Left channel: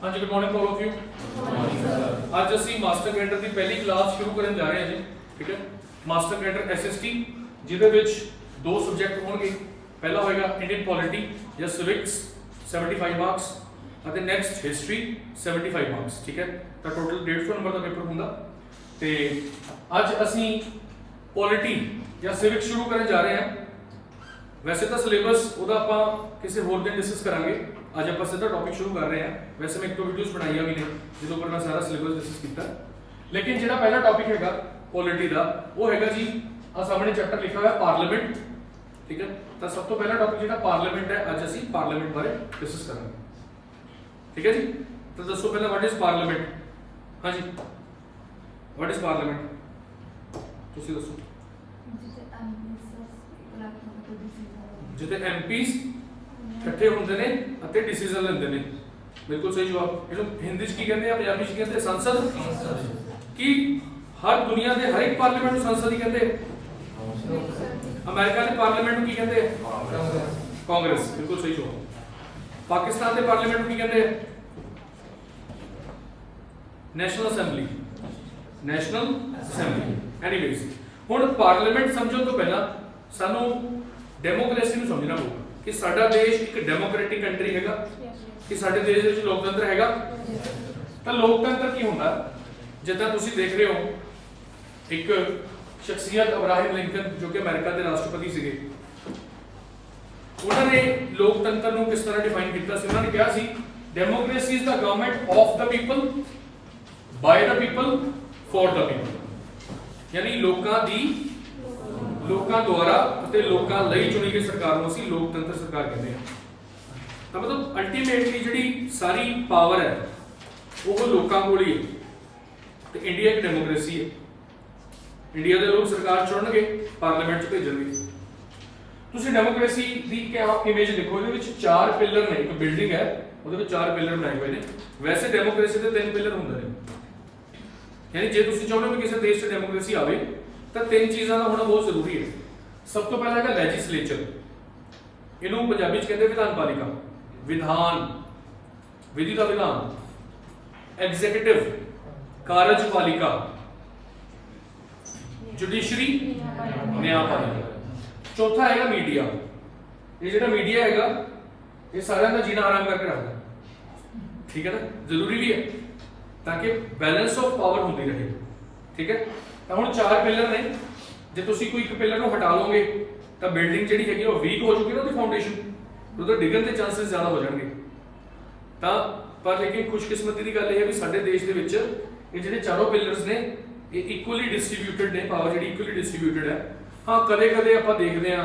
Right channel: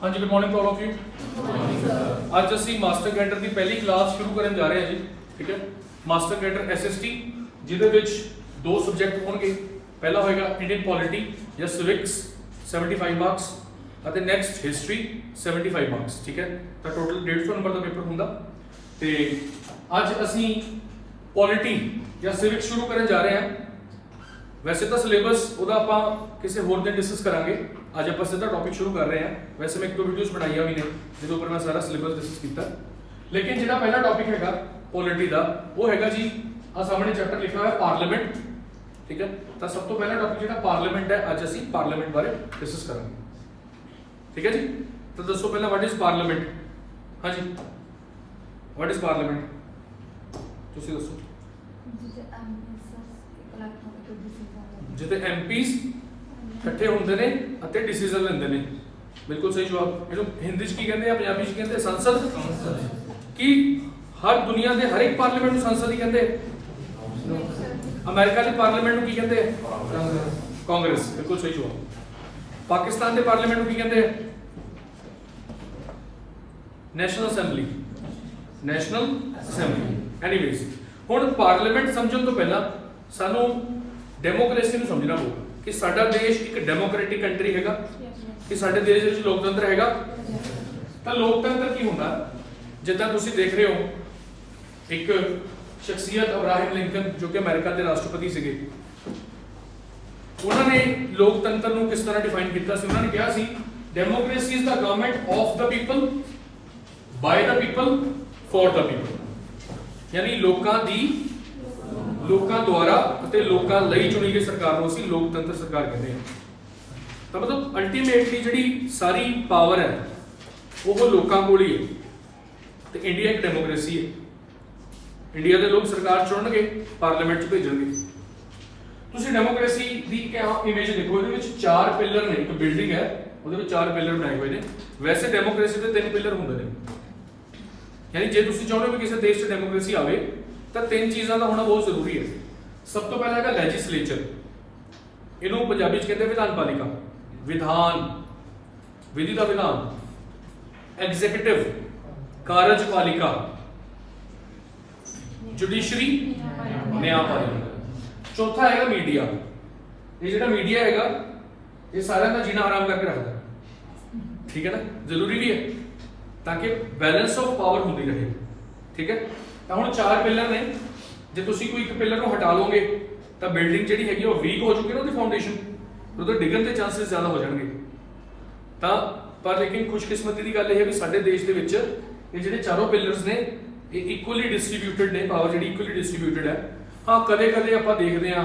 हाँ जी, good morning to all of you. ਅੱਜ ਅਸੀਂ ਮਾਸਟਰ ਕੈਡਰ ਦੀ ਪਹਿਲੀ ਕਲਾਸ ਸ਼ੁਰੂ ਕਰਨ ਜਾ ਰਹੇ ਹਾਂ ਜੀ। ਠੀਕ ਹੈ, ਮਾਸਟਰ ਕੈਡਰ ਐਸਐਸਟੀ ਜਿਹਦੇ ਵਿੱਚ ਦੋ ਸਬਜੈਕਟ ਹੋਣਗੇ। ਪਹਿਲਾ ਹੋਏਗਾ ਇੰਡੀਅਨ ਪੋਲਿਟੀ ਜਾਂ ਸਿਵਿਕਸ 75 ਮਾਰਕਸ ਅਤੇ ਨੈਕਸਟ ਹਿਸਟਰੀ 75 ਮਾਰਕਸ। ਠੀਕ ਹੈ, ਤਾਂ ਟੋਟਲ 150 ਨੰਬਰ ਦਾ ਪੇਪਰ ਹੁੰਦਾ। ਤੇ ਅੱਜ ਅਸੀਂ ਪੋਲਿਟੀ ਜਾਂ ਸਿਵਿਕਸ ਸ਼ੁਰੂ ਕਰਨ ਜਾ ਰਹੇ ਹਾਂ। वैसे तो सिलेबस ਉਹਦਾ ਆਪਾਂ ਕਿਸੇ ਹੋਰ ਦਿਨ ਡਿਸਕਸ ਕਰਾਂਗੇ। ਅੱਜ ਆਪਾਂ ਸਿੱਧਾ ਟੌਪਿਕ ਸ਼ੁਰੂ ਕਰ ਰਹੇ ਹਾਂ। ਵੈਸੇ ਮੈਂ ਇੱਕ ਦੋ ਵੀਡੀਓਜ਼ ਬਣਾਈਆਂ ਵੀ ਨੇ ਜਿਹਦੇ ਉੱਪਰ ਮੈਂ ਸਾਰਾ ਸਿਲੇਬਸ ਡਿਸਕਸ ਕੀਤਾ, ਲੇਕਿਨ ਜਿਹੜਾ ਪਹਿਲਾ ਟੌਪਿਕ ਹੈਗਾ ਪੋਲਿਟੀ ਦਾ ਉਹ ਹੈਗਾ ਜੀ ਆ ਸਾਹਮਣੇ ਚੈਪਟਰ ਲਿਖਿਆ ਹੋਇਆ ਪਾਰਲੀਮੈਂਟ। ਠੀਕ ਹੈ, ਤਾਂ ਸਭ ਤੋਂ ਪਹਿਲਾ ਟੌਪਿਕ ਜਿਹੜਾ ਪਾਰਲੀਮੈਂਟ ਹੈ, ਅੱਜ ਅਸੀਂ ਪਾਰਲੀਮੈਂਟ ਬਾਰੇ ਡਿਸਕਸ ਕਰਾਂਗੇ। ਠੀਕ ਹੈ ਜੀ, ਤਾਂ ਦੱਸੋ ਪਹਿਲਾਂ ਵਾਟ ਇਜ਼ ਪਾਰਲੀਮੈਂਟ। ਹਾਂਜੀ, ਵਾਟ ਇਜ਼ ਪਾਰਲੀਮੈਂਟ ਤੁਸੀਂ ਦੱਸੋ। ਜਿੱਥੇ ਐਮਪੀਜ਼ ਇਕੱਠੇ ਹੁੰਦੇ ਨੇ ਅਤੇ ਡਿਸੀਜਨ ਲੈਂਦੇ ਨੇ। ਬਿਲਕੁਲ ਸਹੀ ਜਵਾਬ। ਇਹਨੂੰ ਹਿੰਦੀ 'ਚ ਕੀ ਕਹਿੰਦੇ ਆ, ਪੰਜਾਬੀ 'ਚ ਕਹਿੰਦੇ ਸੰਸਦ। ਕੀ ਹਰ ਦੁਨੀਆ ਦੇ ਹਰ ਇੱਕ ਪਾਰਲੀਮੈਂਟ ਨੂੰ ਸੰਸਦ ਹੀ ਕਹਿੰਦੇ। ਅਮਰੀਕਾ ਦੇ ਪਾਰਲੀਮੈਂਟ ਨੂੰ ਕੀ ਕਹਿੰਦੇ, ਕਾਂਗਰਸ। ਬਿਲਕੁਲ ਸਹੀ ਜਵਾਬ। ਪਾਕਿਸਤਾਨ ਦੇ ਪਾਰਲੀਮੈਂਟ ਨੂੰ ਕੀ ਕਹਿੰਦੇ, national assembly. National assembly. Anyways, ਹੁਣ ਪਾਰਲੀਮੈਂਟ ਸਮਝਣ ਤੋਂ ਪਹਿਲਾਂ ਸਾਨੂੰ ਡੈਮੋਕ੍ਰੇਸੀ ਨੂੰ ਸਮਝਣਾ ਪਊਗਾ ਕਿ ਸਾਡਾ ਦੇਸ਼ ਇੱਕ ਡੈਮੋਕ੍ਰੈਟਿਕ ਕੰਟਰੀ ਹੈਗਾ, ਕਿ ਸਾਡੇ ਦੇਸ਼ ਵਿੱਚ ਲੋਕਤੰਤਰ ਹੈਗਾ। ਤਾਂ ਲੋਕਤੰਤਰ ਕੀ ਹੁੰਦਾ, ਜਿੱਦਾਂ ਤੁਸੀਂ ਦੇਖ ਰਹੇ ਹੋ ਇੱਕ ਸ਼ਖਸੀਅਤ ਅਬਰਾਹਮ ਲਿੰਕਨ ਜੋ ਕਿ ਅਮਰੀਕਾ ਦੇ ਰਾਸ਼ਟਰਪਤੀ ਸੀਗੇ, ਉਹਨਾਂ ਨੇ ਲੋਕਤੰਤਰ ਨੂੰ ਕਿਸ ਤਰ੍ਹਾਂ ਡਿਫਾਈਨ ਕੀਤਾ ਸੀ। ਉਹਨਾਂ ਨੇ ਕਿਹਾ ਸੀ democracy is the government of the people, by the people, for the people. ਯਾਨੀ ਲੋਕਾਂ ਦੁਆਰਾ ਅਤੇ ਲੋਕਾਂ ਲਈ ਚੁਣੀ ਗਈ ਸਰਕਾਰ ਨੂੰ ਅਸੀਂ ਲੋਕਤੰਤਰ ਸਰਕਾਰ ਕਹਿੰਦੇ ਹਾਂ। ਤਾਂ ਮਤਲਬ ਅਲਟੀਮੇਟਲੀ ਜਿਹੜੀ ਸਾਰੀ ਪਾਵਰ ਹੈ ਉਹ ਲੋਕਾਂ ਕੋਲ ਹੀ ਹੈ। ਤੇ ਇੰਡੀਆ ਇੱਕ ਡੈਮੋਕ੍ਰੇਸੀ ਹੈ। ਇੰਡੀਆ ਦੇ ਲੋਕ ਸਰਕਾਰ ਚੁਣਨਗੇ, ਪਾਰਲੀਮੈਂਟ 'ਚ ਭੇਜਣਗੇ। ਤੁਸੀਂ ਡੈਮੋਕ੍ਰੇਸੀ ਦੀ ਇਮੇਜ ਦੇਖੋ, ਇਹਦੇ ਵਿੱਚ 4 ਪਿਲਰ ਨੇ। ਇੱਕ ਬਿਲਡਿੰਗ ਹੈ, ਉਹਦੇ ਵਿੱਚ 4 ਪਿਲਰ ਬਣਾਏ ਹੋਏ ਨੇ। ਵੈਸੇ ਡੈਮੋਕ੍ਰੇਸੀ ਦੇ 3 ਪਿਲਰ ਹੁੰਦੇ ਨੇ। ਯਾਨੀ ਜੇ ਤੁਸੀਂ ਚਾਹੁੰਦੇ ਹੋ ਕਿ ਕਿਸੇ ਦੇਸ਼ 'ਚ ਡੈਮੋਕ੍ਰੇਸੀ ਆਵੇ ਤਾਂ 3 ਚੀਜ਼ਾਂ ਦਾ ਹੋਣਾ ਬਹੁਤ ਜ਼ਰੂਰੀ ਹੈ। ਸਭ ਤੋਂ ਪਹਿਲਾਂ ਹੈਗਾ ਲੈਜਿਸਲੇਚਰ। ਇਹਨੂੰ ਪੰਜਾਬੀ 'ਚ ਕਹਿੰਦੇ ਵਿਧਾਨ ਪਾਲਿਕਾ, ਵਿਧਾਨ, ਵਿਧੀ ਦਾ ਵਿਧਾਨ। ਐਗਜ਼ੀਕਿਊਟਿਵ, ਕਾਰਜਪਾਲਿਕਾ। ਜੁਡੀਸ਼ਰੀ, ਨਿਆਂਪਾਲਿਕਾ। ਚੌਥਾ ਹੈਗਾ ਮੀਡੀਆ। ਇਹ ਜਿਹੜਾ ਮੀਡੀਆ ਹੈਗਾ ਇਹ ਸਾਰਿਆਂ ਦਾ ਜੀਣਾ ਆਰਾਮ ਕਰਕੇ ਰੱਖਦਾ। ਠੀਕ ਹੈ ਨਾ, ਜ਼ਰੂਰੀ ਵੀ ਹੈ ਤਾਂ ਕਿ ਬੈਲੈਂਸ ਆਫ ਪਾਵਰ ਹੁੰਦੀ ਰਹੇ। ਠੀਕ ਹੈ, ਤਾਂ ਹੁਣ 4 ਪਿਲਰ ਨੇ। ਜੇ ਤੁਸੀਂ ਕੋਈ ਇੱਕ ਪਿਲਰ ਨੂੰ ਹਟਾ ਲਓਗੇ ਤਾਂ ਬਿਲਡਿੰਗ ਜਿਹੜੀ ਹੈਗੀ ਉਹ ਵੀਕ ਹੋ ਜੂਗੀ ਨਾ, ਉਹਦੀ ਫਾਊਂਡੇਸ਼ਨ, ਉਹਦੇ ਡਿੱਗਣ ਦੇ ਚਾਂਸਸ ਜ਼ਿਆਦਾ ਹੋ ਜਾਣਗੇ। ਤਾਂ ਪਰ ਲੇਕਿਨ ਖੁਸ਼ਕਿਸਮਤੀ ਦੀ ਗੱਲ ਇਹ ਹੈ ਵੀ ਸਾਡੇ ਦੇਸ਼ ਦੇ ਵਿੱਚ ਇਹ ਜਿਹੜੇ ਚਾਰੋਂ ਪਿਲਰਸ ਨੇ ਇਹ ਇਕੁਅਲੀ ਡਿਸਟ੍ਰੀਬਿਊਟਡ ਨੇ। ਪਾਵਰ ਜਿਹੜੀ ਇਕੁਅਲੀ ਡਿਸਟ੍ਰੀਬਿਊਟਡ ਹੈ। ਹਾਂ, ਕਦੇ ਕਦੇ ਆਪਾਂ ਦੇਖਦੇ ਹਾਂ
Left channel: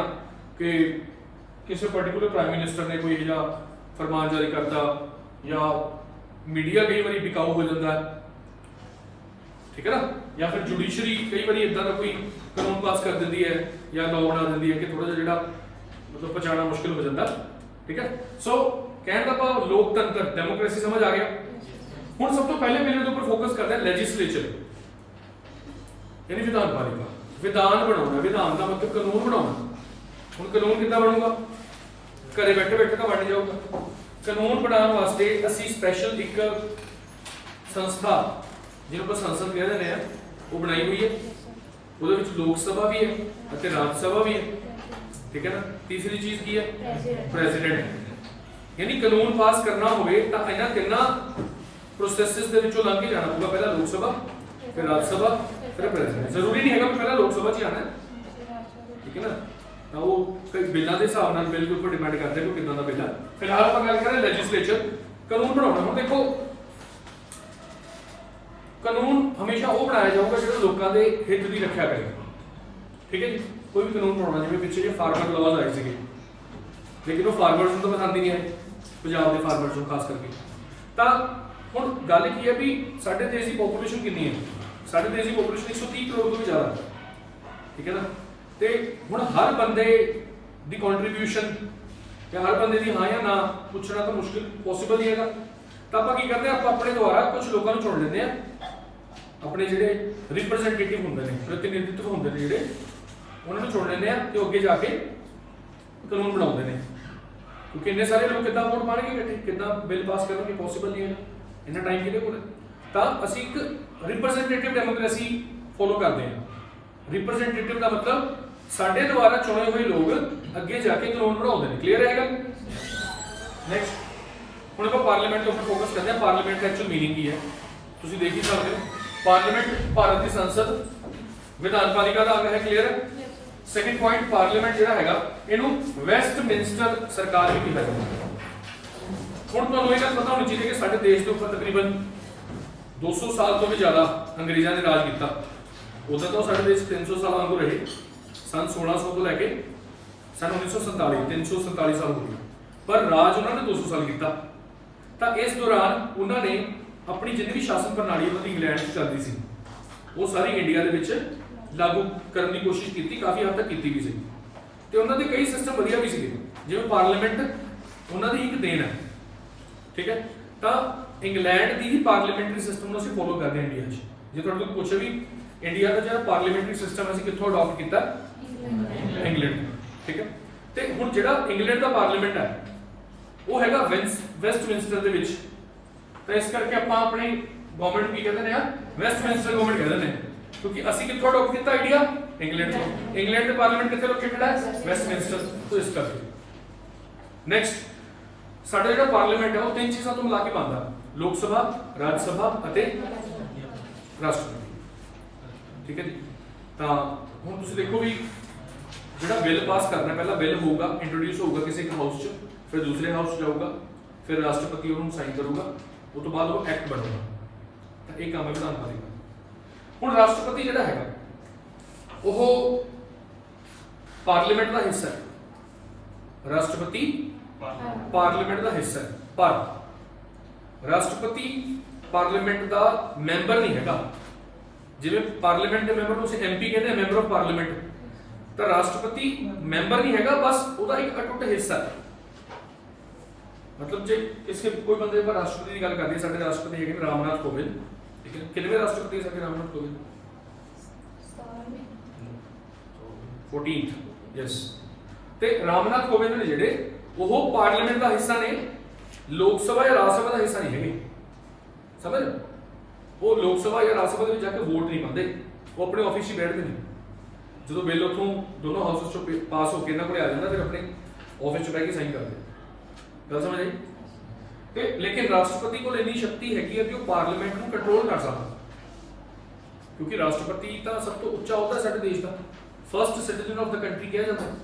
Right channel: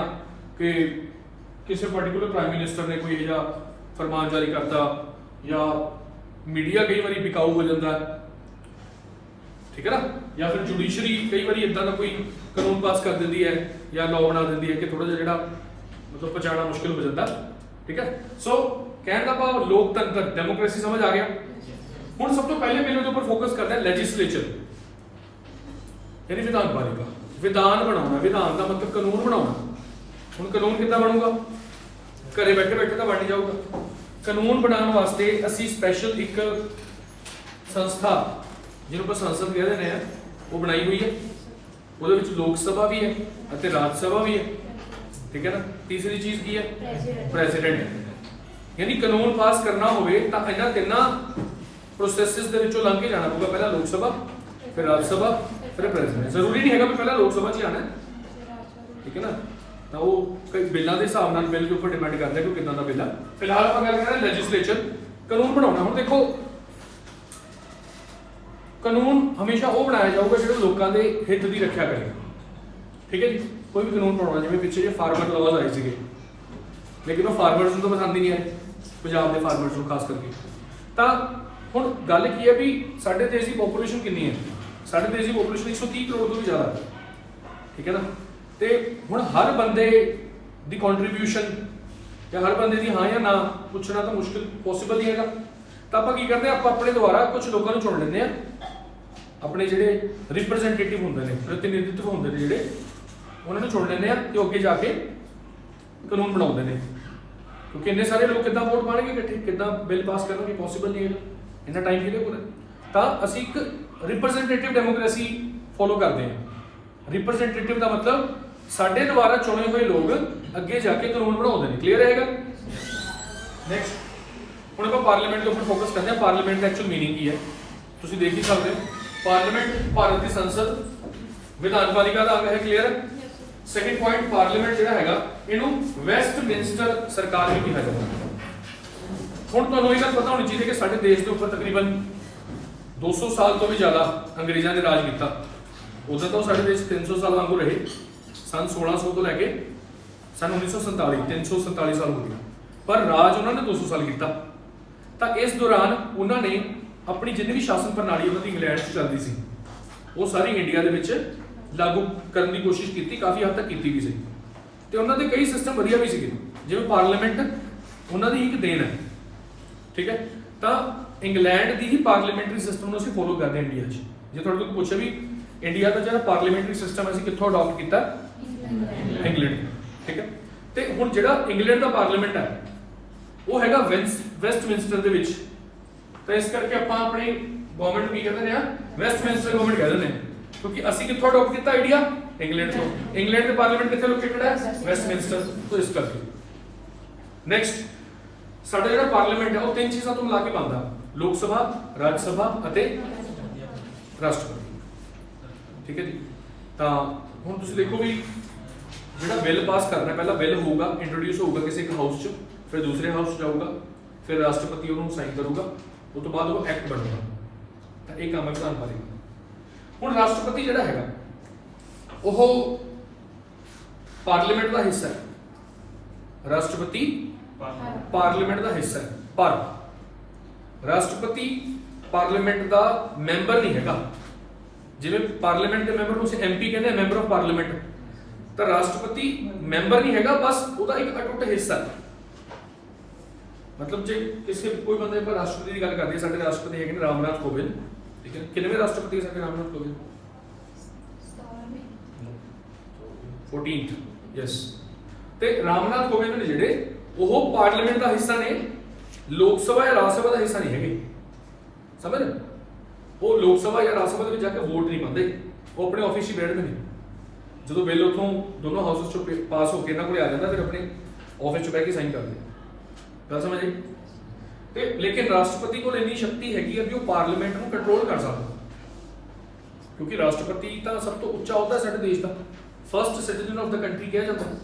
ਕਿ ਕਿਸੇ ਪਾਰਟਿਕੂਲਰ ਪ੍ਰਾਈਮ ਮਿਨਿਸਟਰ ਨੇ ਕੋਈ ਇਹੋ ਜਿਹਾ ਫਰਮਾਨ ਜਾਰੀ ਕਰਤਾ ਜਾਂ ਮੀਡੀਆ ਕਈ ਵਾਰੀ ਬਿਕਾਊ ਹੋ ਜਾਂਦਾ ਹੈ। ਠੀਕ ਹੈ ਨਾ, ਜਾਂ ਫਿਰ ਜੁਡੀਸ਼ਰੀ ਕਈ ਵਾਰੀ ਇਦਾਂ ਦਾ ਕੋਈ ਕਾਨੂੰਨ ਪਾਸ ਕਰ ਦਿੰਦੀ ਹੈ ਜਾਂ ਲਾਅ ਬਣਾ ਦਿੰਦੀ ਹੈ ਕਿ ਥੋੜਾ ਜਿਹਾ ਜਿਹੜਾ ਮਤਲਬ ਪਛਾਣਨਾ ਮੁਸ਼ਕਿਲ ਹੋ ਜਾਂਦਾ। ਠੀਕ ਹੈ, ਸੋ ਕਹਿਣ ਦਾ ਭਾਵ ਲੋਕਤੰਤਰ, ਡੈਮੋਕ੍ਰੇਸੀ ਸਮਝ ਆ ਗਿਆ। ਹੁਣ ਸਭ ਤੋਂ ਪਹਿਲੇ ਪਿਲਰ ਦੇ ਉੱਪਰ ਫੋਕਸ ਕਰਦਾ ਹੈ ਲੈਜਿਸਲੇਚਰ, ਯਾਨੀ ਵਿਧਾਨ ਪਾਲਿਕਾ। ਵਿਧਾਨ ਬਣਾਉਣਾ, ਵਿਧਾਨ ਦਾ ਮਤਲਬ ਕਾਨੂੰਨ ਬਣਾਉਣਾ। ਹੁਣ ਕਾਨੂੰਨ ਕਿੱਦਾਂ ਬਣੂਗਾ, ਘਰੇ ਬੈਠੇ ਬੈਠੇ ਤਾਂ ਬਣ ਜਾਊਗਾ। ਕਾਨੂੰਨ ਬਣਾਉਣ ਵਾਸਤੇ ਅਸੀਂ ਸਪੈਸ਼ਲ ਇੱਕ ਸੰਸਥਾ ਜਿਹਨੂੰ ਆਪਾਂ ਸੰਸਦ ਕਹਿ ਦਿੰਦੇ ਆ ਉਹ ਬਣਾਈ ਹੋਈ ਹੈ। ਉਹਦੇ ਵਿੱਚ ਲੋਕ ਸਭਾ ਵੀ ਹੈ ਅਤੇ ਰਾਜ ਸਭਾ ਵੀ ਹੈ। ਠੀਕ ਹੈ ਨਾ। ਤੀਸਰੀ ਚੀਜ਼ ਕੀ ਹੈ, ਪ੍ਰੈਜ਼ੀਡੈਂਟ। ਯਾਨੀ ਕਾਨੂੰਨ ਪਾਸ ਕਰਨਾ ਹੋਵੇ ਤਾਂ ਇਹਨਾਂ ਤਿੰਨਾਂ ਪ੍ਰੋਸੈਸਸ ਦੇ ਵਿੱਚੋਂ ਲੰਘ ਕੇ ਜਾਣਾ ਪਊਗਾ। ਪਹਿਲਾਂ ਲੋਕ ਸਭਾ, ਫਿਰ ਰਾਜ ਸਭਾ, ਫਿਰ ਪ੍ਰੈਜ਼ੀਡੈਂਟ। ਜ਼ਰੂਰੀ ਨਹੀਂ ਹੈਗਾ ਵੀ ਪਹਿਲਾਂ ਲੋਕ ਸਭਾ 'ਚ ਆਣਾ। ਠੀਕ ਹੈ ਨਾ, ਤਾਂ ਉਹ ਕਈ ਬਿੱਲਾਂ ਦੇ ਹਿਸਾਬ ਨਾਲ ਬਿੱਲ ਦੇ ਉੱਪਰ ਡਿਪੈਂਡ ਕਰਦਾ ਕਿ ਕਿੱਦਾਂ ਦਾ ਬਿੱਲ ਆ। ਫਿਲਹਾਲ ਆਪਾਂ ਗੱਲ ਕਰ ਰਹੇ ਲੈਜਿਸਲੇਚਰ, ਕਾਨੂੰਨ ਬਣਾਉਣਾ। ਹੁਣ ਦੇਖੋ ਕਾਨੂੰਨ ਹਮੇਸ਼ਾ ਉਹ ਬਣਾਇਆ ਜਾਊਗਾ ਜਿਹੜਾ ਲੋਕਾਂ ਦੇ ਹਿੱਤ ਦੀ ਰੱਖਿਆ ਕਰੇ। ਠੀਕ ਹੈ ਜੀ, ਕੋਈ ਵੀ ਕਾਨੂੰਨ ਬਣਾਉਣਾ, ਜਿਵੇਂ ਪਿੱਛੇ ਜੇ ਫਾਰਮਰ ਲਾਅਜ਼ ਆਏ ਸੀਗੇ, ਲੇਕਿਨ ਉਹ ਫਾਰਮਰਸ ਨੂੰ ਤਾਂ ਪਸੰਦ ਹੀ ਨਹੀਂ ਆਏ, ਪੰਜਾਬ ਦੇ ਫਾਰਮਰਸ ਨੂੰ ਖਾਸ ਕਰਕੇ। ਤਾਂ ਹੁਣ ਗੱਲ ਕੀ ਹੈ ਵੀ ਸਾਡੇ ਦੇਸ਼ ਦੀ ਪੋਪੂਲੇਸ਼ਨ ਕਿੰਨੀ ਹੈ। ਸਾਡੇ ਦੇਸ਼ ਦੀ ਪੋਪੂਲੇਸ਼ਨ 130 ਕਰੋੜ ਤੋਂ ਵੀ ਜ਼ਿਆਦਾ ਹੈ। ਠੀਕ ਹੈ ਨਾ, ਤੇ ਹੁਣ ਹਰ ਬੰਦੇ ਦੀ ਕੰਟਰੀਬਿਊਸ਼ਨ ਜਾਂ ਹਰ ਬੰਦੇ ਦੀ ਹਾਂ ਜਾਂ ਨਾ ਪੁੱਛਣਾ ਤਾਂ ਮੁਸ਼ਕਿਲ ਪੋਸੀਬਲ ਹੀ ਹੈਗਾ। ਤਾਂ ਆਪਾਂ ਕੀ ਕਰਦੇ ਹਾਂ, ਆਪਾਂ ਆਪਣੇ ਦੁਆਰਾ ਕੁਝ ਲੋਕਾਂ ਨੂੰ ਚੁਣ ਲੈਂਦੇ ਆ। ਆਪਣੇ ਜਿਹੜੇ ਰਿਪਰੈਜ਼ੈਂਟੇਟਿਵ ਹੁੰਦੇ ਨੇ, ਪ੍ਰਤੀਨਿਧਿਤਵ ਹੁੰਦੇ ਨੇ ਜਿਹੜੇ, ਉਹਨਾਂ ਨੂੰ ਚੁਣ ਲੈਂਦੇ ਆ ਤੇ ਅੱਗੇ ਜਾ ਕੇ ਕਾਨੂੰਨ ਬਣਾਉਂਦੇ ਨੇ। ਕਿਉਂਕਿ ਇੰਨੇ ਸਾਰੇ ਲੋਕ ਕਿੱਦਾਂ ਵੋਟ ਪਾਣਗੇ ਇਕੱਠੇ, ਕਿੱਦਾਂ ਬਿੱਲ ਪਾਸ ਕਰਨਗੇ, ਪੋਸੀਬਲ ਨਹੀਂ ਹੈ। ਇੰਨਾ ਟਾਈਮ ਕਿਹਦੇ ਕੋਲ ਹੈ? ਤਾਂ ਅਸੀਂ ਇੱਕ ਰਿਪਰੈਜ਼ੈਂਟੇਟਿਵ ਡੈਮੋਕ੍ਰੇਸੀ ਫੋਲੋ ਕਰਦੇ ਹਾਂ। ਰਿਪਰੈਜ਼ੈਂਟੇਟਿਵ ਦਾ ਮਤਲਬ ਸਾਡੇ ਦੁਆਰਾ ਚੁਣੇ ਹੋਏ ਲੋਕ ਅੱਗੇ ਜਾ ਕੇ ਕਾਨੂੰਨ ਬਣਾਉਂਦੇ ਨੇ। ਕਲੀਅਰ ਹੈਗਾ? ਨੈਕਸਟ ਹੁਣ ਆਪਾਂ ਪਾਰਲੀਮੈਂਟ ਦੇ ਉੱਪਰ ਫੋਕਸ ਕਰਦੇ ਹਾਂ। ਪਾਰਲੀਮੈਂਟ ਦਾ ਐਕਚੁਅਲ ਮੀਨਿੰਗ ਕੀ ਹੈ ਤੁਸੀਂ ਦੇਖ ਹੀ ਸਕਦੇ ਹੋ। ਪਾਰਲੀਮੈਂਟ ਭਾਰਤ ਦੀ ਸੰਸਦ, ਵਿਧਾਨਪਾਲਿਕਾ ਦਾ ਅੰਗ ਹੈ। ਕਲੀਅਰ? ਸੈਕੰਡ ਪੁਆਇੰਟ, ਪਾਰਲੀਮੈਂਟ ਜਿਹੜਾ ਹੈਗਾ ਇਹਨੂੰ ਵੈਸਟਮਿੰਸਟਰ ਸਰਕਾਰ ਵੀ ਕਿਹਾ ਜਾਂਦਾ ਹੈ। ਹੁਣ ਤੁਹਾਨੂੰ ਇਹ ਗੱਲ ਪਤਾ ਹੋਣੀ ਚਾਹੀਦੀ ਹੈ ਕਿ ਸਾਡੇ ਦੇਸ਼ ਦੇ ਉੱਪਰ ਤਕਰੀਬਨ 200 ਸਾਲ ਤੋਂ ਵੀ ਜ਼ਿਆਦਾ ਅੰਗਰੇਜ਼ਾਂ ਨੇ ਰਾਜ ਕੀਤਾ। ਉਦੋਂ ਤਾਂ ਸਾਡੇ ਦੇਸ਼ 300 ਸਾਲ ਵਾਂਗੂ ਰਹੇ। ਸਨ 1600 ਤੋਂ ਲੈ ਕੇ ਸਨ 1947 347 ਸਾਲ ਹੋ ਗਏ, ਪਰ ਰਾਜ ਉਹਨਾਂ ਨੇ 200 ਸਾਲ ਕੀਤਾ। ਤਾਂ ਇਸ ਦੌਰਾਨ ਉਹਨਾਂ ਨੇ ਆਪਣੀ ਜਿੰਨੀ ਵੀ ਸ਼ਾਸਨ ਪ੍ਰਣਾਲੀ ਉਹਨਾਂ ਦੀ ਇੰਗਲੈਂਡ 'ਚ ਚੱਲਦੀ ਸੀ ਉਹ ਸਾਰੀ ਇੰਡੀਆ ਦੇ ਵਿੱਚ ਲਾਗੂ ਕਰਨ ਦੀ ਕੋਸ਼ਿਸ਼ ਕੀਤੀ, ਕਾਫੀ ਹੱਦ ਤੱਕ ਕੀਤੀ ਵੀ ਸੀ। ਤੇ ਉਹਨਾਂ ਦੇ ਕਈ ਸਿਸਟਮ ਵਧੀਆ ਵੀ ਸੀਗੇ, ਜਿਵੇਂ ਪਾਰਲੀਮੈਂਟ ਉਹਨਾਂ ਦੀ ਇੱਕ ਦੇਣ ਹੈ। ਠੀਕ ਹੈ? ਤਾਂ ਇੰਗਲੈਂਡ ਦੀ ਹੀ ਪਾਰਲੀਮੈਂਟਰੀ ਸਿਸਟਮ ਨੂੰ ਅਸੀਂ ਫੋਲੋ ਕਰਦੇ ਹਾਂ ਇੰਡੀਆ 'ਚ। ਜੇ ਤੁਹਾਡੇ ਤੋਂ ਪੁੱਛੇ ਵੀ ਇੰਡੀਆ ਦਾ ਜਿਹੜਾ ਪਾਰਲੀਮੈਂਟਰੀ ਸਿਸਟਮ ਅਸੀਂ ਕਿੱਥੋਂ ਅਡਾਪਟ ਕੀਤਾ? ਇੰਗਲੈਂਡ। ਠੀਕ ਹੈ? ਤੇ ਹੁਣ ਜਿਹੜਾ ਇੰਗਲੈਂਡ ਦਾ ਪਾਰਲੀਮੈਂਟ ਹੈ ਉਹ ਹੈਗਾ ਵੈਸਟਮਿੰਸਟਰ ਦੇ ਵਿੱਚ। ਤਾਂ ਇਸ ਕਰਕੇ ਆਪਾਂ ਆਪਣੀ ਗਵਰਨਮੈਂਟ ਨੂੰ ਕੀ ਕਹਿੰਦੇ ਨੇ? ਵੈਸਟਮਿੰਸਟਰ ਗਵਰਨਮੈਂਟ ਕਹਿੰਦੇ ਨੇ, ਕਿਉਂਕਿ ਅਸੀਂ ਕਿੱਥੋਂ ਅਡਾਪਟ ਕੀਤਾ ਆਈਡੀਆ? ਇੰਗਲੈਂਡ ਤੋਂ। ਇੰਗਲੈਂਡ ਦੇ ਪਾਰਲੀਮੈਂਟ ਕਿੱਥੇ ਲੋਕੇਟਡ ਹੈ? ਵੈਸਟਮਿੰਸਟਰ। ਤੋਂ ਇਸ ਕਰਕੇ ਨੈਕਸਟ ਸਾਡਾ ਜਿਹੜਾ ਪਾਰਲੀਮੈਂਟ ਹੈ ਉਹ ਤਿੰਨ ਚੀਜ਼ਾਂ ਤੋਂ ਮਿਲਾ ਕੇ ਬਣਦਾ: ਲੋਕ ਸਭਾ, ਰਾਜ ਸਭਾ ਅਤੇ ਰਾਸ਼ਟਰਪਤੀ। ਠੀਕ ਹੈ ਜੀ? ਤਾਂ ਹੁਣ ਤੁਸੀਂ ਦੇਖੋ ਵੀ ਜਿਹੜਾ ਬਿੱਲ ਪਾਸ ਕਰਨਾ, ਪਹਿਲਾਂ ਬਿੱਲ ਹੋਊਗਾ, ਇੰਟਰੋਡਿਊਸ ਹੋਊਗਾ ਕਿਸੇ ਇੱਕ ਹਾਊਸ 'ਚ, ਫਿਰ ਦੂਸਰੇ ਹਾਊਸ 'ਚ ਜਾਊਗਾ, ਫਿਰ ਰਾਸ਼ਟਰਪਤੀ ਉਹਨੂੰ ਸਾਈਨ ਕਰੂਗਾ, ਉਸ ਤੋਂ ਬਾਅਦ ਉਹ ਐਕਟ ਬਣੇਗਾ। ਤਾਂ ਇਹ ਕੰਮ ਹੈ ਵਿਧਾਨਪਾਲਿਕਾ। ਹੁਣ ਰਾਸ਼ਟਰਪਤੀ ਜਿਹੜਾ ਹੈਗਾ ਉਹ ਪਾਰਲੀਮੈਂਟ ਦਾ ਹਿੱਸਾ ਹੈ। ਰਾਸ਼ਟਰਪਤੀ ਪਾਰਲੀਮੈਂਟ ਦਾ ਹਿੱਸਾ ਹੈ, ਪਰ ਰਾਸ਼ਟਰਪਤੀ ਪਾਰਲੀਮੈਂਟ ਦਾ ਮੈਂਬਰ ਨਹੀਂ ਹੈਗਾ। ਜਿਵੇਂ ਪਾਰਲੀਮੈਂਟ ਦੇ ਮੈਂਬਰ ਨੂੰ ਅਸੀਂ ਐਮਪੀ ਕਹਿੰਦੇ ਆ, ਮੈਂਬਰ ਆਫ ਪਾਰਲੀਮੈਂਟ, ਤਾਂ ਰਾਸ਼ਟਰਪਤੀ ਮੈਂਬਰ ਨਹੀਂ ਹੈਗਾ, ਬਸ ਉਹਦਾ ਇੱਕ ਅਟੁੱਟ ਹਿੱਸਾ ਹੈ। ਮਤਲਬ ਜੇ ਕਿਸੇ ਕੋਈ ਬੰਦੇ ਉੱਪਰ ਰਾਸ਼ਟਰਪਤੀ ਦੀ ਗੱਲ ਕਰਦੇ, ਸਾਡੇ ਰਾਸ਼ਟਰਪਤੀ ਹੈਗੇ ਨੇ ਰਾਮਨਾਥ ਕੋਵਿੰਦ। ਠੀਕ ਹੈ? ਕਿੰਨਵੇਂ ਰਾਸ਼ਟਰਪਤੀ ਸਾਡੇ ਰਾਮਨਾਥ ਕੋਵਿੰਦ? 14th। ਯੈਸ। ਤੇ ਰਾਮਨਾਥ ਕੋਵਿੰਦ ਨੇ ਜਿਹੜੇ ਉਹ ਪਾਰਲੀਮੈਂਟ ਦਾ ਹਿੱਸਾ ਨੇ, ਲੋਕ ਸਭਾ ਜਾਂ ਰਾਜ ਸਭਾ ਦਾ ਹਿੱਸਾ ਨਹੀਂ ਹੈਗੇ। ਸਮਝ? ਉਹ ਲੋਕ ਸਭਾ ਜਾਂ ਰਾਜ ਸਭਾ ਦੇ ਵਿੱਚ ਜਾ ਕੇ ਵੋਟ ਨਹੀਂ ਪਾਉਂਦੇ, ਉਹ ਆਪਣੇ ਆਫਿਸ 'ਚ ਬੈਠਦੇ ਨੇ। ਜਦੋਂ ਬਿੱਲ ਉੱਥੋਂ ਦੋਨੋਂ ਹਾਊਸਸ 'ਚੋਂ ਪਾਸ ਹੋ ਕੇ ਇਹਨਾਂ ਕੋਲੇ ਆ ਜਾਂਦਾ, ਫਿਰ ਆਪਣੇ ਆਫਿਸ 'ਚ ਬਹਿ ਕੇ ਸਾਈਨ ਕਰਦੇ। ਗੱਲ ਸਮਝ ਆਈ? ਤੇ ਲੇਕਿਨ ਰਾਸ਼ਟਰਪਤੀ ਕੋਲ ਇੰਨੀ ਸ਼ਕਤੀ ਹੈਗੀ ਹੈ ਵੀ ਉਹ ਪਾਰਲੀਮੈਂਟ ਨੂੰ ਕੰਟਰੋਲ ਕਰ ਸਕਦਾ, ਕਿਉਂਕਿ ਰਾਸ਼ਟਰਪਤੀ ਤਾਂ ਸਭ ਤੋਂ ਉੱਚਾ ਅਹੁਦਾ ਸਾਡੇ ਦੇਸ਼ ਦਾ, first citizen of the country ਕਿਹਾ ਜਾਂਦਾ ਹੈ।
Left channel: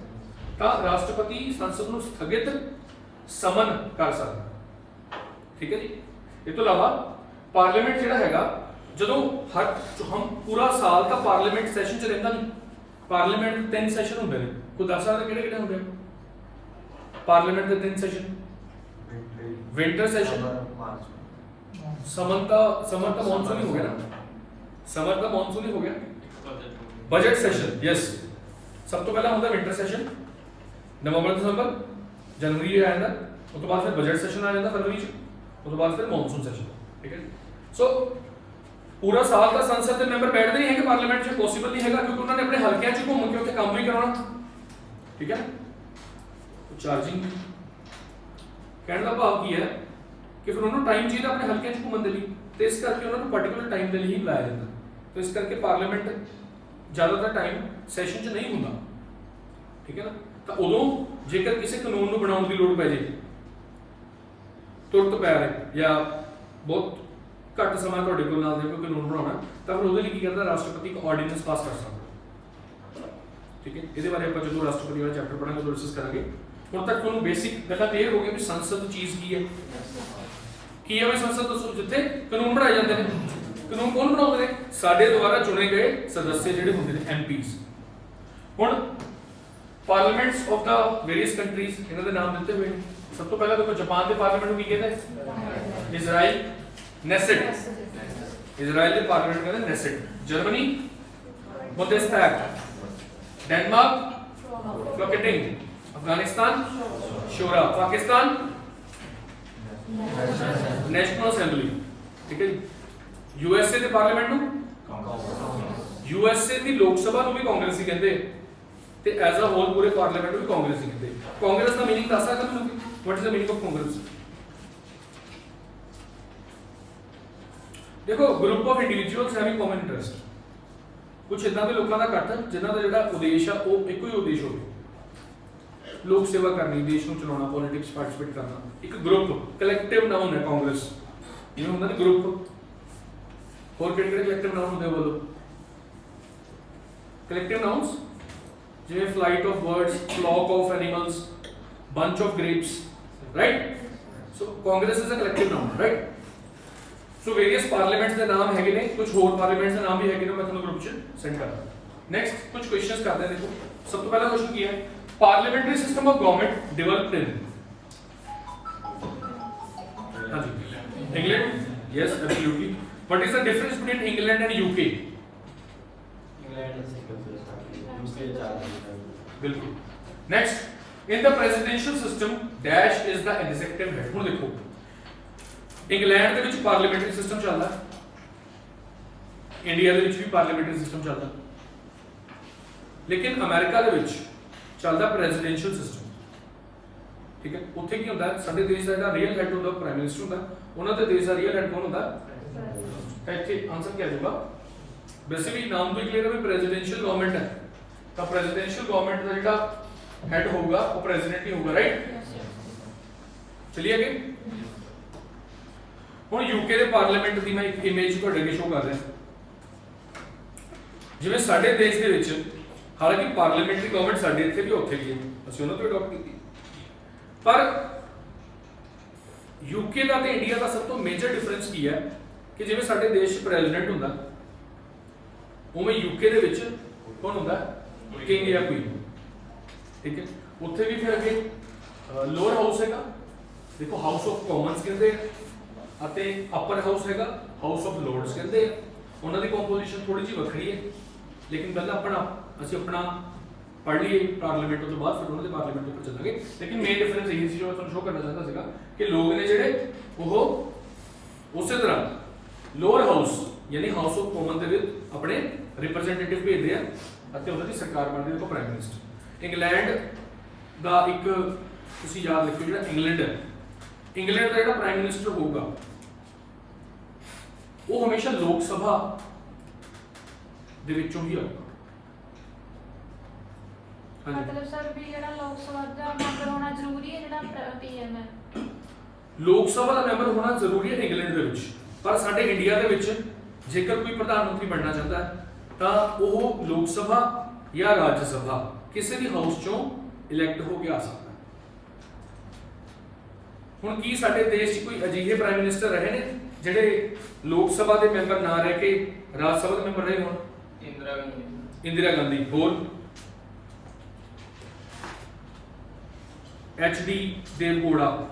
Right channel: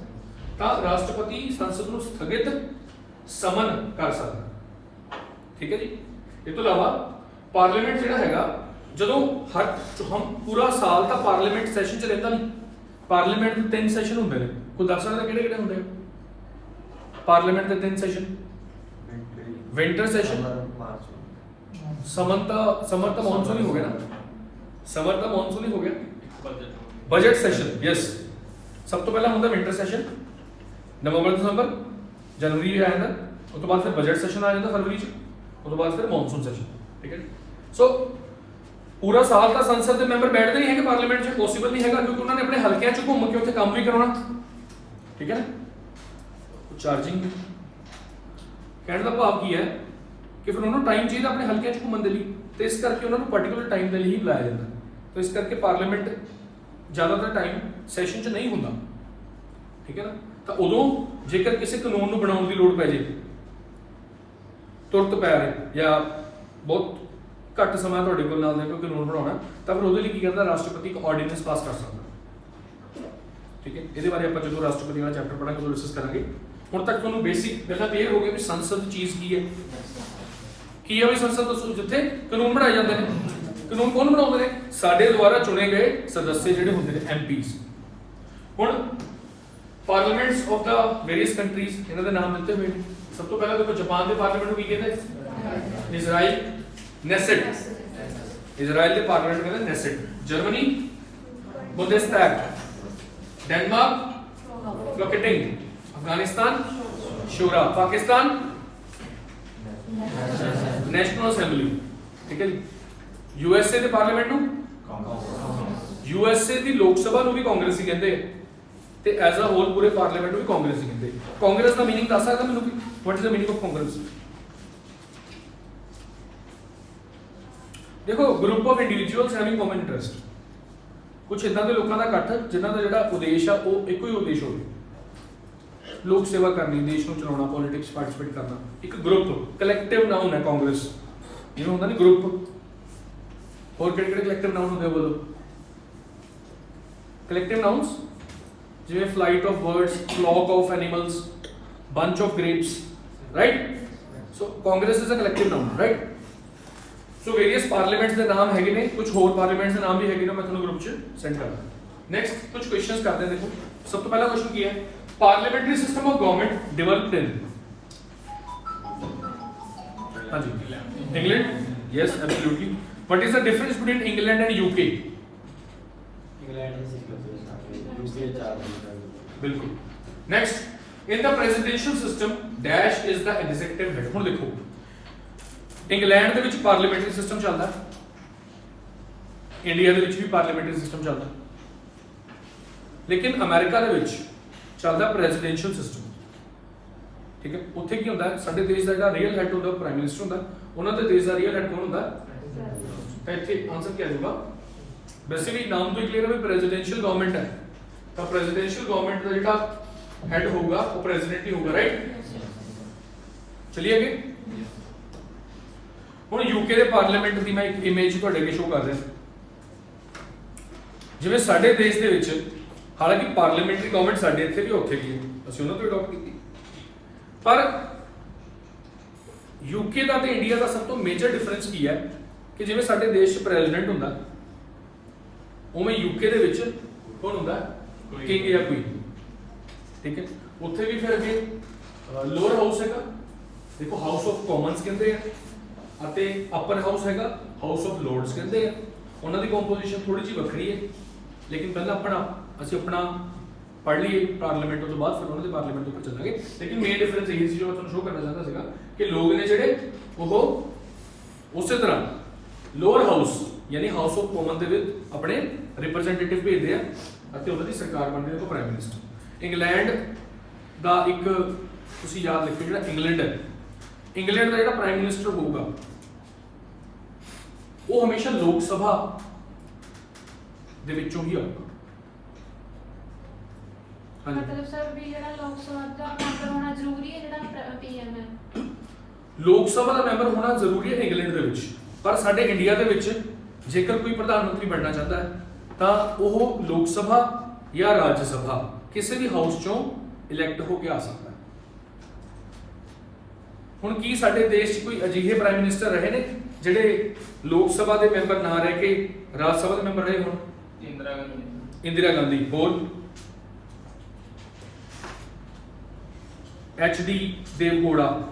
ਤਾਂ ਰਾਸ਼ਟਰਪਤੀ ਸੰਸਦ ਨੂੰ ਸਥਗਿਤ ਸਮਨ ਕਰ ਸਕਦਾ। ਠੀਕ ਹੈ ਜੀ? ਇਹ ਤੋਂ ਇਲਾਵਾ ਪਾਰਲੀਮੈਂਟ ਜਿਹੜਾ ਹੈਗਾ, ਜਦੋਂ ਹਮ ਪੂਰਾ ਸਾਲ ਤਾਂ ਪਾਰਲੀਮੈਂਟ ਸੈਸ਼ਨ 'ਚ ਰਹਿੰਦਾ ਨਹੀਂ। ਪਾਰਲੀਮੈਂਟ ਦੇ 3 ਸੈਸ਼ਨ ਹੁੰਦੇ ਨੇ। ਕੋਈ ਦੱਸ ਸਕਦਾ ਕਿਹੜੇ ਕਿਹੜੇ ਹੁੰਦੇ ਆ ਪਾਰਲੀਮੈਂਟ ਦੇ 3 ਸੈਸ਼ਨ? ਵਿੰਟਰ ਸੈਸ਼ਨ, ਸਮਰ ਤਾਂ ਮੌਨਸੂਨ ਹੀ ਹੋ ਗਿਆ ਨਾ, ਸਮਰ ਤਾਂ ਮੌਨਸੂਨ ਹੀ ਹੋ ਗਿਆ। Budget session, yes. ਸਭ ਤੋਂ ਪਹਿਲਾਂ ਹੁੰਦਾ ਵਿੰਟਰ ਸੈਸ਼ਨ, ਨਵੰਬਰ ਦਸੰਬਰ ਜਨਵਰੀ ਆ ਜਾਂਦਾ, ਉਸ ਤੋਂ ਬਾਅਦ ਫਿਰ ਬਜਟ ਸੈਸ਼ਨ ਆ ਜਾਂਦਾ ਫਰਵਰੀ 'ਚ, ਉਸ ਤੋਂ ਬਾਅਦ ਫਿਰ ਮੌਨਸੂਨ ਸੈਸ਼ਨ। ਠੀਕ ਹੈ? ਸੋ ਪੂਰਾ ਸਾਲ ਤਾਂ ਸੰਸਦ ਦੇ ਮੈਂਬਰ ਬੈਠਦੇ ਨਹੀਂ ਹੈਗੇ ਪਾਰਲੀਮੈਂਟ 'ਚ, ਪੋਸੀਬਲ ਨਹੀਂ ਹੈਗਾ, ਕਿਉਂਕਿ ਉਹਨਾਂ ਨੇ ਆਪਣੇ ਹਲਕਿਆਂ 'ਚ ਘੁੰਮ ਕੇ ਉੱਥੇ ਕੰਮ ਵੀ ਕਰਾਉਣਾ। ਠੀਕ ਹੈ? ਚਾਰਜਿੰਗ ਵੀ। ਕਹਿਣ ਦਾ ਭਾਵ ਕੀ ਹੈ ਕਿ ਫਿਰ ਉਹਨਾਂ ਨੂੰ ਟਾਈਮ ਚਾਹੀਦਾ ਆਪਣੇ ਹਲਕਿਆਂ 'ਚ ਘੁੰਮਣ ਦੇ ਲਈ, ਤੇ ਇਸ ਕਰਕੇ ਉਹਨਾਂ ਨੂੰ ਪਾਰਟਿਕੂਲਰ ਟਾਈਮ ਦੇ ਲਈ ਹੀ ਬੁਲਾਇਆ ਜਾਂਦਾ। ਤਾਂ ਇਸ ਕਰਕੇ ਪਾਰਲੀਮੈਂਟ ਜ਼ਿਆਦਾਤਰ ਟਾਈਮ ਸੈਸ਼ਨ 'ਚ ਨਹੀਂ ਹੁੰਦਾ। ਠੀਕ ਹੈ ਨਾ? ਤਾਂ ਉਦੋਂ ਜੇਕਰ ਕਿਸੇ ਕਾਨੂੰਨ ਨੂੰ ਬਣਾਉਣ ਦੀ ਲੋੜ ਪੈ ਜੇ, ਤੁਰਤ ਪੈ ਰਹੇ ਜਾਂ ਬਹੁਤ ਘੱਟ ਸਮਾਂ ਤੁਹਾਡੇ ਕੋਲ ਨਾਲ ਦੇ ਕੋਈ ਕਾਨੂੰਨ ਬਣਾਉਣਾ, ਤਾਂ ਫਿਰ ਉਹਦੇ ਲਈ ਕੀ ਕਰਦਾ? ਰਾਸ਼ਟਰਪਤੀ ਇੱਕ ਆਰਡੀਨੈਂਸ ਪਾਸ ਕਰ ਸਕਦਾ। ਠੀਕ ਹੈ? ਇਹਦੇ ਬਾਰੇ ਆਪਾਂ ਜਦੋਂ ਰਾਸ਼ਟਰਪਤੀ ਵਾਲਾ ਚੈਪਟਰ ਪੜਾਂਗੇ ਉਦੋਂ ਡਿਸਕਸ ਕਰਾਂਗੇ। ਹੁਣ ਤੱਕ ਤੁਹਾਨੂੰ ਬੇਸਿਕ ਗੱਲਾਂ ਕਲੀਅਰ ਹੋ ਗਈਆਂ ਵੀ ਸੰਸਦ ਚੀਜ਼ ਕੀ ਹੈ। ਕੀ ਹੈ ਵੀ ਸੰਸਦ? ਦੱਸੋ। ਜਿੱਥੇ ਕਾਨੂੰਨ ਬਣਾਏ ਜਾਂਦੇ ਨੇ। ਕਾਨੂੰਨ ਕੌਣ ਬਣਾਉਂਦੇ ਨੇ? ਸਾਡੇ ਦੁਆਰਾ ਚੁਣੇ ਗਏ ਸਦੱਸਿਆ ਜਿਹੜੇ ਹੁੰਦੇ ਨੇ, ਐਮਪੀਜ਼। ਹੁਣ parliaments of the various countries, ਇਹਨਾਂ ਦੇ ਨਾਮ ਦਿੱਤੇ ਹੋਏ ਨੇ। ਸਭ ਤੋਂ ਪਹਿਲਾਂ ਦੇਖੋ ਜਾਪਾਨ ਦੇ ਪਾਰਲੀਮੈਂਟ ਨੂੰ ਕੀ ਕਹਿੰਦੇ? Israel Knesset. ਇਜ਼ਰਾਈਲ ਦੇ ਪਾਰਲੀਮੈਂਟ ਕਹਿੰਦੇ Knesset. Germany Bundestag. Denmark Folketing, Afghanistan Shura, Pakistan National Assembly. ठीक है जी। यूएसए ਦੇ ਪਾਰਲੀਮੈਂਟ ਨੂੰ यूएसए ਦੀ ਲੋਕ ਸਭਾ ਨੂੰ ਵੀ ਕਾਂਗਰਸੀ ਕਹਿੰਦੇ ਤੇ ਐਜ਼ ਅ ਹੋਲ ਪੂਰੇ ਪਾਰਲੀਮੈਂਟ ਨੂੰ ਵੀ ਕਾਂਗਰਸੀ ਕਹਿੰਦੇ। ਕਾਂਗਰਸ ਦਾ ਮੀਨਿੰਗ ਦੱਸ ਸਕਦਾ ਮੈਨੂੰ? What is the meaning of Congress? देखो group of individuals having common interest, कुछ इदां दे लोकां दा इकट्ठ जिन्हां दा जिहड़ा उद्देश आ ਉਹ ਇੱਕੋ ਹੀ ਉਦੇਸ਼ ਹੋਵੇ, ਲੋਕ ਸੇਵਾ ਕਰਨੀ, ਦੇਸ਼ ਨੂੰ ਚਲਾਉਣਾ, ਪੋਲਿਟਿਕਸ ਪਾਰਟਿਸਿਪੇਟ ਕਰਨਾ। ਇੱਕ ਗਰੁੱਪ ਕਲੈਕਟਿਵ ਨਾउन ਹੈ ਕਾਂਗਰਸ, ਜਿਵੇਂ ਹੁੰਦਾ ਨਹੀਂ ਗਰੁੱਪ। ਹੋਰ ਕਿਹੜੇ ਕਿਹੜੇ ਕਲੈਕਟਿਵ ਨਾउन ਹੁੰਦੇ ਬੋਲੋ? ਕਲੈਕਟਿਵ ਨਾउन्स ਜਿਵੇਂ flight of birds, flock of animals, bunch of grapes, right? So Congress is a collective noun, right? So various parliaments ਦੇ ਨਾਮ ਹੈਗੇ ਨੇ, ਕੁਝ ਹੋਰ parliaments ਦੇ ਨਾਮ ਵੀ ਹੈਗੇ ਨੇ, ਮੈਂ ਤੁਹਾਨੂੰ ਗਰੁੱਪ 'ਚ ਸੈਂਡ ਕਰਾਂਗਾ। ਨੈਕਸਟ ਕੁਝ ਕੁਐਸਚਨਸ ਕਰਦੇ ਹਾਂ। ਦੇਖੋ ਸਭ ਤੋਂ ਪਹਿਲਾ ਕੁਐਸਚਨ ਕੀ ਹੈ? Parliamentary system of government developed in, ਹਾਂਜੀ, England. Yes absolutely. What is the difference between England and UK? बिल्कुल। Next in the presidential system dash is the executive head. ਹੁਣ ਦੇਖੋ ਇੰਗਲੈਂਡ ਦੇ ਵਿੱਚ ਪਾਰਲੀਮੈਂਟਰੀ ਸਿਸਟਮ ਚੱਲਦਾ, India ਦੇ ਵਿੱਚ ਵੀ parliamentary system ਚੱਲਦਾ, ਲੇਕਿਨ ਅਮਰੀਕਾ ਦੇ ਵਿੱਚ ਚੱਲਦਾ ਪ੍ਰੈਜ਼ੀਡੈਂਸ਼ੀਅਲ ਸਿਸਟਮ। ਠੀਕ ਹੈ, ਉੱਥੇ ਕੀ ਹੁੰਦਾ? ਸਾਡੇ ਦੇਸ਼ ਦਾ ਜਿਹੜਾ ਰੀਅਲ ਹੈਡ ਹੁੰਦਾ ਪ੍ਰਾਈਮ ਮਿਨਿਸਟਰ ਹੁੰਦਾ, ਉਹਨਾਂ ਦੇ ਦੇਸ਼ ਦਾ ਰੀਅਲ ਹੈਡ ਕੌਣ ਹੁੰਦਾ? ਇੱਥੇ ਆਨਸਰ ਕੀ ਆ ਜਾਊਗਾ? ਬੇਸਿਕਲੀ ਨਾਮ ਤੋਂ ਹੀ ਕਲੀਅਰ ਹੈ ਵੀ ਪ੍ਰੈਜ਼ੀਡੈਂਸ਼ੀਅਲ ਗਵਰਨਮੈਂਟ ਹੈ, ਤਾਂ ਪ੍ਰੈਜ਼ੀਡੈਂਸ਼ੀਅਲ ਗਵਰਨਮੈਂਟ ਦਾ ਜਿਹੜਾ ਹੈਡ ਹੋਊਗਾ ਉਹ ਪ੍ਰੈਜ਼ੀਡੈਂਟ ਹੀ ਹੋਊਗਾ, ਰਾਈਟ? ਚਲਿਏ ਅੱਗੇ। ਹੁਣ ਯੂਕੇ ਦੇ ਪਾਰਲੀਮੈਂਟ ਦੀ ਮੈਂ ਇੱਕ ਇਮੇਜ ਤੁਹਾਡੇ ਅੱਗੇ ਸ਼ੋਅ ਕਰ ਰਿਹਾ। ਜਿਵੇਂ ਸਾਡੇ ਦੇਸ਼ ਦੇ ਵਿੱਚ ਹਾਲਾਂਕਿ ਪਾਰਲੀਮੈਂਟਰੀ ਗਵਰਨਮੈਂਟ ਸਾਡੇ ਇੱਥੇ ਵੀ ਉੱਥੇ ਵੀ ਹੈ, ਅਸੀਂ ਉਹਨਾਂ ਤੋਂ ਅਡਾਪਟ ਕੀਤੀ, ਪਰ ਯੂਕੇ ਦਾ ਤੇ ਇੰਡੀਆ ਦਾ ਸਭ ਤੋਂ ਮੇਜਰ ਡਿਫਰੈਂਸ ਕੀ ਹੈ ਕਿ ਜਿਵੇਂ ਸਾਡੇ ਦੇਸ਼ 'ਚ ਪ੍ਰੈਜ਼ੀਡੈਂਟ ਹੁੰਦਾ, ਉਵੇਂ ਯੂਕੇ ਦੇ ਵਿੱਚ ਕੌਣ ਹੁੰਦਾ? ਕਿੰਗ ਜਾਂ ਕੁਈਨ। ਠੀਕ ਹੈ, ਉੱਥੇ ਵੀ ਫਿਰ ਅੱਗੇ ਲੋਅਰ ਹਾਊਸ ਹੈਗਾ, ਦੇਖੋ ਹਾਊਸ ਆਫ ਕਾਮਨਸ ਕਹਿੰਦੇ ਆ, ਅਤੇ ਅਪਰ ਹਾਊਸ ਹੈਗਾ ਹਾਊਸ ਆਫ ਲੋਰਡਸ ਕਹਿੰਦੇ ਆ। ਉਹਨਾਂ ਦੀ ਕੰਪੋਜੀਸ਼ਨ ਥੋੜੀ ਜਿਹੀ ਵੱਖਰੀ ਹੈ, ਲੇਕਿਨ ਪਹਿਲਾਂ ਅਸੀਂ ਆਪਣਾ ਪੜ੍ਹ ਲਈਏ ਪਾਰਲੀਮੈਂਟ ਤੋਂ ਬਾਅਦ ਫਿਰ ਉਹਨਾਂ ਦੇ ਪਾਰਲੀਮੈਂਟ ਉੱਪਰ ਚੱਲਾਂਗੇ। ਲੇਕਿਨ ਮੇਨ ਡਿਫਰੈਂਸ ਇਹ ਸੀ ਜੋ ਮੈਂ ਤੁਹਾਨੂੰ ਸ਼ੋਅ ਕਰਨਾ ਚਾਹੁੰਦਾ ਸੀਗਾ ਕਿ ਲੋਕ ਨੇ ਜਿਹੜੇ ਉਹ ਉਸੇ ਤਰ੍ਹਾਂ ਲੋਅਰ ਹਾਊਸ ਯਾਨੀ ਹਾਊਸ ਆਫ ਕਾਮਨ ਦੇ ਵਿੱਚ ਆਪਣੇ ਰਿਪਰੈਜ਼ੈਂਟੇਟਿਵ ਭੇਜਦੇ ਆ ਅਤੇ ਉਹਨਾਂ ਦੀ ਸਰਕਾਰ ਬਣਦੀ ਹੈ, ਪ੍ਰਾਈਮ ਮਿਨਿਸਟਰ। ਇੰਗਲੈਂਡ ਦਾ ਇੱਕ ਤੁਸੀਂ ਯਾਦ ਰੱਖਿਓ, ਜਿਹੜਾ ਇੰਗਲੈਂਡ ਹੈ, ਇੰਗਲੈਂਡ ਦਾ ਜਿਹੜਾ ਪ੍ਰਾਈਮ ਮਿਨਿਸਟਰ ਹੋਊਗਾ ਉਹ ਹਮੇਸ਼ਾ ਲੋਕ ਸਭਾ ਦੇ ਵਿੱਚੋਂ ਹੀ ਆਊਗਾ। ਹਾਂਜੀ, ਮਤਲਬ ਸਰ ਵੀ ਜਿਹੜਾ ਲੋਕ ਸਭਾ ਦਾ ਮੈਂਬਰ ਹੋਣਾ ਜ਼ਰੂਰੀ ਹੈ, ਜਿਹੜਾ ਪੀਐਮ ਹੈ? ਲੋਕ ਸਭਾ ਦਾ ਮੈਂਬਰ ਹੋਣਾ ਜ਼ਰੂਰੀ ਹੈ ਇੰਗਲੈਂਡ ਦੇ ਵਿੱਚ, ਪਰ ਸਾਡੇ ਇੰਡੀਆ ਦੇ ਵਿੱਚ ਜੇਕਰ ਕੋਈ ਪ੍ਰਧਾਨ ਮੰਤਰੀ ਬਣਨਾ ਚਾਹੁੰਦਾ ਹੈ ਤਾਂ ਉਹ ਲੋਕ ਸਭਾ ਜਾਂ ਰਾਜ ਸਭਾ ਕਿਸੇ ਵੀ ਹਾਊਸ ਚੋਂ ਇਲੈਕਟ ਹੋ ਕੇ ਆ ਸਕਦਾ ਹੈ। ਹੁਣ ਕੀ ਸਾਡੇ ਦੇਸ਼ 'ਚ ਕੋਈ ਅਜਿਹੇ ਪ੍ਰਾਈਮ ਮਿਨਿਸਟਰ ਰਹੇ ਨੇ ਜਿਹੜੇ ਲੋਕ ਸਭਾ ਦੇ ਮੈਂਬਰ ਨਾ ਰਹਿ ਕੇ ਰਾਜ ਸਭਾ ਦੇ ਮੈਂਬਰ ਰਹੇ ਹੋਣ? ਇੰਦਰਾ ਗਾਂਧੀ, ਹੋਰ HD ਦੇਵਗੌੜਾ,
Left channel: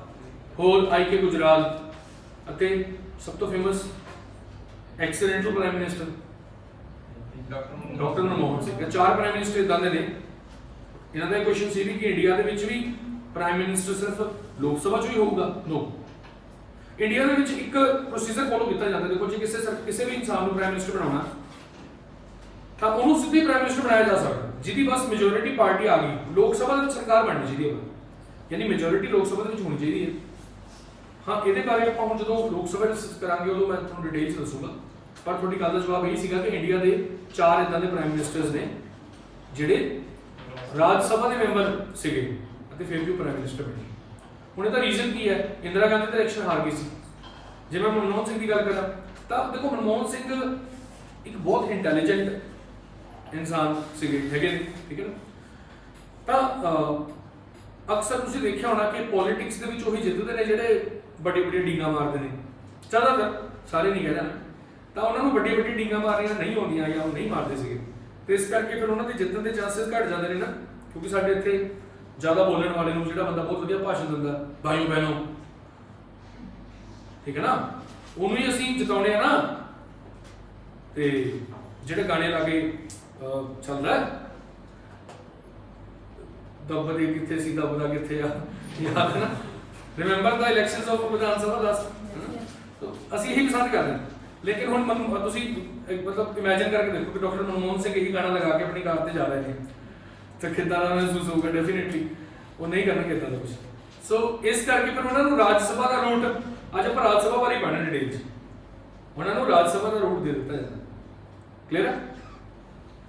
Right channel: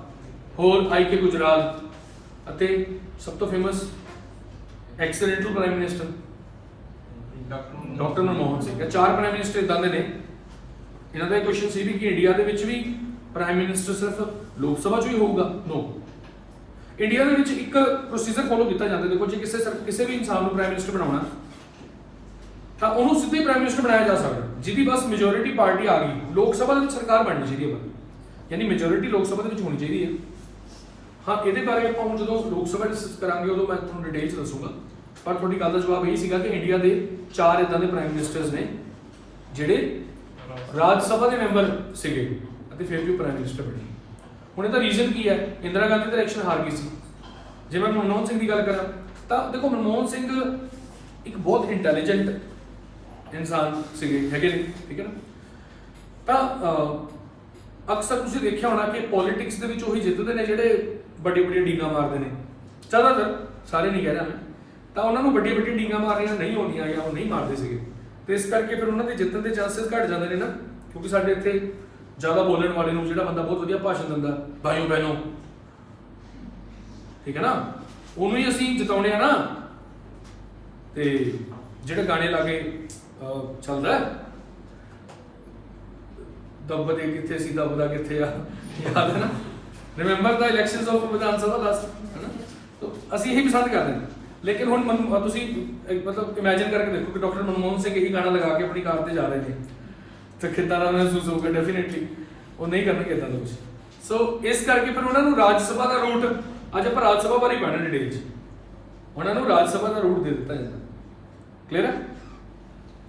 ਹੋਰ IK ਗੁਜਰਾਲ, ਅਤੇ ਸਭ ਤੋਂ famous accidental prime minister doctor Manmohan Singh. ਇਹ ਚਾਰ ਪ੍ਰਾਈਮ ਮਿਨਿਸਟਰ ਇਦਾਂ ਦੇ ਨੇ। ਇਹਨਾਂ ਦਾ ਕੁਐਸਚਨ ਸੀ ਵੀ ਕਿ ਇੰਡੀਆ ਦੇ ਵਿੱਚ ਵੀ ਪ੍ਰਾਈਮ ਮਿਨਿਸਟਰ ਸਿਰਫ ਲੋਕ ਸਭਾ 'ਚ ਹੀ ਹੋਊਗਾ? ਨੋ, ਇੰਡੀਆ ਦੇ ਵਿੱਚ ਇੱਕ ਪ੍ਰੋਸੀਜਰ ਫੋਲੋ ਕੀਤਾ ਜਾਂਦਾ। ਦੇਖੋ ਜੇ ਕਿਸੇ ਵੀ ਇਨਸਾਨ ਨੂੰ ਪ੍ਰਾਈਮ ਮਿਨਿਸਟਰ ਬਣਾਉਣਾ ਤਾਂ ਉਹਨੂੰ ਸਿੱਧੇ ਪ੍ਰਾਈਮ ਮਿਨਿਸਟਰ ਬਣਾਇਆ ਜਾ ਸਕਦਾ ਜਿਹਦੀ ਬਸ ਮੈਜੋਰਿਟੀ ਪਾਰਟੀ ਆ ਗਈ, ਲੋਕ ਸਭਾ ਦੇ ਵਿੱਚ ਸਰਕਾਰ ਬਣਨੀ ਚਾਹੀਦੀ ਹੈ, ਯਾਨੀ ਮੈਜੋਰਿਟੀ ਲੋਕ ਸਭਾ ਦੇ ਵਿੱਚ ਹੋਣੀ ਚਾਹੀਦੀ ਹੈ। ਹਾਂ, ਇਹਦੇ ਬਾਰੇ ਆਪਾਂ ਹੁਣ ਜਦੋਂ ਲੋਕ ਸਭਾ ਡਿਸਕਸ ਕਰਾਂਗੇ ਉਦੋਂ ਮੈਂ ਤੁਹਾਨੂੰ ਡਿਟੇਲ 'ਚ ਦੱਸੂਗਾ, ਪਰ ਤੁਹਾਡੀ ਗੱਲ ਦਾ ਜਵਾਬ ਇਹ ਸੀਗਾ ਕਿ ਇੰਡੀਆ ਦੇ 4 ਇਦਾਂ ਦੇ ਪ੍ਰਾਈਮ ਮਿਨਿਸਟਰਸ ਨੇ ਜਿਹੜੇ ਰਾਜ ਸਭਾ ਦੇ ਮੈਂਬਰ ਸੀਗੇ ਅਤੇ ਫਿਰ ਵੀ ਉਹ ਪ੍ਰਾਈਮ ਮਿਨਿਸਟਰ ਬਣੇ। ਹੁਣ ਇਹਦਾ ਰੀਜ਼ਨ ਕੀ ਹੈ? ਇੰਦਰਾ ਗਾਂਧੀ ਦਾ ਇਲੈਕਸ਼ਨ ਹਾਰ ਗਈ ਸੀ। ਜੇ ਮੈਂ ਮਨਮੋਹਨ ਸਿੰਘ ਦੀ ਗੱਲ ਕਰਾਂ ਤਾਂ ਦੇਖੋ ਮਨਮੋਹਨ ਸਿੰਘ ਇੱਕ ਬਹੁਤ ਇੰਟੈਲੀਜੈਂਟ ਇਨਸਾਨ ਸੀਗੇ, ਹੈਗੇ ਨੇ, ਠੀਕ ਹੈ ਨਾ। ਤਾਂ ਅਕਸਰ ਤੁਸੀਂ ਦੇਖਿਆ ਹੋਣਾ ਕਿ ਪੋਲਿਟਿਕਸ ਦੇ ਵਿੱਚ ਉਹੀ ਜਿੱਤਦੇ ਨੇ ਜਿਹੜੇ ਵੱਡੀਆਂ ਡੀਂਗਾਂ ਮਾਰਦੇ ਨੇ। ਜ਼ਿਆਦਾਤਰ, ਸਾਰੇ ਨਹੀਂ ਕਹਿ ਰਿਹਾ ਮੈਂ, ਤਾਂ ਉਹਨਾਂ ਨੂੰ ਵੱਡੀਆਂ ਡੀਂਗਾਂ ਮਾਰੀਆਂ ਨਹੀਂ ਆਉਂਦੀਆਂ ਜਾਂ ਉਹ ਨਹੀਂ ਮਾਰਦੇ ਸੀਗੇ, ਤੇ ਇਸ ਕਰਕੇ ਫਿਰ ਉਹਨਾਂ ਦੇ ਜਿੱਤਣ ਦੇ ਚਾਂਸਸ ਘਟ ਜਾਂਦੇ ਨੇ ਨਾ, ਕਿਉਂਕਿ ਸਾਡੇ ਇੱਥੇ ਜ਼ਿਆਦਾ ਬੋਲਣ ਵਾਲੇ ਨੂੰ, ਜਿਹੜਾ ਬੰਦਾ ਬਹੁਤ ਵਧੀਆ ਭਾਸ਼ਣ ਦਿੰਦਾ, ਭਾਈਓ ਬਹਿਨੋ, ਠੀਕ ਹੈ ਨਾ, ਉਹਨੂੰ ਹੀ ਅਸੀਂ ਜਿਤਾਉਣੇ ਆ ਨਾ। ਤੇ ਜਿਹੜੇ ਗਾਣੇ ਲਾਗੇ ਚੱਲਦਾ ਦੱਬਦੇ ਕਿੱਥੇ ਸੀ ਦੱਬਦਾ ਕਿੱਥੇ ਆ, ਯਾਦ ਹੈ ਨਾ, remember the elections of Vidhan Sabha 10, ਹੈ ਨਾ। ਅਸੀਂ ਇਹੀ ਪਸੰਦ ਕਰਦੇ ਹਾਂ। ਲੇਕਿਨ ਹੁਣ ਤੁਸੀਂ ਮਤਲਬ ਇਮੇਜਿਨ ਕਰਕੇ ਦੇਖੋ ਕਿ ਡਾਕਟਰ ਮਨਮੋਹਨ ਸਿੰਘ ਇਹੀ ਗਾਣਾ ਲਗਾ ਕੇ ਆਪਣੀ ਕਾਰ ਤੇ ਜਾ ਰਹੇ ਨੇ, ਤਾਂ ਕਿੱਦਾਂ ਦਾ ਮਹਿਸੂਸ ਹੋਊਗਾ? ਡੈਫੀਨੇਟਲੀ ਉਹ ਨਹੀਂ ਕਰਨਗੇ ਇੱਦਾਂ ਦਾ ਕੁਝ। ਸੋ ਇਸ ਕਰਕੇ ਫਿਰ ਉਹਨਾਂ ਨੂੰ ਰਾਜ ਸਭਾ ਦਾ ਰੂਟ, ਅੱਜ ਆਪਾਂ ਰਾਜ ਸਭਾ ਬਾਰੇ ਪੜ੍ਹਨਾ ਡਿਟੇਲ 'ਚ। ਉਹਨਾਂ ਨੂੰ ਰਾਜ ਸਭਾ ਦਾ ਰੂਟ ਦੇ ਦਿੱਤਾ ਜਾਂਦਾ। ਕਲੀਅਰ ਹੈ?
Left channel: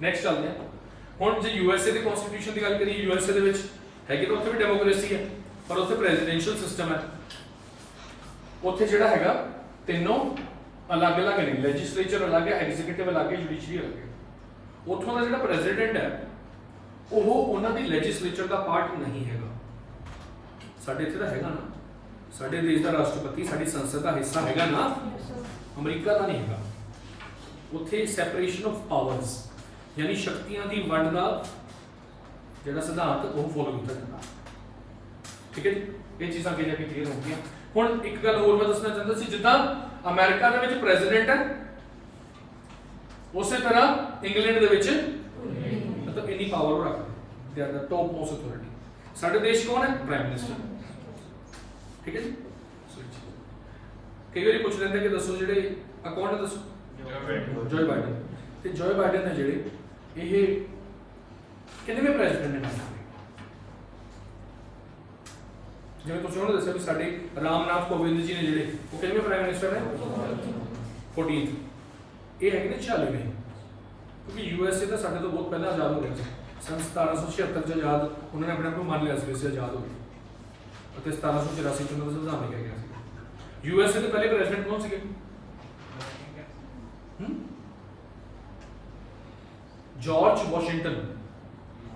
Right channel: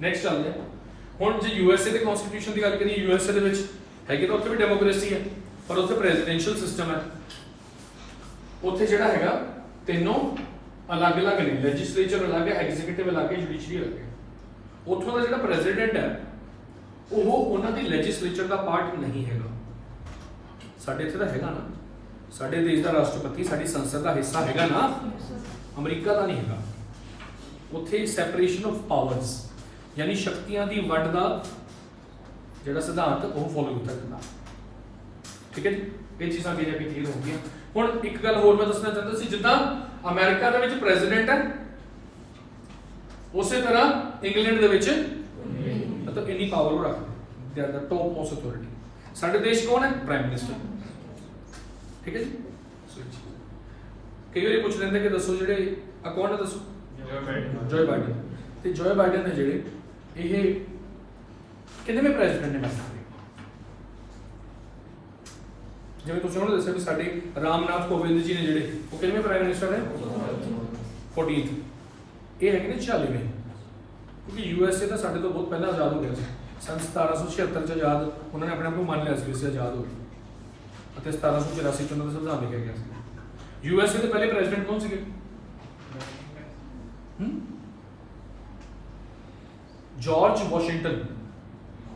ਨੈਕਸਟ ਚੱਲਦੇ ਹਾਂ। ਹੁਣ ਜੇ ਯੂਐਸਏ ਦੇ ਕਨਸਟੀਟਿਊਸ਼ਨ ਦੀ ਗੱਲ ਕਰੀਏ, ਯੂਐਸਏ ਦੇ ਵਿੱਚ ਹੈਗੀ ਤਾਂ ਉੱਥੇ ਵੀ ਡੈਮੋਕ੍ਰੇਸੀ ਹੈ, ਪਰ ਉੱਥੇ ਪ੍ਰੈਜ਼ੀਡੈਂਸ਼ੀਅਲ ਸਿਸਟਮ ਹੈ। ਉੱਥੇ ਜਿਹੜਾ ਹੈਗਾ ਤਿੰਨੋਂ ਅਲੱਗ-ਅਲੱਗ ਨੇ, ਲੈਜਿਸਲੇਚਰ ਅਲੱਗ ਹੈ, ਐਗਜ਼ੀਕਿਊਟਿਵ ਅਲੱਗ ਹੈ, ਜੁਡੀਸ਼ਰੀ ਅਲੱਗ ਹੈ। ਉੱਥੋਂ ਦਾ ਜਿਹੜਾ ਪ੍ਰੈਜ਼ੀਡੈਂਟ ਹੈ ਉਹ ਉਹਨਾਂ ਦੀ ਲੈਜਿਸਲੇਚਰ ਦਾ ਪਾਰਟ ਨਹੀਂ ਹੈਗਾ। ਸਾਡੇ ਇੱਥੇ ਤਾਂ ਹੈਗਾ ਨਾ, ਸਾਡੇ ਦੇਸ਼ ਦਾ ਰਾਸ਼ਟਰਪਤੀ ਸਾਡੀ ਸੰਸਦ ਦਾ ਹਿੱਸਾ ਹੈਗਾ ਨਾ, ਅਮਰੀਕਾ ਦਾ ਨਹੀਂ ਹੈਗਾ। ਉੱਥੇ ਸੈਪਰੇਸ਼ਨ ਆਫ ਪਾਵਰਸ ਯਾਨੀ ਸ਼ਕਤੀਆਂ ਦੀ ਵੰਡ ਦਾ ਜਿਹੜਾ ਸਿਧਾਂਤ ਉਹ ਫੋਲੋ ਕੀਤਾ ਜਾਂਦਾ। ਠੀਕ ਹੈ ਜੀ, ਇਹ ਚੀਜ਼ਾਂ ਅੱਗੇ ਜਾ ਕੇ ਕਲੀਅਰ ਹੋ ਗਈਆਂ। ਹੁਣ ਇੱਕ ਗੱਲ ਹੋਰ ਮੈਂ ਦੱਸਣਾ ਚਾਹੁੰਦਾ ਸੀ, ਜਿੱਦਾਂ ਅਮਰੀਕਾ ਦੇ ਵਿੱਚ ਪ੍ਰੈਜ਼ੀਡੈਂਟ ਹੈ ਉਸੇ ਤਰ੍ਹਾਂ ਇੰਗਲੈਂਡ ਦੇ ਵਿੱਚ ਮਤਲਬ ਇੰਨੀ ਪਾਵਰ ਉਹ ਰੱਖਦੇ, they are the top most authority. ਸਾਡੇ ਦੇਸ਼ ਕੌਣ ਹੈ? Prime minister. ਠੀਕ ਹੈ ਜੀ। ਕਈ ਵਾਰੀ ਪੁੱਛ ਲੈਂਦੇ ਕਿ ਦੱਸੋ ਜਿਹੜੇ ਆ ਕੌਣ ਹੈ, ਦੱਸੋ। Joy Biden. ਤੇ ਜੋਏ ਬਾਈਡਨ ਨੇ ਜਿਹੜੇ ਇਹ ਕਿੰਨੇਵੇਂ ਪ੍ਰੈਜ਼ੀਡੈਂਟ ਨੇ ਅਮਰੀਕਾ ਦੇ? ਜਿਵੇਂ ਤੁਸੀਂ ਉਹਨੇ ਦੱਸਿਆ ਵੀ ਸਾਡੇ ਰਾਮਨਾਥ ਕੋਵਿੰਦ ਜੀ ਨੇ ਜਿਹੜੇ ਉਹ ਕਿੰਨੇਵੇਂ ਪ੍ਰਾਈਮ ਮਿਨਿਸਟਰ ਨੇ? 14th। ਇਹ ਹੈਗੇ ਨੇ 40ਵੇਂ, ਕਿਉਂਕਿ ਯੂਐਸਏ ਤਾਂ ਸਾਡੇ ਤੋਂ ਬਹੁਤ ਪਹਿਲਾਂ ਆਜ਼ਾਦ ਹੋ ਗਿਆ ਸੀ। ਸੰਨ 1776 ਚ ਆਜ਼ਾਦ ਉਹਨਾਂ ਨੇ ਆਪਣੇ ਆਪ ਨੂੰ ਮੰਨ ਲਿਆ ਸੀ ਕਿ ਆਜ਼ਾਦ ਹੋ ਗਏ, ਅਤੇ 1784 ਚ ਉਹਨਾਂ ਦਾ ਸੰਵਿਧਾਨ ਲਿਖਿਆ ਗਿਆ ਸੀ। ਯੂਐਸਏ ਦੇ ਪਹਿਲੇ ਪ੍ਰੈਜ਼ੀਡੈਂਟ ਕੌਣ ਸੀਗੇ? ਜਾਰਜ ਵਾਸ਼ਿੰਗਟਨ,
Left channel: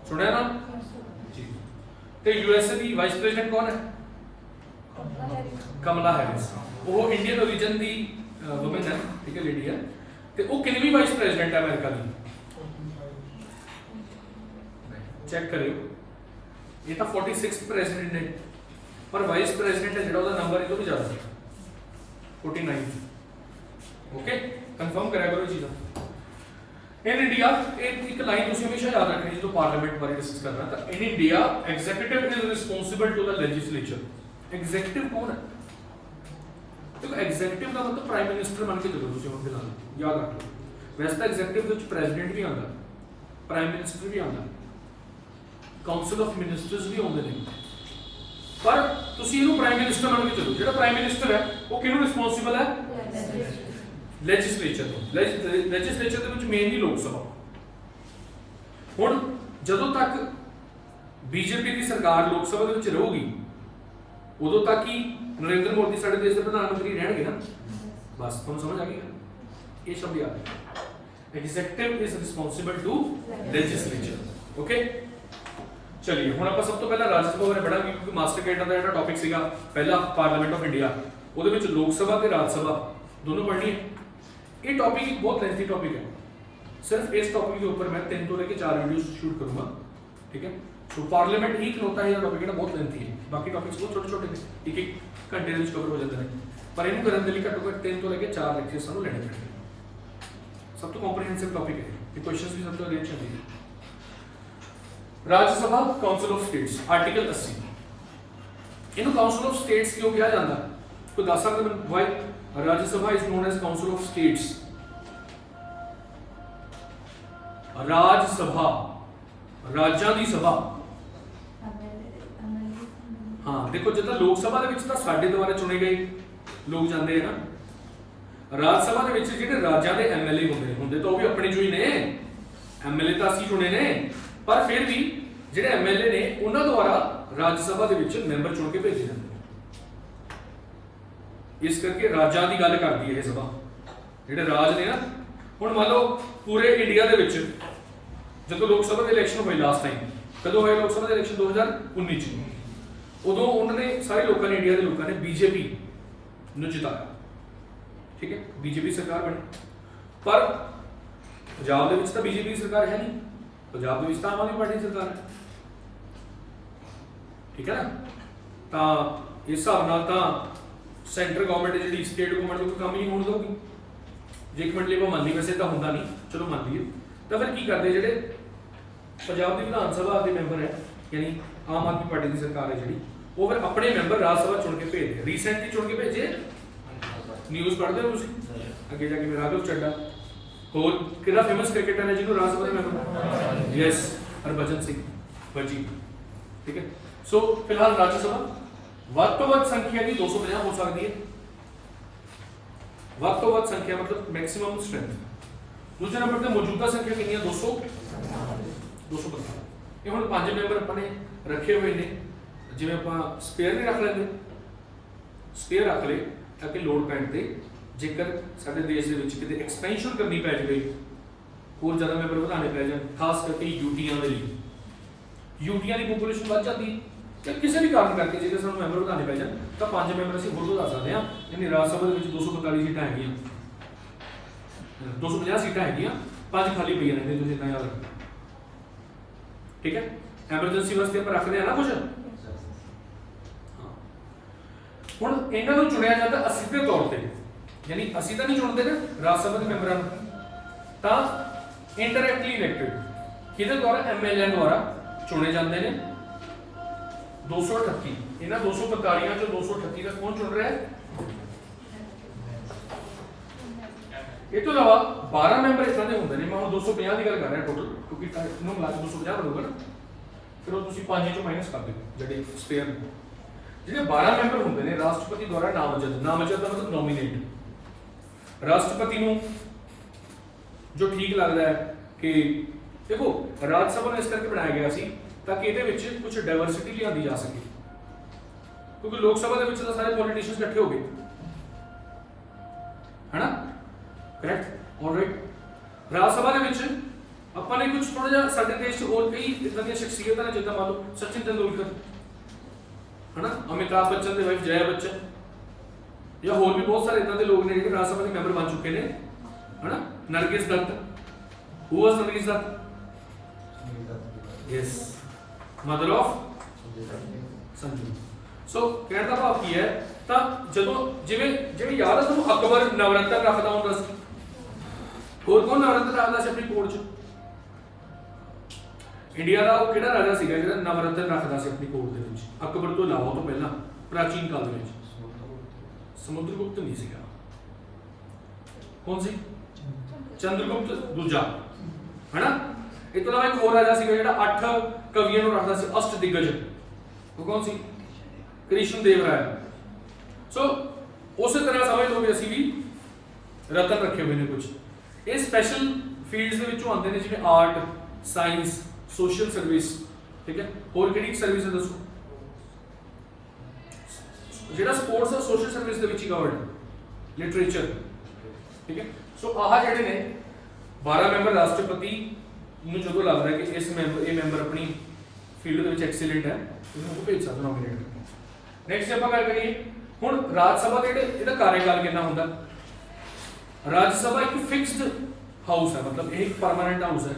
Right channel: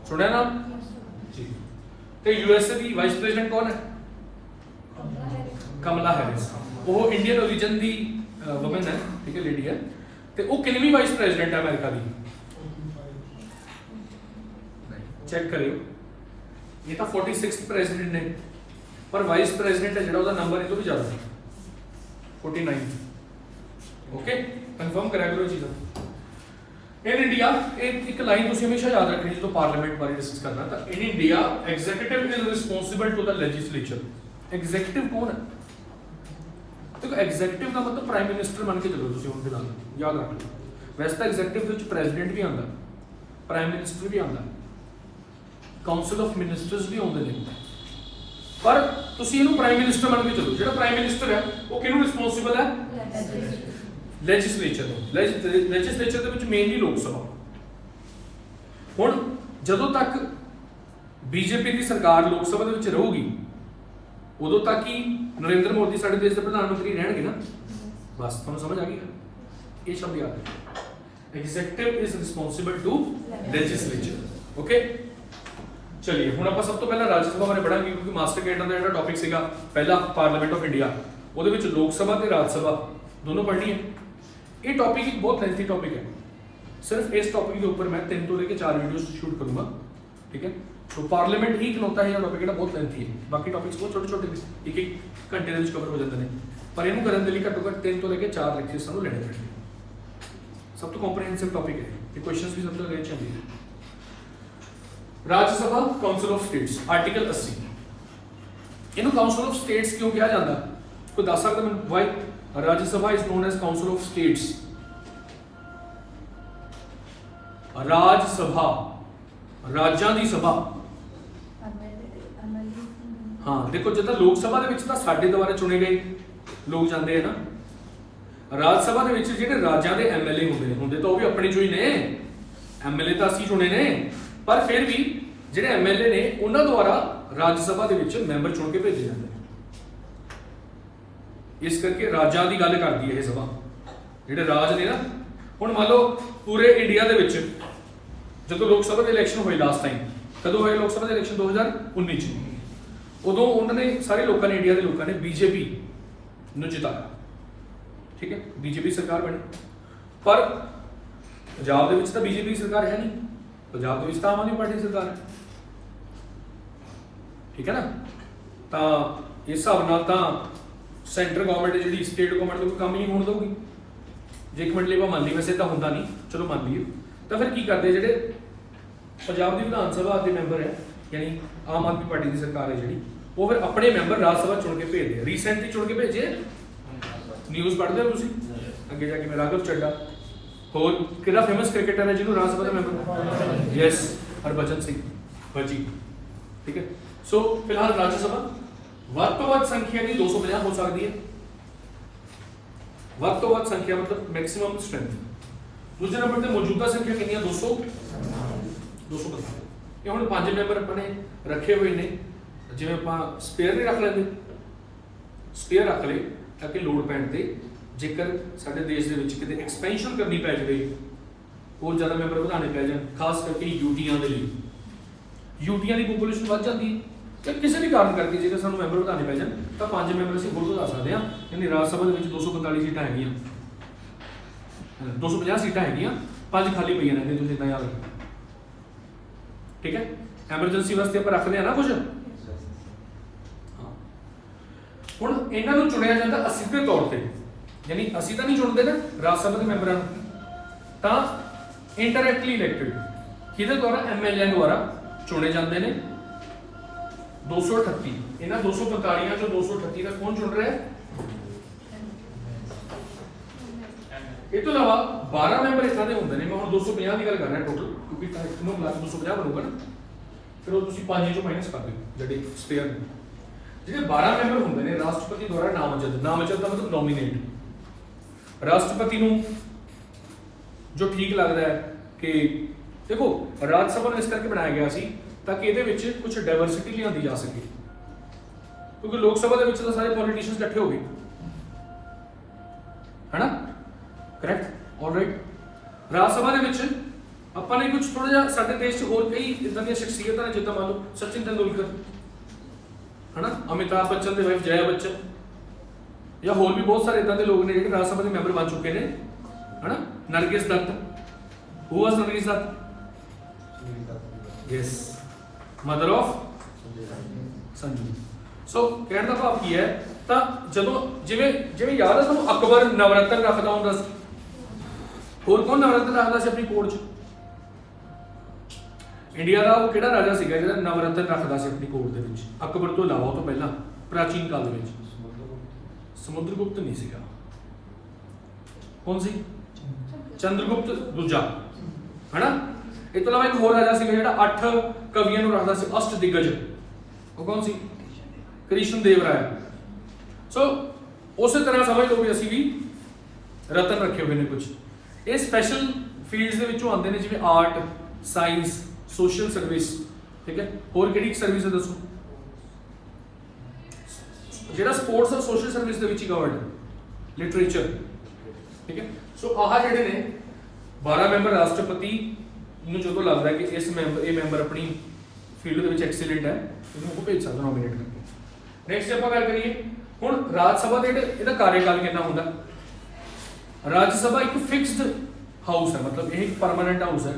ਸੁਣਿਆ ਨਾ ਜੀ। ਤੇ ਯੂਐਸਏ ਦੀ ਵਾਈਸ ਪ੍ਰੈਜ਼ੀਡੈਂਟ ਕੌਣ ਹੈ? ਕਮਲਾ ਹੈਰਿਸ। ਉਹ ਇੰਡੀਅਨ origin ਦੀ ਵੂਮਨ ਹੈ, ਠੀਕ ਹੈ, ਲੇਡੀ ਹੈ। ਤੇ ਉਹ ਕਿੰਨਵੀਂ ਵਾਈਸ ਪ੍ਰੈਜ਼ੀਡੈਂਟ ਹੈ ਅਮਰੀਕਾ ਦੀ? ਚੈੱਕ ਕਰਿਓ, ਇਹ ਤਾਂ 46th ਪ੍ਰੈਜ਼ੀਡੈਂਟ ਨੇ, ਪਰ ਵਾਈਸ ਪ੍ਰੈਜ਼ੀਡੈਂਟ ਹੈ ਜਿਹੜਾ ਉਹਦਾ ਨੰਬਰ ਇਹ ਤੋਂ ਵੀ ਜ਼ਿਆਦਾ ਹੈ, 49। ਓਕੇ, ਕਨਫਰਮ ਕਰਿਆ ਕਰੋ ਇਹ ਚੀਜ਼ਾਂ। ਇਨ ਇੰਡੀਆ ਇਹ ਇੱਕ ਲਾਈਨ ਤੁਸੀਂ ਹਮੇਸ਼ਾ ਯਾਦ ਰੱਖਣੀ ਜਦੋਂ ਪਾਰਲੀਮੈਂਟ ਬਾਰੇ ਡਿਸਕਸ ਕਰਨਾ, ਤਾਂ in India executive is responsible to the legislature. Executive ਕੌਣ ਹੈ? ਦੇਖੋ, ਐਗਜ਼ੀਕਿਊਟਿਵ ਦਾ ਮਤਲਬ ਪ੍ਰਾਈਮ ਮਿਨਿਸਟਰ ਮੰਨ ਕੇ ਚੱਲੋ ਤੁਸੀਂ ਹੁਣ ਫਿਲਹਾਲ, ਯਾਦ ਰੱਖ ਲਓ। ਵੈਸੇ ਤਾਂ ਐਗਜ਼ੀਕਿਊਟਿਵ ਦੇ ਵਿੱਚ ਪ੍ਰੈਜ਼ੀਡੈਂਟ ਵੀ ਆਉਂਦਾ, ਪ੍ਰਾਈਮ ਮਿਨਿਸਟਰ ਵੀ ਆਉਂਦਾ, ਕਾਉਂਸਲ ਆਫ ਮਿਨਿਸਟਰਸ ਵੀ ਆਉਂਦੇ ਨੇ, ਪਰ ਤੁਸੀਂ ਇਹਨੂੰ ਪ੍ਰਾਈਮ ਮਿਨਿਸਟਰ ਮੰਨ ਕੇ ਚੱਲੋ। ਜਿਹੜਾ ਪ੍ਰਾਈਮ ਮਿਨਿਸਟਰ ਹੈ ਉਹ ਕਿਹਨੂੰ ਰਿਸਪੌਂਸਿਬਲ ਹੈ? ਲੈਜਿਸਲੇਚਰ। ਲੈਜਿਸਲੇਚਰ ਦੇ ਵਿੱਚ ਮੇਨਲੀ ਲੋਕ ਸਭਾ। ਹੁਣ ਜਦੋਂ ਤੱਕ ਬੀਜੇਪੀ ਦੀ ਸਰਕਾਰ ਲੋਕ ਸਭਾ ਦੇ ਵਿੱਚ ਰਹੂਗੀ ਉਦੋਂ ਤੱਕ ਹੀ ਨਰਿੰਦਰ ਮੋਦੀ ਸਾਡੇ ਦੇਸ਼ ਦੇ ਪ੍ਰਧਾਨ ਮੰਤਰੀ ਰਹਿਣਗੇ ਨਾ। ਬਸ ਤੁਹਾਨੂੰ ਸਮਝ ਆ ਗਈ ਇਹ ਸ਼ਬਦ ਯਾਦ ਰੱਖੋ। Executive is responsible to legislature. Okay, ਚਲਿਏ ਹੁਣ ਆਪਾਂ ਸਭ ਤੋਂ ਪਹਿਲਾਂ ਰਾਜ ਸਭਾ ਬਾਰੇ ਪੜਾਂਗੇ, ਕਿਉਂਕਿ ਮਾਸਟਰ ਕੈਡਰ ਦਾ ਜਿਹੜਾ ਟੌਪਿਕ ਸੀਗਾ ਪਹਿਲਾ ਪਾਰਲੀਮੈਂਟ ਆਫ ਇੰਡੀਆ, ਉਹਦੇ ਵਿੱਚ ਲੋਕ ਸਭਾ ਤੇ ਰਾਜ ਸਭਾ ਦੋਨੋਂ ਪੜ੍ਹਨੀ ਹੈ। ਇਹ ਟੌਪਿਕ ਇੱਕ ਬਹੁਤ ਲੈਂਥੀ ਟੌਪਿਕ ਹੈ। ਸਿਰਫ ਇਸ ਟੌਪਿਕ ਦੇ ਉੱਪਰ ਮੈਂ 3 ਤੋਂ ਲੈ ਕੇ 4 ਵੀਡੀਓਜ਼ ਸ਼ੂਟ ਕਰੂੰਗਾ। ਠੀਕ ਹੈ, तो पार्लीमेंट ही इकलौता है टॉपिक ਜਿਹੜਾ ਬਹੁਤ ਲੈਂਥੀ ਹੈ, ਬਾਕੀ ਟੌਪਿਕਸ ਬਹੁਤ ਛੋਟੇ ਛੋਟੇ ਨੇ, ਇੱਕ ਇੱਕ ਘੰਟੇ ਦੇ ਵਿੱਚ ਕਵਰ ਹੋ ਜਾਂਦੇ ਨੇ, ਪਰ ਇਹਨੂੰ ਕਰਨ ਦੇ ਲਈ ਘੱਟੋ ਘੱਟ 3 ਤੋਂ ਲੈ ਕੇ 4 ਲੈਕਚਰ ਸਾਨੂੰ ਲੈਣੇ ਪੈਣਗੇ। ਸਭ ਤੋਂ ਕੰਪਰੀਹੈਂਸਿਵ ਟੌਪਿਕ ਹੈ ਇਹ, ਕੁਐਸਚਨਸ ਵੀ ਸਭ ਤੋਂ ਰੇਟ ਚੱਲਦੀ ਹੈ। ਰਾਜ ਸਭਾ ਕਾਉਂਸਲ ਆਫ ਸਟੇट्स, ਆਰਟੀਕਲ 80। ਇਹਨੂੰ ਕਾਉਂਸਲ ਆਫ ਸਟੇट्स ਕਿਉਂ ਕਿਹਾ ਜਾਂਦਾ? ਕੋਈ ਦੱਸ ਸਕਦਾ ਮੈਨੂੰ why Rajya Sabha is known as council of states? Rajya Sabha ਰਾਜਾਂ ਦੀ ਸਭਾ। हाँ देखो, जिदा लोक सभा ਦੇ ਵਿੱਚ ਤਾਂ ਸਾਡੇ ਦੁਆਰਾ ਚੁਣੇ ਗਏ ਲੋਕ ਜਾਂਦੇ हैं ना, ਰਾਜ ਸਭਾ ਦੇ ਵਿੱਚ ਜਿਹੜੇ ਰਾਜਾਂ ਦੇ ਐਮਐਲਏ ਹੁੰਦੇ ਤਾਂ ਉਹ ਵੀ ਆਪਣੇ ਚੋਂ ਹੀ ਨੇ, ਐਮਐਲਏ ਤਾਂ ਅਸੀਂ ਚੁਣੇ ਨੇ, ਪਰ ਫਿਰ ਵੀ ਜਿਹੜੇ ਐਮਐਲਏ ਨੇ ਉਹਨਾਂ ਦੁਆਰਾ ਰਾਜ ਸਭਾ ਦੇ ਵਿੱਚ ਮੈਂਬਰ ਚੁਣ ਕੇ ਭੇਜੇ ਜਾਂਦੇ ਨੇ। ਇਸ ਕਰਕੇ ਰਾਜਾਂ ਦੀ ਗੱਲ ਕਰਦੀ ਹੈ ਇਹ ਸਭਾ, ਜਿਹੜੇ ਰਾਜ ਨੇ ਨਾ। ਹੁਣ ਮੰਨ ਲਓ ਪੂਰੇ ਇੰਡੀਆ ਦੇ ਵਿੱਚ ਜਦੋਂ ਲੋਕ ਸਭਾ ਦੇ ਇਲੈਕਸ਼ਨ ਹੋਏ ਲਾਸਟ ਟਾਈਮ, ਕਦੋਂ ਹੋਏ ਲੋਕ ਸਭਾ ਦੇ ਇਲੈਕਸ਼ਨ? 2019 ਚ। ਉਦੋਂ ਉਹਨਾਂ ਨੇ ਸਾਰੇ ਲੋਕਾਂ ਨੇ, ਇੰਡੀਆ ਦੇ ਲੋਕਾਂ ਨੇ ਬੀਜੇਪੀ ਨੂੰ ਜਿਤਾਇਆ। ਠੀਕ ਹੈ, ਬੀਜੇਪੀ ਸਰਕਾਰ ਬਣੀ, ਪਰ ਪੰਜਾਬ ਦੇ ਵਿੱਚ ਤਾਂ ਬੀਜੇਪੀ ਦੀ ਸਰਕਾਰ ਹੈ ਨਹੀਂ, ਪੰਜਾਬ ਦੇ ਵਿੱਚ ਤਾਂ ਆਮ ਆਦਮੀ ਪਾਰਟੀ ਦੀ ਸਰਕਾਰ ਹੈ। ਠੀਕ ਹੈ ਨਾ, ਤਾਂ ਇਸ ਹਿਸਾਬ ਨਾਲ ਤਾਂ ਸੈਂਟਰ ਗਵਰਨਮੈਂਟ ਜਿਹੜੀ ਸਟੇਟ ਗਵਰਨਮੈਂਟ ਦਾ ਕੋਈ ਕੰਮ ਹੀ ਨਹੀਂ ਹੋਣ ਦਊਗੀ। ਜੇ ਇੱਕ ਮਿੰਟ ਲਈ ਆਪਾਂ ਮੰਨ ਲਈ, ਵੈਸੇ ਤਾਂ ਹੁੰਦਾ ਨਹੀਂ, ਚਲੋ ਮੰਨ ਲਈਏ, ਤਾਂ ਫਿਰ ਕੀ ਕਰਦੇ ਜਿਹੜੇ ਪੰਜਾਬ ਦੀ ਵਿਧਾਨ ਸਭਾ ਦੇ ਮੈਂਬਰ ਹੈ, ਯਾਨੀ ਆਮ ਆਦਮੀ ਪਾਰਟੀ ਦੀ ਸਰਕਾਰ ਹੈ ਜਿਹੜੀ, ਉਹ ਫਿਰ ਆਪਣੇ ਮੈਂਬਰ ਰਾਜ ਸਭਾ ਚੁਣ ਕੇ ਭੇਜਦੇ ਆ। ਰੀਸੈਂਟਲੀ ਚੁਣ ਕੇ ਭੇਜੇ, ਨਿਊਜ਼ ਪੜ੍ਹਦੇ ਹੋ ਤੁਸੀਂ ਅੱਗੇ ਜਾ ਕੇ? ਰਾਘਵ ਚੱਡਾ, ਹੋਰ ਕਿਹੜਾ ਫੇਮਸ ਕ੍ਰਿਕਟਰ ਹੈ ਜਿਹਨੂੰ ਰਾਜ ਸਭਾ ਦਾ ਮੈਂਬਰ? ਯੈਸ, ਹਰਭਜਨ ਸਿੰਘ ਬੱਜੀ। ਠੀਕ ਹੈ, ਸੋ ਫਿਲਹਾਲ ਰਾਜ ਸਭਾ ਵੱਧ ਤੋਂ ਵੱਧ ਸੰਖਿਆ ਦੀ 250 ਹੋ ਸਕਦੀ ਹੈ, ਵੱਧ ਤੋਂ ਵੱਧ ਸੰਖਿਆ मतलब मैक्सिमम स्ट्रेंथ। दूसरे नंबर ਤੇ ਮੌਜੂਦਾ ਸੰਖਿਆ ਕਿੰਨੀ ਆ 200 250। ਇਹ ਹੁਣ 5 ਮੈਂਬਰ ਆਪਾਂ ਨੇ ਰੱਖੇ ਹੋਏ ਨੇ, ਜਿਵੇਂ ਆਪਾਂ ਸਪੇਅਰ ਵੀ ਰੱਖ ਲੈਂਦੇ, ਸਪੇਅਰ ਰੱਖ ਲਏ ਤਾਂ ਕਿ ਲੋਡ ਪੈਣ ਤੇ ਜੇਕਰ ਸਾਡੇ ਦੇਸ਼ ਦੇ ਵਿੱਚ ਕਿਤੇ ਐਕਸਪੈਂਸ਼ਨ ਕਰਨੀ ਪੈ ਜਾਵੇ, ਹੋਰ ਜ਼ਿਆਦਾ ਮੈਂਬਰ ਵਧਾਣੇ ਪੈ ਜਾਣ, ਖਾਸ ਕਰਕੇ ਯੂਟੀਆਂ ਦੇ ਲਈ, ਯੂਟੀਆਂ ਦੀ ਪੋਪੂਲੇਸ਼ਨ ਵੱਧ ਜਾਂਦੀ ਕਿ ਕਿਸੇ ਵੀ ਕਾਰਨ ਕਰਕੇ ਜੇਕਰ ਸਾਨੂੰ ਮੈਂਬਰ ਵਧਾਣੇ ਪੈ ਜਾਣ ਤਾਂ 5 ਮੈਂਬਰ ਅਸੀਂ ਹੋਰ ਵਧਾ ਸਕਦੇ ਹਾਂ। ਯਾਨੀ ਰਾਜ ਸਭਾ ਦੇ ਵਿੱਚ 245 ਸੀਟਾਂ ਹੈਗੀਆਂ, 250 ਸੀਟਾਂ ਹੈਗੀਆਂ, 5 ਖਾਲੀ ਪਈਆਂ ਨੇ, ਤੁਸੀਂ ਇਦਾਂ ਯਾਦ ਰੱਖੋ। ਠੀਕ ਹੈ, ਐਮਰਜੈਂਸੀ ਵਾਸਤੇ ਆਪਾਂ ਰੱਖਦੇ ਆ ਨਾ ਕੁਝ। ਹੁਣ ਇਹਨਾਂ ਨੂੰ ਚੁਣਿਆ ਜਾਂਦਾ ਅਸਿੱਧੇ ਤੌਰ ਤੇ, ਯਾਨੀ ਅਸੀਂ ਤਾਂ ਨਹੀਂ ਚੁਣਦੇ ਨਾ ਰਾਜ ਸਭਾ ਦੇ ਮੈਂਬਰਾਂ ਨੂੰ, ਤਾਂ ਇੰਟਰੈਕਟਲੀ ਇਲੈਕਟਡ ਕਿਹਦੇ ਦੁਆਰਾ, ਐਮਐਲਏ ਦੁਆਰਾ ਚੁਣੇ ਜਾਂਦੇ ਨੇ। 238 ਇਹਨਾਂ 245 ਚੋਂ 238 ਦਾ ਕੌਣ ਚੁਣ ਰਿਹਾ ਹੈ? ਇਹ ਤੋਂ ਇਲਾਵਾ 12 ਮੈਂਬਰ ਇਸ ਤਰ੍ਹਾਂ ਦੇ ਹੁੰਦੇ ਨੇ, ਮੈਂ ਹੁਣ 250 ਦੀ ਗੱਲ ਕਰ ਰਿਹਾ ਟੋਟਲ, ਕਿਉਂਕਿ ਇਹਨੂੰ ਮਿਲਾ ਕੇ 250 ਬਣੂਗਾ ਨਾ, ਫਿਰ ਉਹ ਤੁਸੀਂ 5 ਚੋਂ ਮਾਈਨਸ ਕਰ ਦਿਓ ਜਿਹੜੇ ਸਪੇਅਰ ਨੇ। ਜਿਹੜੇ 12 ਮੈਂਬਰ ਹੁੰਦੇ ਨੇ ਰਾਸ਼ਟਰਪਤੀ ਦੁਆਰਾ ਨਾਮਜ਼ਦ, ਨਾਮਜ਼ਦ ਦਾ ਮਤਲਬ ਨੋਮੀਨੇਟ। ਰਾਸ਼ਟਰਪਤੀ ਨੂੰ ਜੋ ਠੀਕ ਲੱਗਦਾ ਹੈ ਕਿ ਦੇਖੋ ਰਾਜ ਸਭਾ ਨੂੰ ਇਸ ਕਰਕੇ ਬਣਾਇਆ ਗਿਆ ਸੀ ਤਾਂ ਕਿ ਇਹਦੇ ਵਿੱਚ ਕੁਝ ਡਾਈਵਰਸਿਟੀ ਲਿਆਂਦੀ ਜਾ ਸਕੇ, ਕਿਉਂਕਿ ਲੋਕ ਸਭਾ ਦੇ ਵਿੱਚ ਤਾਂ ਸਾਰੇ ਪੋਲੀਟੀਸ਼ੀਅਨਸ ਇਕੱਠੇ ਹੋ ਗਏ, ਹੈਨਾ, ਕਰੈਕਟ, ਆਲਰਾਈਟ। ਰਾਜ ਸਭਾ ਦੇ ਵਿੱਚ ਆਪਾਂ ਨੇ ਕੁਝ ਥੋੜਾ ਜਿਹਾ, ਸਾਡੇ ਦੇਸ਼ 'ਚ ਹੋਰ ਕਈ ਇਦਾਂ ਦੀਆਂ ਸ਼ਖਸੀਅਤਾਂ ਨੇ, ਜਿੱਦਾਂ ਮੰਨ ਲਓ ਸਚਿਨ ਤੇਂਦੁਲਕਰ, ਹੈਨਾ, ਅਮਿਤਾਭ ਬੱਚਨ ਦੀ ਵਾਈਫ ਜया ਬੱਚਨ, ਜਾਂ ਹੋਰ ਵੀ ਬਹੁਤ ਸਾਰੇ ਇਦਾਂ ਦੇ ਲੋਕ ਨੇ ਜਿਹੜੇ ਰਾਜ ਸਭਾ ਦੇ ਮੈਂਬਰ ਬਣ ਚੁੱਕੇ ਨੇ, ਹੈਨਾ। Nargis Dutt, who was Nargis Dutt? Yes, mother of Sanju. So ਕਹਿਣ ਦਾ ਭਾਵ ਕੀ ਹੈ, ਤਾਂ ਜਦੋਂ ਜਿਵੇਂ ਯਾਦ ਹੈ ਤੁਹਾਨੂੰ ਅਕਬਰ ਨਵਰਤਨ ਰੱਖਦਾ ਹੁੰਦਾ ਸੀ, ਹੋਰ ਕੌਣ ਨਵਰਤਨ ਰੱਖਦਾ ਸੀ ਆਪਣੀ ਕੋਰਟ 'ਚ? ਇੰਡੀਆ ਦਾ ਉਹ ਕਿਹੜਾ ਰਾਜਾ ਸੀਗਾ ਜਿਹੜਾ ਨਵਰਤਨ ਰੱਖਦਾ ਸੀ ਆਪਣੀ ਕੋਰਟ ਦੇ ਵਿੱਚ? ਅਕਬਰ ਤੋਂ ਇਲਾਵਾ, ਉਹ ਤੋਂ ਪਹਿਲਾਂ ਪ੍ਰਾਚੀਨ ਕਾਲ ਦੇ ਵਿੱਚ ਸਮੁੰਦਰਗੁਪਤ ਨਹੀਂ ਸੀਗਾ। ਕੌਣ ਸੀ? ਚੰਦਰਗੁਪਤ ਦੂਜਾ, ਹੈਨਾ। ਇਹ ਤੋਂ ਇਲਾਵਾ ਇੱਕ ਹੋਰ ਰਾਜਾ ਸੀਗਾ ਜਿਹੜਾ 8 ਕਵੀਆਂ ਨੂੰ ਰੱਖਦਾ ਸੀ, ਅਸ਼ਟ ਦਿਗਜ, ਉਹ ਕੌਣ ਸੀ? ਕ੍ਰਿਸ਼ਨ ਦੇਵ ਰਾਇਆ। ਸੋ ਉਸੇ ਤਰ੍ਹਾਂ ਸਮਝ ਲਓ ਵੀ ਅਸੀਂ ਵੀ ਰਤਨ ਰੱਖੇ ਹੋਏ ਨੇ ਕੁਝ। ਇਹ ਸਪੈਸ਼ਲ ਫੀਲਡਸ ਦੇ ਵਿੱਚੋਂ ਆਉਂਦੇ ਨੇ, ਜਿਵੇਂ ਆਰਟ, ਸਾਇੰਸ, ਸੋਸ਼ਲ ਸਰਵਿਸ, ਠੀਕ ਹੈ। ਹੋਰ ਕਿਹੜੀ ਸਰਵਿਸ ਹੈ ਦੱਸੋ? ਜਿਹੜਾ ਸਪੋਰਟਸ ਔਰ ਸੋਸ਼ਲ ਸਰਵਿਸ ਦੇ ਵਿੱਚ ਹੀ ਕਵਰਡ ਹੈ, ਲਿਟਰੇਚਰ, ਠੀਕ ਹੈ। ਸੋ ਆਹ ਜਿਹੜੇ ਨੇ 12 ਮੈਂਬਰ ਰਾਸ਼ਟਰਪਤੀ ਨੂੰ ਜਦੋਂ ਲੱਗਦਾ ਕਿ ਇਹ ਮੈਂਬਰ ਆਪਣੀ ਫੀਲਡ ਦੇ ਵਿੱਚ ਐਕਸੀਲੈਂਟ ਹੈ, ਇਹਨੂੰ ਉਹ ਭੇਜ ਸਕਦਾ ਨੋਮੀਨੇਟ ਕਰਕੇ। ਨੈਕਸਟ ਆਪਾਂ ਗੱਲ ਕਰੀਏ ਹੁਣ ਰਾਜ ਸਭਾ ਦੇ ਇਹਦਾ ਕਾਰਜਕਾਲ ਕਿੰਨਾ ਹੁੰਦਾ। ਰਾਜ ਸਭਾ ਇੱਕ ਫਿਕਸਡ ਹਾਊਸ ਹੈ, ਮਤਲਬ ਇਹ ਇੱਕ ਪਰਮਾਨੈਂਟ ਹਾਊਸ ਹੈ,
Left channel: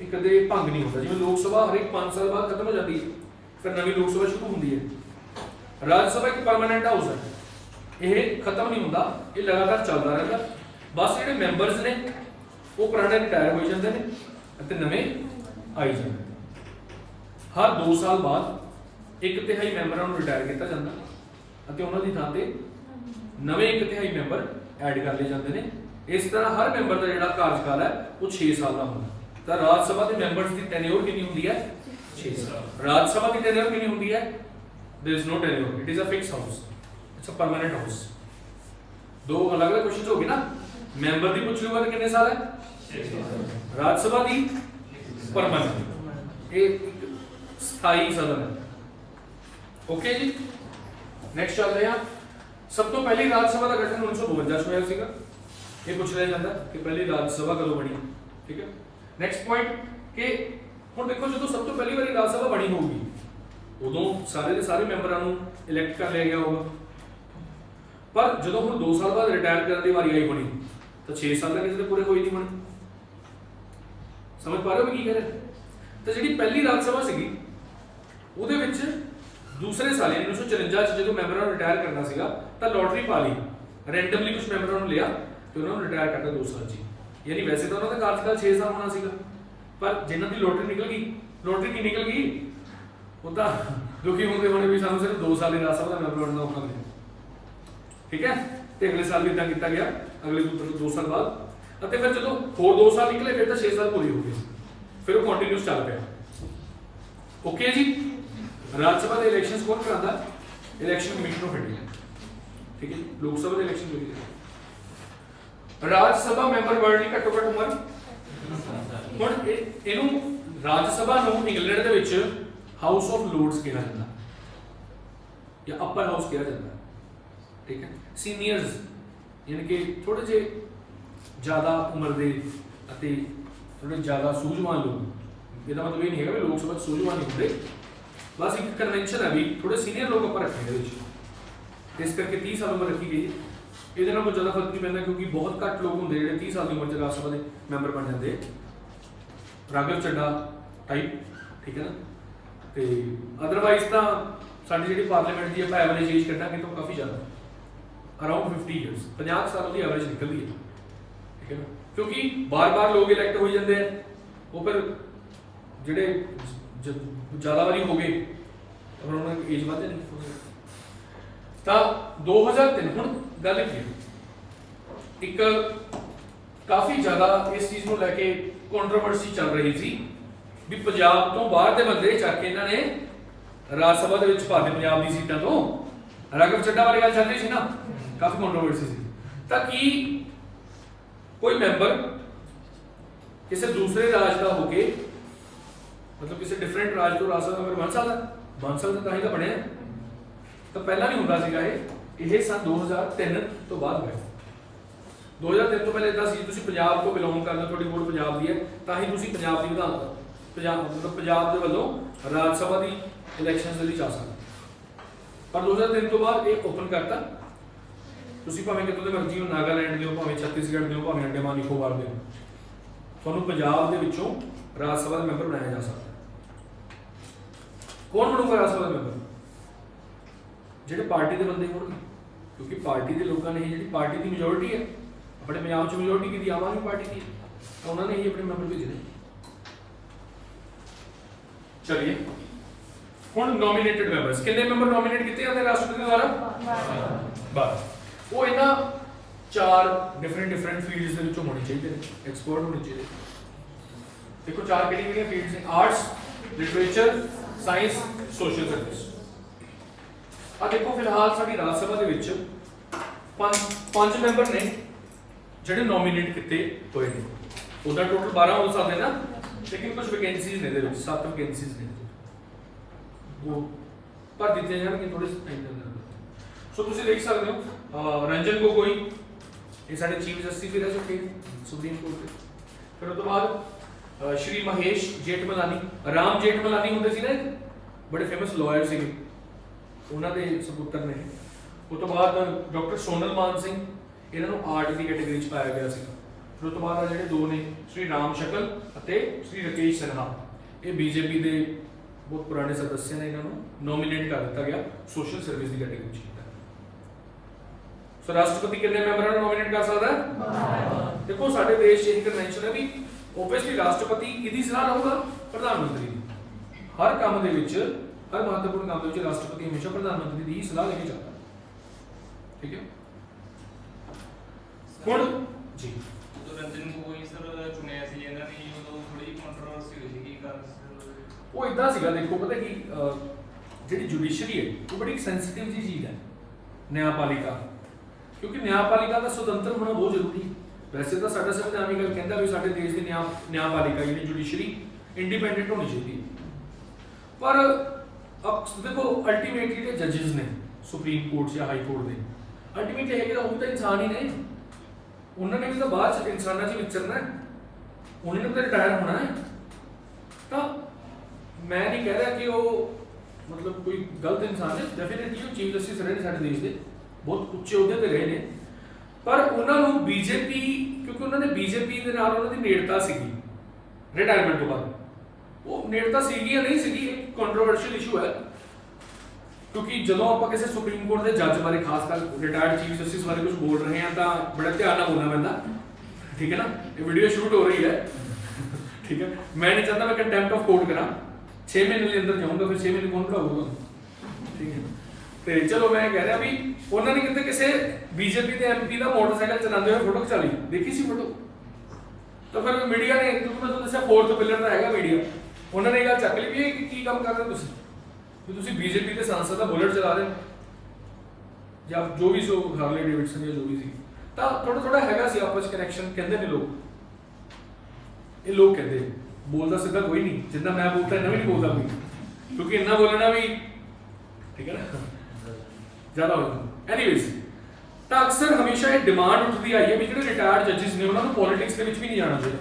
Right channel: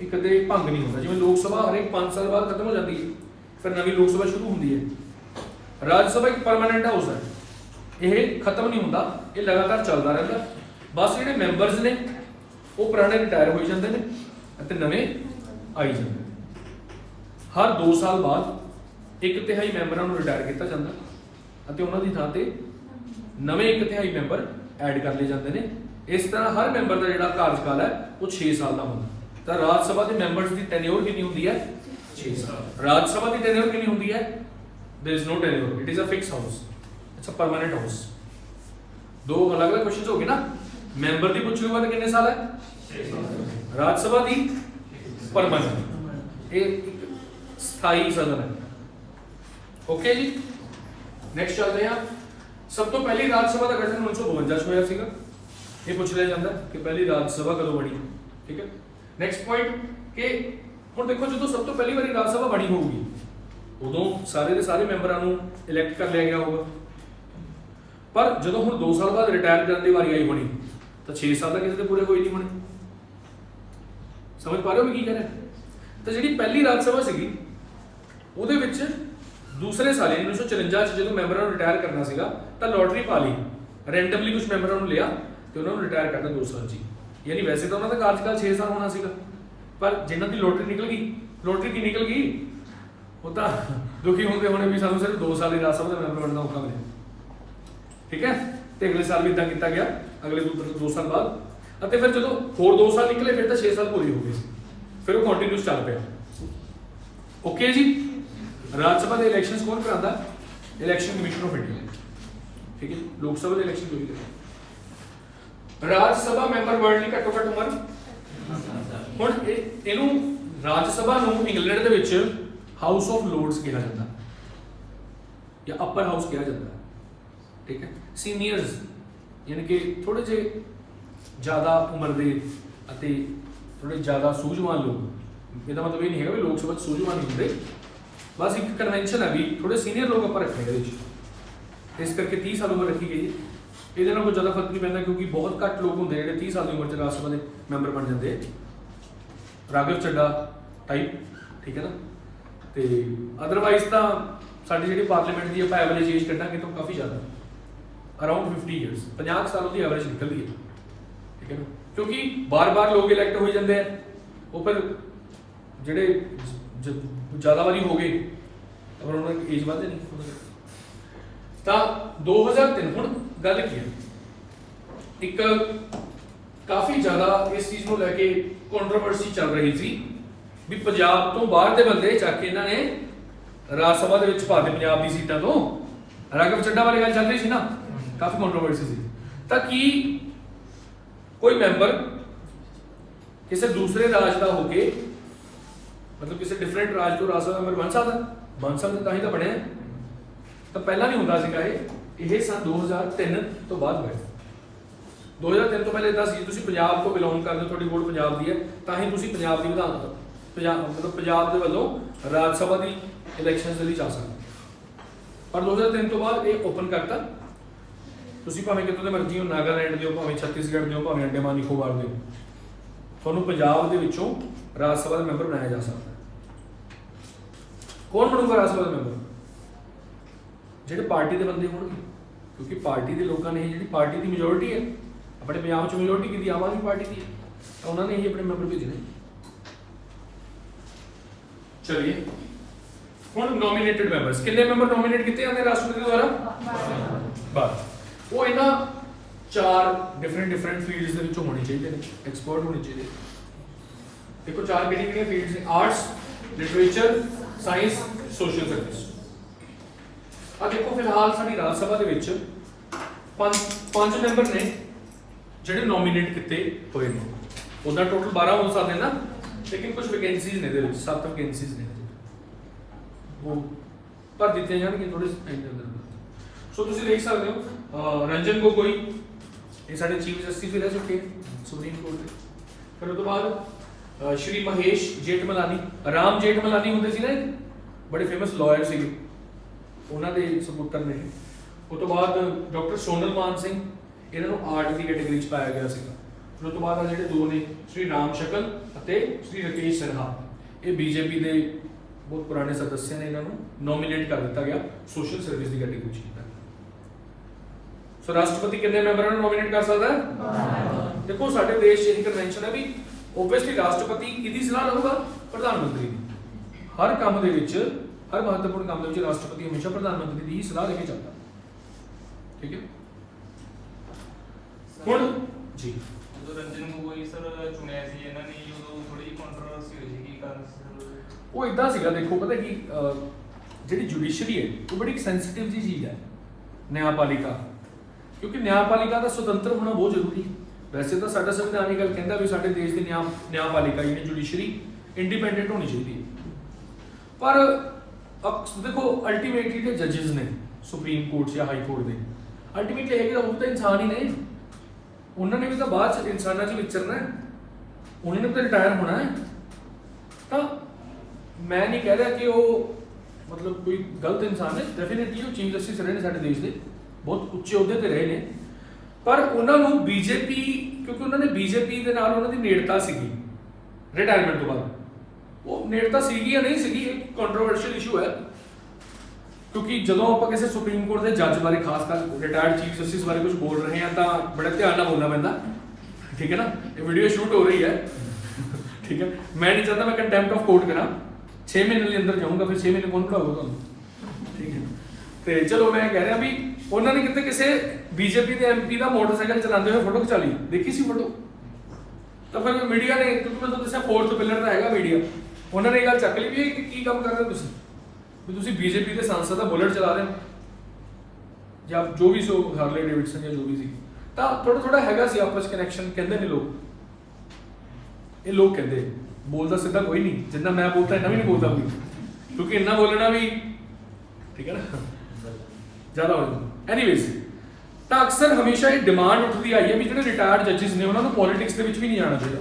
ਇਹ ਕਦੇ ਭੰਗ ਨਹੀਂ ਹੁੰਦਾ। ਜਿਵੇਂ ਲੋਕ ਸਭਾ ਹਰੇਕ 5 ਸਾਲ ਬਾਅਦ ਖਤਮ ਹੋ ਜਾਂਦੀ ਹੈ, ਫਿਰ ਨਵੀਂ ਲੋਕ ਸਭਾ ਸ਼ੁਰੂ ਹੁੰਦੀ ਹੈ। ਰਾਜ ਸਭਾ ਇੱਕ ਪਰਮਾਨੈਂਟ ਹਾਊਸ ਹੈ, ਇਹ ਖਤਮ ਨਹੀਂ ਹੁੰਦਾ, ਇਹ ਲਗਾਤਾਰ ਚੱਲਦਾ ਰਹਿੰਦਾ। ਬਸ ਜਿਹੜੇ ਮੈਂਬਰਸ ਨੇ ਉਹ ਪੁਰਾਣੇ ਰਿਟਾਇਰ ਹੋਈ ਜਾਂਦੇ ਨੇ ਅਤੇ ਨਵੇਂ ਆਈ ਜਾਂਦੇ ਨੇ। ਹਰ 2 ਸਾਲ ਬਾਅਦ 1/3 ਮੈਂਬਰਾਂ ਨੂੰ ਰਿਟਾਇਰ ਕੀਤਾ ਜਾਂਦਾ ਅਤੇ ਉਹਨਾਂ ਦੀ ਥਾਂ ਤੇ ਨਵੇਂ 1/3 ਮੈਂਬਰ ਐਡ ਕਰ ਲਏ ਜਾਂਦੇ ਨੇ। ਇਸ ਤਰ੍ਹਾਂ ਹਰ ਮੈਂਬਰ ਦਾ ਜਿਹੜਾ ਕਾਰਜਕਾਲ ਹੈ ਉਹ 6 ਸਾਲ ਦਾ ਹੁੰਦਾ। ਤਾਂ ਰਾਜ ਸਭਾ ਦੇ ਮੈਂਬਰਸ ਦੀ ਟੈਨਿਓਰ ਕਿੰਨੀ ਹੁੰਦੀ ਹੈ? 6 ਸਾਲ। ਰਾਜ ਸਭਾ ਦੀ ਟੈਨਿਓਰ ਕਿੰਨੀ ਹੁੰਦੀ ਹੈ? There is no tenure, it is a fix house, it's a permanent house. दो अलग अलग क्वेश्चंस हो गए ना। मैंबर दी पूछ लूंगा तो कितने साल है? 6 साल। राज्यसभा दी परमानेंट, एक स्थायी सदन है। ओके जी, नेक्स्ट चलते हैं। सब तो पहले राज्यसभा का गठन 1952 होया सीगा, ये पूछ लिया जाता है कि पहली राज्यसभा कदों बनी। ठीक है, नेक्स्ट पॉइंट कि हुण देखो जो सब तो पहली बारी राज्यसभा बनी होगी उदों सारे के सारे मैंबरां नूं इलैक्ट कर लिया गया होगा, पर जो हुण 2 साल बाद रिटायर करने की वारी आई होनी तो 6 साल तक किसी के पूरे होई नहीं होने। समझ पा रहे हो मैं की कह रहा? तो जी पहली राज्यसभा सीगी उहदे विच दूसरे साल 1954 जो मैंबरां नूं रिटायर करना सीगा तो लॉटरी पा ली, रैंडमली कुछ मैंबरां नूं लिया तो उन्होंने रिटायर करना 2 साल जी। यानी वैसे तो उन्होंने कार्यकाल 6 साल होना सीगा, पर जिन्हां दी लॉटरी निकल गई, लॉटरी की निकल गई वो तो दुखी होंगे होने भी सानू सिर्फ 2 साल ही राज्यसभा का मैंबर बनना औखा मिले। ठीक है, तो अगले साल भी इदा किया गया, अगले 2 साल बाद फिर जो होर 2 साल निकले फिर तो 6 साल पूरी हो गई, फिर वो कंटिन्यूस चल पाया। ओके जी, राज्यसभा के इलैक्शन कौन कराता? Election commission of India. ठीक है, लोक सभा के इलैक्शन कोई नहीं। ਰਾਜ ਸਭਾ ਮੈਂਬਰ ਬਣਨ ਲਈ ਘੱਟੋ ਘੱਟ ਉਮਰ ਹੁਣ ਇਹਨੂੰ ਰਾਜ ਸਭਾ ਨੂੰ ਇੰਗਲੈਂਡ ਦੇ ਵਿੱਚ ਹਾਊਸ ਆਫ ਲੋਰਡਸ ਕਿਹਾ ਜਾਂਦਾ ਜਾਂ ਅਪਰ ਹਾਊਸ ਕਿਹਾ ਜਾਂਦਾ, ਠੀਕ ਹੈ। ਸੀਨੀਅਰਸ ਯਾਨੀ ਕਿ ਥੋੜੇ ਜਿਹੇ ਜ਼ਿਆਦਾ ਉਮਰ ਦੇ ਅਤੇ ਥੋੜੇ ਜ਼ਿਆਦਾ ਸੂਝਵਾਨ ਲੋਕ, ਇਹਦਾ ਮਤਲਬ ਇਹ ਨਹੀਂ ਹੈਗਾ ਵੀ ਲੋਕ ਸਭਾ 'ਚ ਸੂਝਵਾਨ ਨਹੀਂ ਹੁੰਦੇ, ਬਸ ਇੱਕ ਕਨਵੈਨਸ਼ਨ ਹੈ ਵੀ ਥੋੜੇ ਸੀਨੀਅਰ ਲੋਕ ਆਪਾਂ ਰੱਖਣੇ ਇਹਦੇ ਵਿੱਚ, ਇਸ ਕਰਕੇ 30 ਸਾਲ ਉਮਰ ਰੱਖੀ ਗਈ। ਇਹਦੇ ਨਾਲ ਕੋਈ ਜ਼ਿਆਦਾ ਫਰਕ ਨਹੀਂ ਪੈਂਦਾ ਕਿਉਂਕਿ ਬਹੁਤ ਘੱਟ ਲੋਕ ਹੁੰਦੇ ਜਿਹੜੇ 30 ਸਾਲ ਦੀ ਉਮਰ 'ਚ ਰਾਜ ਸਭਾ ਦੇ ਮੈਂਬਰ ਬਣ ਜਾਂਦੇ, ਰਾਘਵ ਚੱਡਾ ਟਾਈਪ, ਠੀਕ ਹੈ ਨਾ। ਤੇ ਅਦਰਵਾਈਜ਼ ਤਾਂ ਸਾਡੀ ਜਿਹੜੀ ਪਾਰਲੀਮੈਂਟ ਦੀ ਆਪਾਂ ਐਵਰੇਜ ਏਜ ਕੱਢਾਂਗੇ ਤਾਂ ਕਾਫੀ ਜ਼ਿਆਦਾ, ਅਰਾਊਂਡ 50 ਇਅਰਸ, 50 ਸਾਲ ਦੀ ਐਵਰੇਜ ਨਿਕਲਦੀ ਹੈ, ਠੀਕ ਹੈ ਨਾ। ਕਿਉਂਕਿ ਬਾਰ-ਬਾਰ ਲੋਕ ਇਲੈਕਟ ਹੋਈ ਜਾਂਦੇ ਆ, ਉਹ ਫਿਰ ਜਿਹੜੇ ਜ਼ਿਆਦਾ ਵਾਰੀ ਹੋ ਗਏ ਤਾਂ ਫਿਰ ਉਹਨਾਂ ਦੀ ਏਜ ਵੱਧ ਜਾਣੀ। ਤਾਂ 2003 ਹੁਣ ਗੱਲ ਕੀ ਹੈ, ਇੱਕ ਕਾਫੀ ਜ਼ਿਆਦਾ ਇਸ ਚੀਜ਼ ਨੂੰ ਲੈ ਕੇ ਕੰਟਰੋਵਰਸੀ ਚੱਲ ਰਹੀ ਸੀ ਵੀ ਪੰਜਾਬ ਤੋਂ ਬਾਹਰ ਦੇ ਬੰਦੇ ਚੱਕ ਕੇ ਇਹਨਾਂ ਨੇ ਰਾਜ ਸਭਾ ਦੇ ਵਿੱਚ ਪਾ ਦੇ ਪੰਜਾਬ ਦੀ ਸੀਟਾਂ ਤੋਂ। ਰਾਘਵ ਚੱਡਾ ਬਾਰੇ ਗੱਲ ਚੱਲ ਰਹੀ ਸੀ ਨਾ, ਕਾਫੀ ਕੰਟਰੋਵਰਸੀ ਸੀ। ਤਾਂ ਕੀ ਕੋਈ ਮੈਂਬਰ ਕਿਸੇ ਦੂਸਰੇ ਰਾਜ ਦਾ ਹੋ ਕੇ ਮਤਲਬ ਕਿਸੇ ਡਿਫਰੈਂਟ ਰਾਜ ਤੋਂ ਰਾਜ ਸਭਾ ਮੈਂਬਰ ਬਣ ਸਕਦਾ ਤਾਂ ਹੀ ਤਾਂ ਬਣਿਆ, ਤਾਂ ਪਹਿਲਾਂ ਨਹੀਂ ਹੁੰਦਾ ਸੀਗਾ ਇਹ ਸਨ 2003 ਤੋਂ ਬਾਅਦ ਹੋਇਆ। 2003 ਤੋਂ ਪਹਿਲੇ ਇਦਾਂ ਸੀ ਤੁਸੀਂ ਪੰਜਾਬ ਤੋਂ ਬਿਲੋਂਗ ਕਰਦੇ ਹੋ, ਤੁਹਾਡੀ ਵੋਟ ਪੰਜਾਬ ਦੀ ਹੈ, ਤਾਂ ਹੀ ਤੁਸੀਂ ਪੰਜਾਬ ਦੀ ਪੰਜਾਬ ਦੇ ਵੱਲੋਂ ਰਾਜ ਸਭਾ ਦੀ ਇਲੈਕਸ਼ਨਸ ਦੇ ਲਈ ਜਾ ਸਕਦੇ। ਪਰ 2003 ਤੋਂ ਬਾਅਦ ਇਹ ਓਪਨ ਕਰਤਾ, ਤੁਸੀਂ ਭਾਵੇਂ ਕਿਤੋਂ ਦੇ ਮਰਜ਼ੀ ਹੋ, ਨਾਗਾਲੈਂਡ ਦੇ ਹੋ, ਭਾਵੇਂ ਛੱਤੀਸਗੜ੍ਹ ਦੇ ਹੋ, ਭਾਵੇਂ ਅੰਡੇਮਾਨ ਨਿਕੋਬਾਰ ਦੇ ਹੋ, ਤੁਹਾਨੂੰ ਪੰਜਾਬ ਦੇ ਵਿੱਚੋਂ ਰਾਜ ਸਭਾ ਦਾ ਮੈਂਬਰ ਬਣਾਇਆ ਜਾ ਸਕਦਾ। ਕੌਣ ਬਣੂਗਾ ਰਾਜ ਸਭਾ ਦਾ ਮੈਂਬਰ? ਜਿਹੜੇ ਪਾਰਟੀ ਦੇ ਬੰਦੇ ਹੋਣਗੇ, ਕਿਉਂਕਿ ਪਾਰਟੀ ਦੇ ਲੋਕਾਂ ਨੇ ਇਹ ਜਿਹੜੀ ਪਾਰਟੀ ਦੀ ਮੈਜੋਰਿਟੀ ਹੈ ਆਪਣੇ ਪੰਜਾਬ 'ਚ ਮੈਜੋਰਿਟੀ ਕਿਹਦੀ? ਆਮ ਆਦਮੀ ਪਾਰਟੀ ਦੀ, ਤਾਂ ਉਹਨਾਂ ਨੇ ਹੀ ਆਪਣੇ ਮੈਂਬਰ ਭੇਜਣੇ। ਚਲਿਏ ਹੁਣ ਨੋਮੀਨੇਟਡ ਮੈਂਬਰਸ, ਕਿੰਨੇ ਮੈਂਬਰ ਨੋਮੀਨੇਟ ਕੀਤੇ ਜਾਂਦੇ ਰਾਸ਼ਟਰਪਤੀ ਦੁਆਰਾ? ਬਸ ਉਹ ਇਹਨਾਂ 4 ਡਿਫਰੈਂਟ ਫੀਲਡਸ ਦੇ ਵਿੱਚੋਂ ਹੋਣੇ ਚਾਹੀਦੇ ਨੇ, ਐਕਸਪਰਟ ਹੋਣੇ ਚਾਹੀਦੇ। ਦੇਖੋ 4 ਕਿਹੜੀਆਂ ਫੀਲਡਸ ਨੇ? Arts, literature, science, social service. ਆ ਦੇਖੋ ਫਿਲਹਾਲ ਸਾਡੀ ਰਾਜ ਸਭਾ ਦੇ ਵਿੱਚ 5 ਮੈਂਬਰ ਨੇ ਜਿਹੜੇ ਨੋਮੀਨੇਟ ਕੀਤੇ ਹੋਏ ਨੇ। ਉਹਦਾ ਟੋਟਲ 12 ਹੋ ਸਕਦੇ ਨਾ, ਲੇਕਿਨ ਕੁਝ ਵੈਕੈਂਸੀਜ਼ ਨੇ ਇਹਦੇ ਵਿੱਚ, 7 ਵੈਕੈਂਸੀਜ਼ ਨੇ, ਉਹ ਭਰ ਦਿੱਤੇ ਜਾਣਗੇ ਥੋੜੇ ਟਾਈਮ ਦੇ ਅੰਦਰ। ਸੋ ਤੁਸੀਂ ਦੇਖ ਸਕਦੇ ਹੋ ਰੰਜਨ ਗੋਗੋਈ, ਇਹ ਸਾਡੇ ਚੀਫ ਜਸਟਿਸ ਵੀ ਰਹਿ ਚੁੱਕੇ ਸੁਪਰੀਮ ਕੋਰਟ ਦੇ। ਫਿਰ ਉਹ ਤੋਂ ਬਾਅਦ ਸ਼੍ਰੀ ਮਹੇਸ਼ ਜੇਠਮਲਾਨੀ, ਰਾਮ ਜੇਠਮਲਾਨੀ ਹੁੰਦੇ ਸੀ ਨਾ, ਬੜੇ ਫੇਮਸ ਲਾਇਰ ਸੀਗੇ, ਉਹਨਾਂ ਦੇ ਸਪੁੱਤਰ ਨੇ। ਉਹ ਤੋਂ ਬਾਅਦ ਡਾਕਟਰ ਸੋਨਲ ਮਾਨ ਸਿੰਘ, ਇਹਨਾਂ ਨੂੰ ਆਰਟ ਦੀ ਕੈਟਾਗਰੀ 'ਚ ਪਾਇਆ ਗਿਆ ਸੀਗਾ। ਫਿਰ ਉਹ ਤੋਂ ਬਾਅਦ ਆ ਜਿਹੜੇ 2 ਨੇ, ਸ਼੍ਰੀ ਰਾਮ ਸ਼ਕਲ ਅਤੇ ਸ਼੍ਰੀ ਰਕੇਸ਼ ਸਿਨਹਾ, ਇਹ ਬੀਜੇਪੀ ਦੇ ਬਹੁਤ ਪੁਰਾਣੇ ਸਦੱਸਿਆ ਨੇ, ਇਹਨਾਂ ਨੂੰ ਨੋਮੀਨੇਟ ਕਰ ਦਿੱਤਾ ਗਿਆ ਸੋਸ਼ਲ ਸਰਵਿਸ ਦੀ ਕੈਟਾਗਰੀ 'ਚ। ਸੋ ਰਾਸ਼ਟਰਪਤੀ ਕਿੰਨੇ ਮੈਂਬਰਾਂ ਨੂੰ ਨੋਮੀਨੇਟ ਕਰ ਸਕਦਾ ਹੈ? ਦੇਖੋ ਸਾਡੇ ਦੇਸ਼ 'ਚ ਇਹ ਕਨਵੈਨਸ਼ਨ ਹੈ ਵੀ ਓਬਵੀਅਸਲੀ ਰਾਸ਼ਟਰਪਤੀ ਕਿਹਦੀ ਸਲਾਹ ਲਊਗਾ? ਪ੍ਰਧਾਨ ਮੰਤਰੀ ਦੀ। ਹਰ ਕੰਮ ਦੇ ਵਿੱਚ, ਹਰ ਮਹੱਤਵਪੂਰਨ ਕੰਮ ਦੇ ਵਿੱਚ ਰਾਸ਼ਟਰਪਤੀ ਹਮੇਸ਼ਾ ਪ੍ਰਧਾਨ ਮੰਤਰੀ ਦੀ ਹੀ ਸਲਾਹ ਲੈ ਕੇ ਚੱਲਦਾ, ਠੀਕ ਹੈ। ਹੁਣ ਜੀ ਜਦੋਂ ਰੰਜਨ ਗੋਗੋਈ ਸਰ ਚੁਣਿਆ ਸੀ ਇਹਨਾਂ ਨੇ, ਉਦੋਂ ਥੋੜੀ ਜਿਹੀ ਕੰਟਰੋਵਰਸੀ ਹੋਈ ਸੀ, ਕੀ ਕਾਰਨ ਸੀ? ਉਹ ਇਦਾਂ ਸੀਗਾ, ਦੇਖੋ ਪਤਾ ਕੀ ਜਿਹੜੀ ਜੁਡੀਸ਼ਰੀ ਹੈ ਉਹ ਬੜੀ ਸੈਂਸਿਟਿਵ ਜੀ ਚੀਜ਼ ਹੈ, ਨਿਆਂਪਾਲਿਕਾ, ਕਿਉਂਕਿ ਨਿਆਂਪਾਲਿਕਾ ਦਾ ਸੁਤੰਤਰ ਹੋਣਾ ਬਹੁਤ ਜ਼ਰੂਰੀ ਹੈ। ਵੈਸੇ ਤਾਂ ਸਾਡਾ ਸੰਵਿਧਾਨ ਇਹ ਗੱਲ ਕਹਿੰਦਾ ਵੀ ਸਾਡੇ ਦੇਸ਼ ਦੀ ਨਿਆਂਪਾਲਿਕਾ ਯਾਨੀ ਜੁਡੀਸ਼ਰੀ ਇੰਡੀਪੈਂਡੈਂਟ ਹੋਣੀ ਚਾਹੀਦੀ ਹੈ, ਪਰ ਅਬ ਦੇਖੋ ਅਲਟੀਮੇਟਲੀ ਤੇ ਜੱਜਸ ਨੇ ਸੁਪਰੀਮ ਕੋਰਟ ਜਾਂ ਹਾਈ ਕੋਰਟ ਦੇ, ਅਲਟੀਮੇਟਲੀ ਇਹ ਉਹ ਤਾਂ ਇਨਸਾਨ ਹੀ ਨੇ, ਉਹਨਾਂ ਨੇ ਵੀ ਤਾਂ ਬਾਅਦ ਚ ਇਨਸਾਨਾਂ 'ਚ ਵਿਚਰਨਾ ਹੈ, ਉਹਨਾਂ ਨੇ ਤਾਂ ਰਿਟਾਇਰ ਹੋਣਾ ਹੈ। ਤਾਂ ਮੈਂ ਨਹੀਂ ਕਹਿ ਰਿਹਾ ਕਿ ਉਹ ਮਤਲਬ ਕੋਈ ਗਲਤ ਇਨਸਾਨ ਹੈ, ਡੈਫੀਨਿਟਲੀ ਉਹ ਚੀਫ ਜਸਟਿਸ ਰਹੇ ਨੇ ਸਾਡੇ ਦੇਸ਼ ਦੇ, ਬਹੁਤ ਉੱਚੇ ਅਹੁਦੇ ਤੇ ਰਹੇ ਨੇ, ਪਰ ਉਹਨਾਂ ਨੂੰ ਬੀਜੇਪੀ, ਕਿਉਂਕਿ ਉਹਨਾਂ ਨੇ ਬੀਜੇਪੀ ਦੇ ਨਾਲ ਉਹਨਾਂ ਦੀ ਨੇੜਤਾ ਸੀਗੀ ਰਿਟਾਇਰਮੈਂਟ ਤੋਂ ਬਾਅਦ, ਉਹ ਨੇੜਤਾ ਸੀਗੀ ਜਾਂ ਨਹੀਂ ਸੀਗੀ, ਇਹ ਕੰਟਰੋਵਰਸ਼ੀਅਲ ਇਸ਼ੂ ਹੈ। ਕਿਉਂਕਿ ਜਦੋਂ ਆਪਾਂ ਕਿਸੇ ਸੁਪਰੀਮ ਕੋਰਟ ਦੇ ਜੱਜ ਬਾਰੇ, ਖਾਸ ਕਰ ਰਿਟਾਇਰਡ ਚੀਫ ਜਸਟਿਸ ਬਾਰੇ ਕੁਝ ਬੋਲ ਰਹੇ ਹਾਂ ਤਾਂ ਬੜਾ ਧਿਆਨ ਨਾਲ ਬੋਲਣਾ ਪੈਂਦਾ, ਠੀਕ ਹੈ ਨਾ। ਇਹ ਵੀਡੀਓ ਸ਼ੂਟ ਹੋ ਰਹੀ ਹੈ, ਠੀਕ ਹੈ। ਮੈਂ ਨਹੀਂ ਚਾਹਤਾ ਮੈਂ ਕੰਟੈਂਪਟ ਆਫ ਕੋਰਟ ਕਰਾਂ, 6 ਮਹੀਨੇ ਦੇ ਅੰਦਰ ਜਾਊਂਗਾ, ਫਿਰ 6 ਮਹੀਨੇ ਕੌਣ ਪੜਾਊਗਾ ਤੁਹਾਨੂੰ, ਠੀਕ ਹੈ। ਤੇ ਚਲੋ ਮੈਂ ਕਹਿ ਰਿਹਾ ਵੀ ਉਹਨਾਂ ਨੇ ਕਿਤੇ ਕਿਸੇ ਬੀਜੇਪੀ ਦੇ ਐਮਪੀ ਦਾ ਮੋਟਰਸਾਈਕਲ ਚਲਾਉਂਦੇ ਹੋਏ ਫੋਟੋ ਖਿਚਾ ਲਈ, ਦੇਖੀ ਸੀ ਫੋਟੋ, ਤਾਂ ਫਿਰ ਮੀਡੀਆ ਨੇ, ਕਿਉਂਕਿ ਮੈਂ ਤੁਹਾਨੂੰ ਦੱਸਿਆ 4th ਪਿਲਰ ਦਾ ਹੈਗਾ ਮੀਡੀਆ, ਉਹਨਾਂ ਨੇ ਇਹ ਗੱਲ ਚੱਕ ਲਈ ਵੀ ਇਹ ਕੀ ਕੰਮ ਕਰ ਰਹੇ ਹੋ ਤੁਸੀਂ, ਵੀ ਤੁਸੀਂ ਬੀਜੇਪੀ ਦੇ ਸੰਸਦ ਦਾ ਬੁਲਟ ਚਲਾ ਰਹੇ ਹੋ, ਜਾਂ ਜੋ ਵੀ ਸੋ ਹਾਰਲੇ ਡੇਵਿਡਸਨ ਜਾਂ ਜੋ ਵੀ ਸੀ, ਤਾਂ ਥੋੜਾ ਥੋੜਾ ਹੈਗਾ ਸੀ ਆਪਸ ਕਨੈਕਸ਼ਨ ਕਹਿੰਦੇ ਨੇ ਲੋਕ, ਇਹ ਲੋਕ ਕਹਿੰਦੇ, ਬੋਲਦਾ ਸਿੱਧਾ ਕੋਈ ਨਹੀਂ, ਜਿੰਨਾ ਮੈਂ ਬੋਲਦਾ ਇੰਨਾ ਵੀ ਨਹੀਂ ਬੋਲਦਾ ਕੋਈ, ਕਿਉਂਕਿ ਇੰਨਾ ਬੋਲਣਾ ਵੀ ਠੀਕ ਹੈ ਨਾ ਜ਼ਿਆਦਾ ਹੋ ਜਾਂਦਾ। ਐਨੀਵੇਜ਼, ਤਾਂ ਅਕਸਰ ਹਮੇਸ਼ਾ ਇਹ ਡਿਮਾਂਡ ਉੱਠਦੀ ਆਈ ਹੈ ਵੀ ਜਿਹੜੇ ਰਿਟਾਇਰਡ ਜੱਜਿਸ ਨੇ ਉਹਨਾਂ ਨੂੰ ਪੋਲਿਟਿਕਸ ਦੇ ਵਿੱਚ ਵੀ ਨਹੀਂ ਜਾਣਾ ਚਾਹੀਦਾ,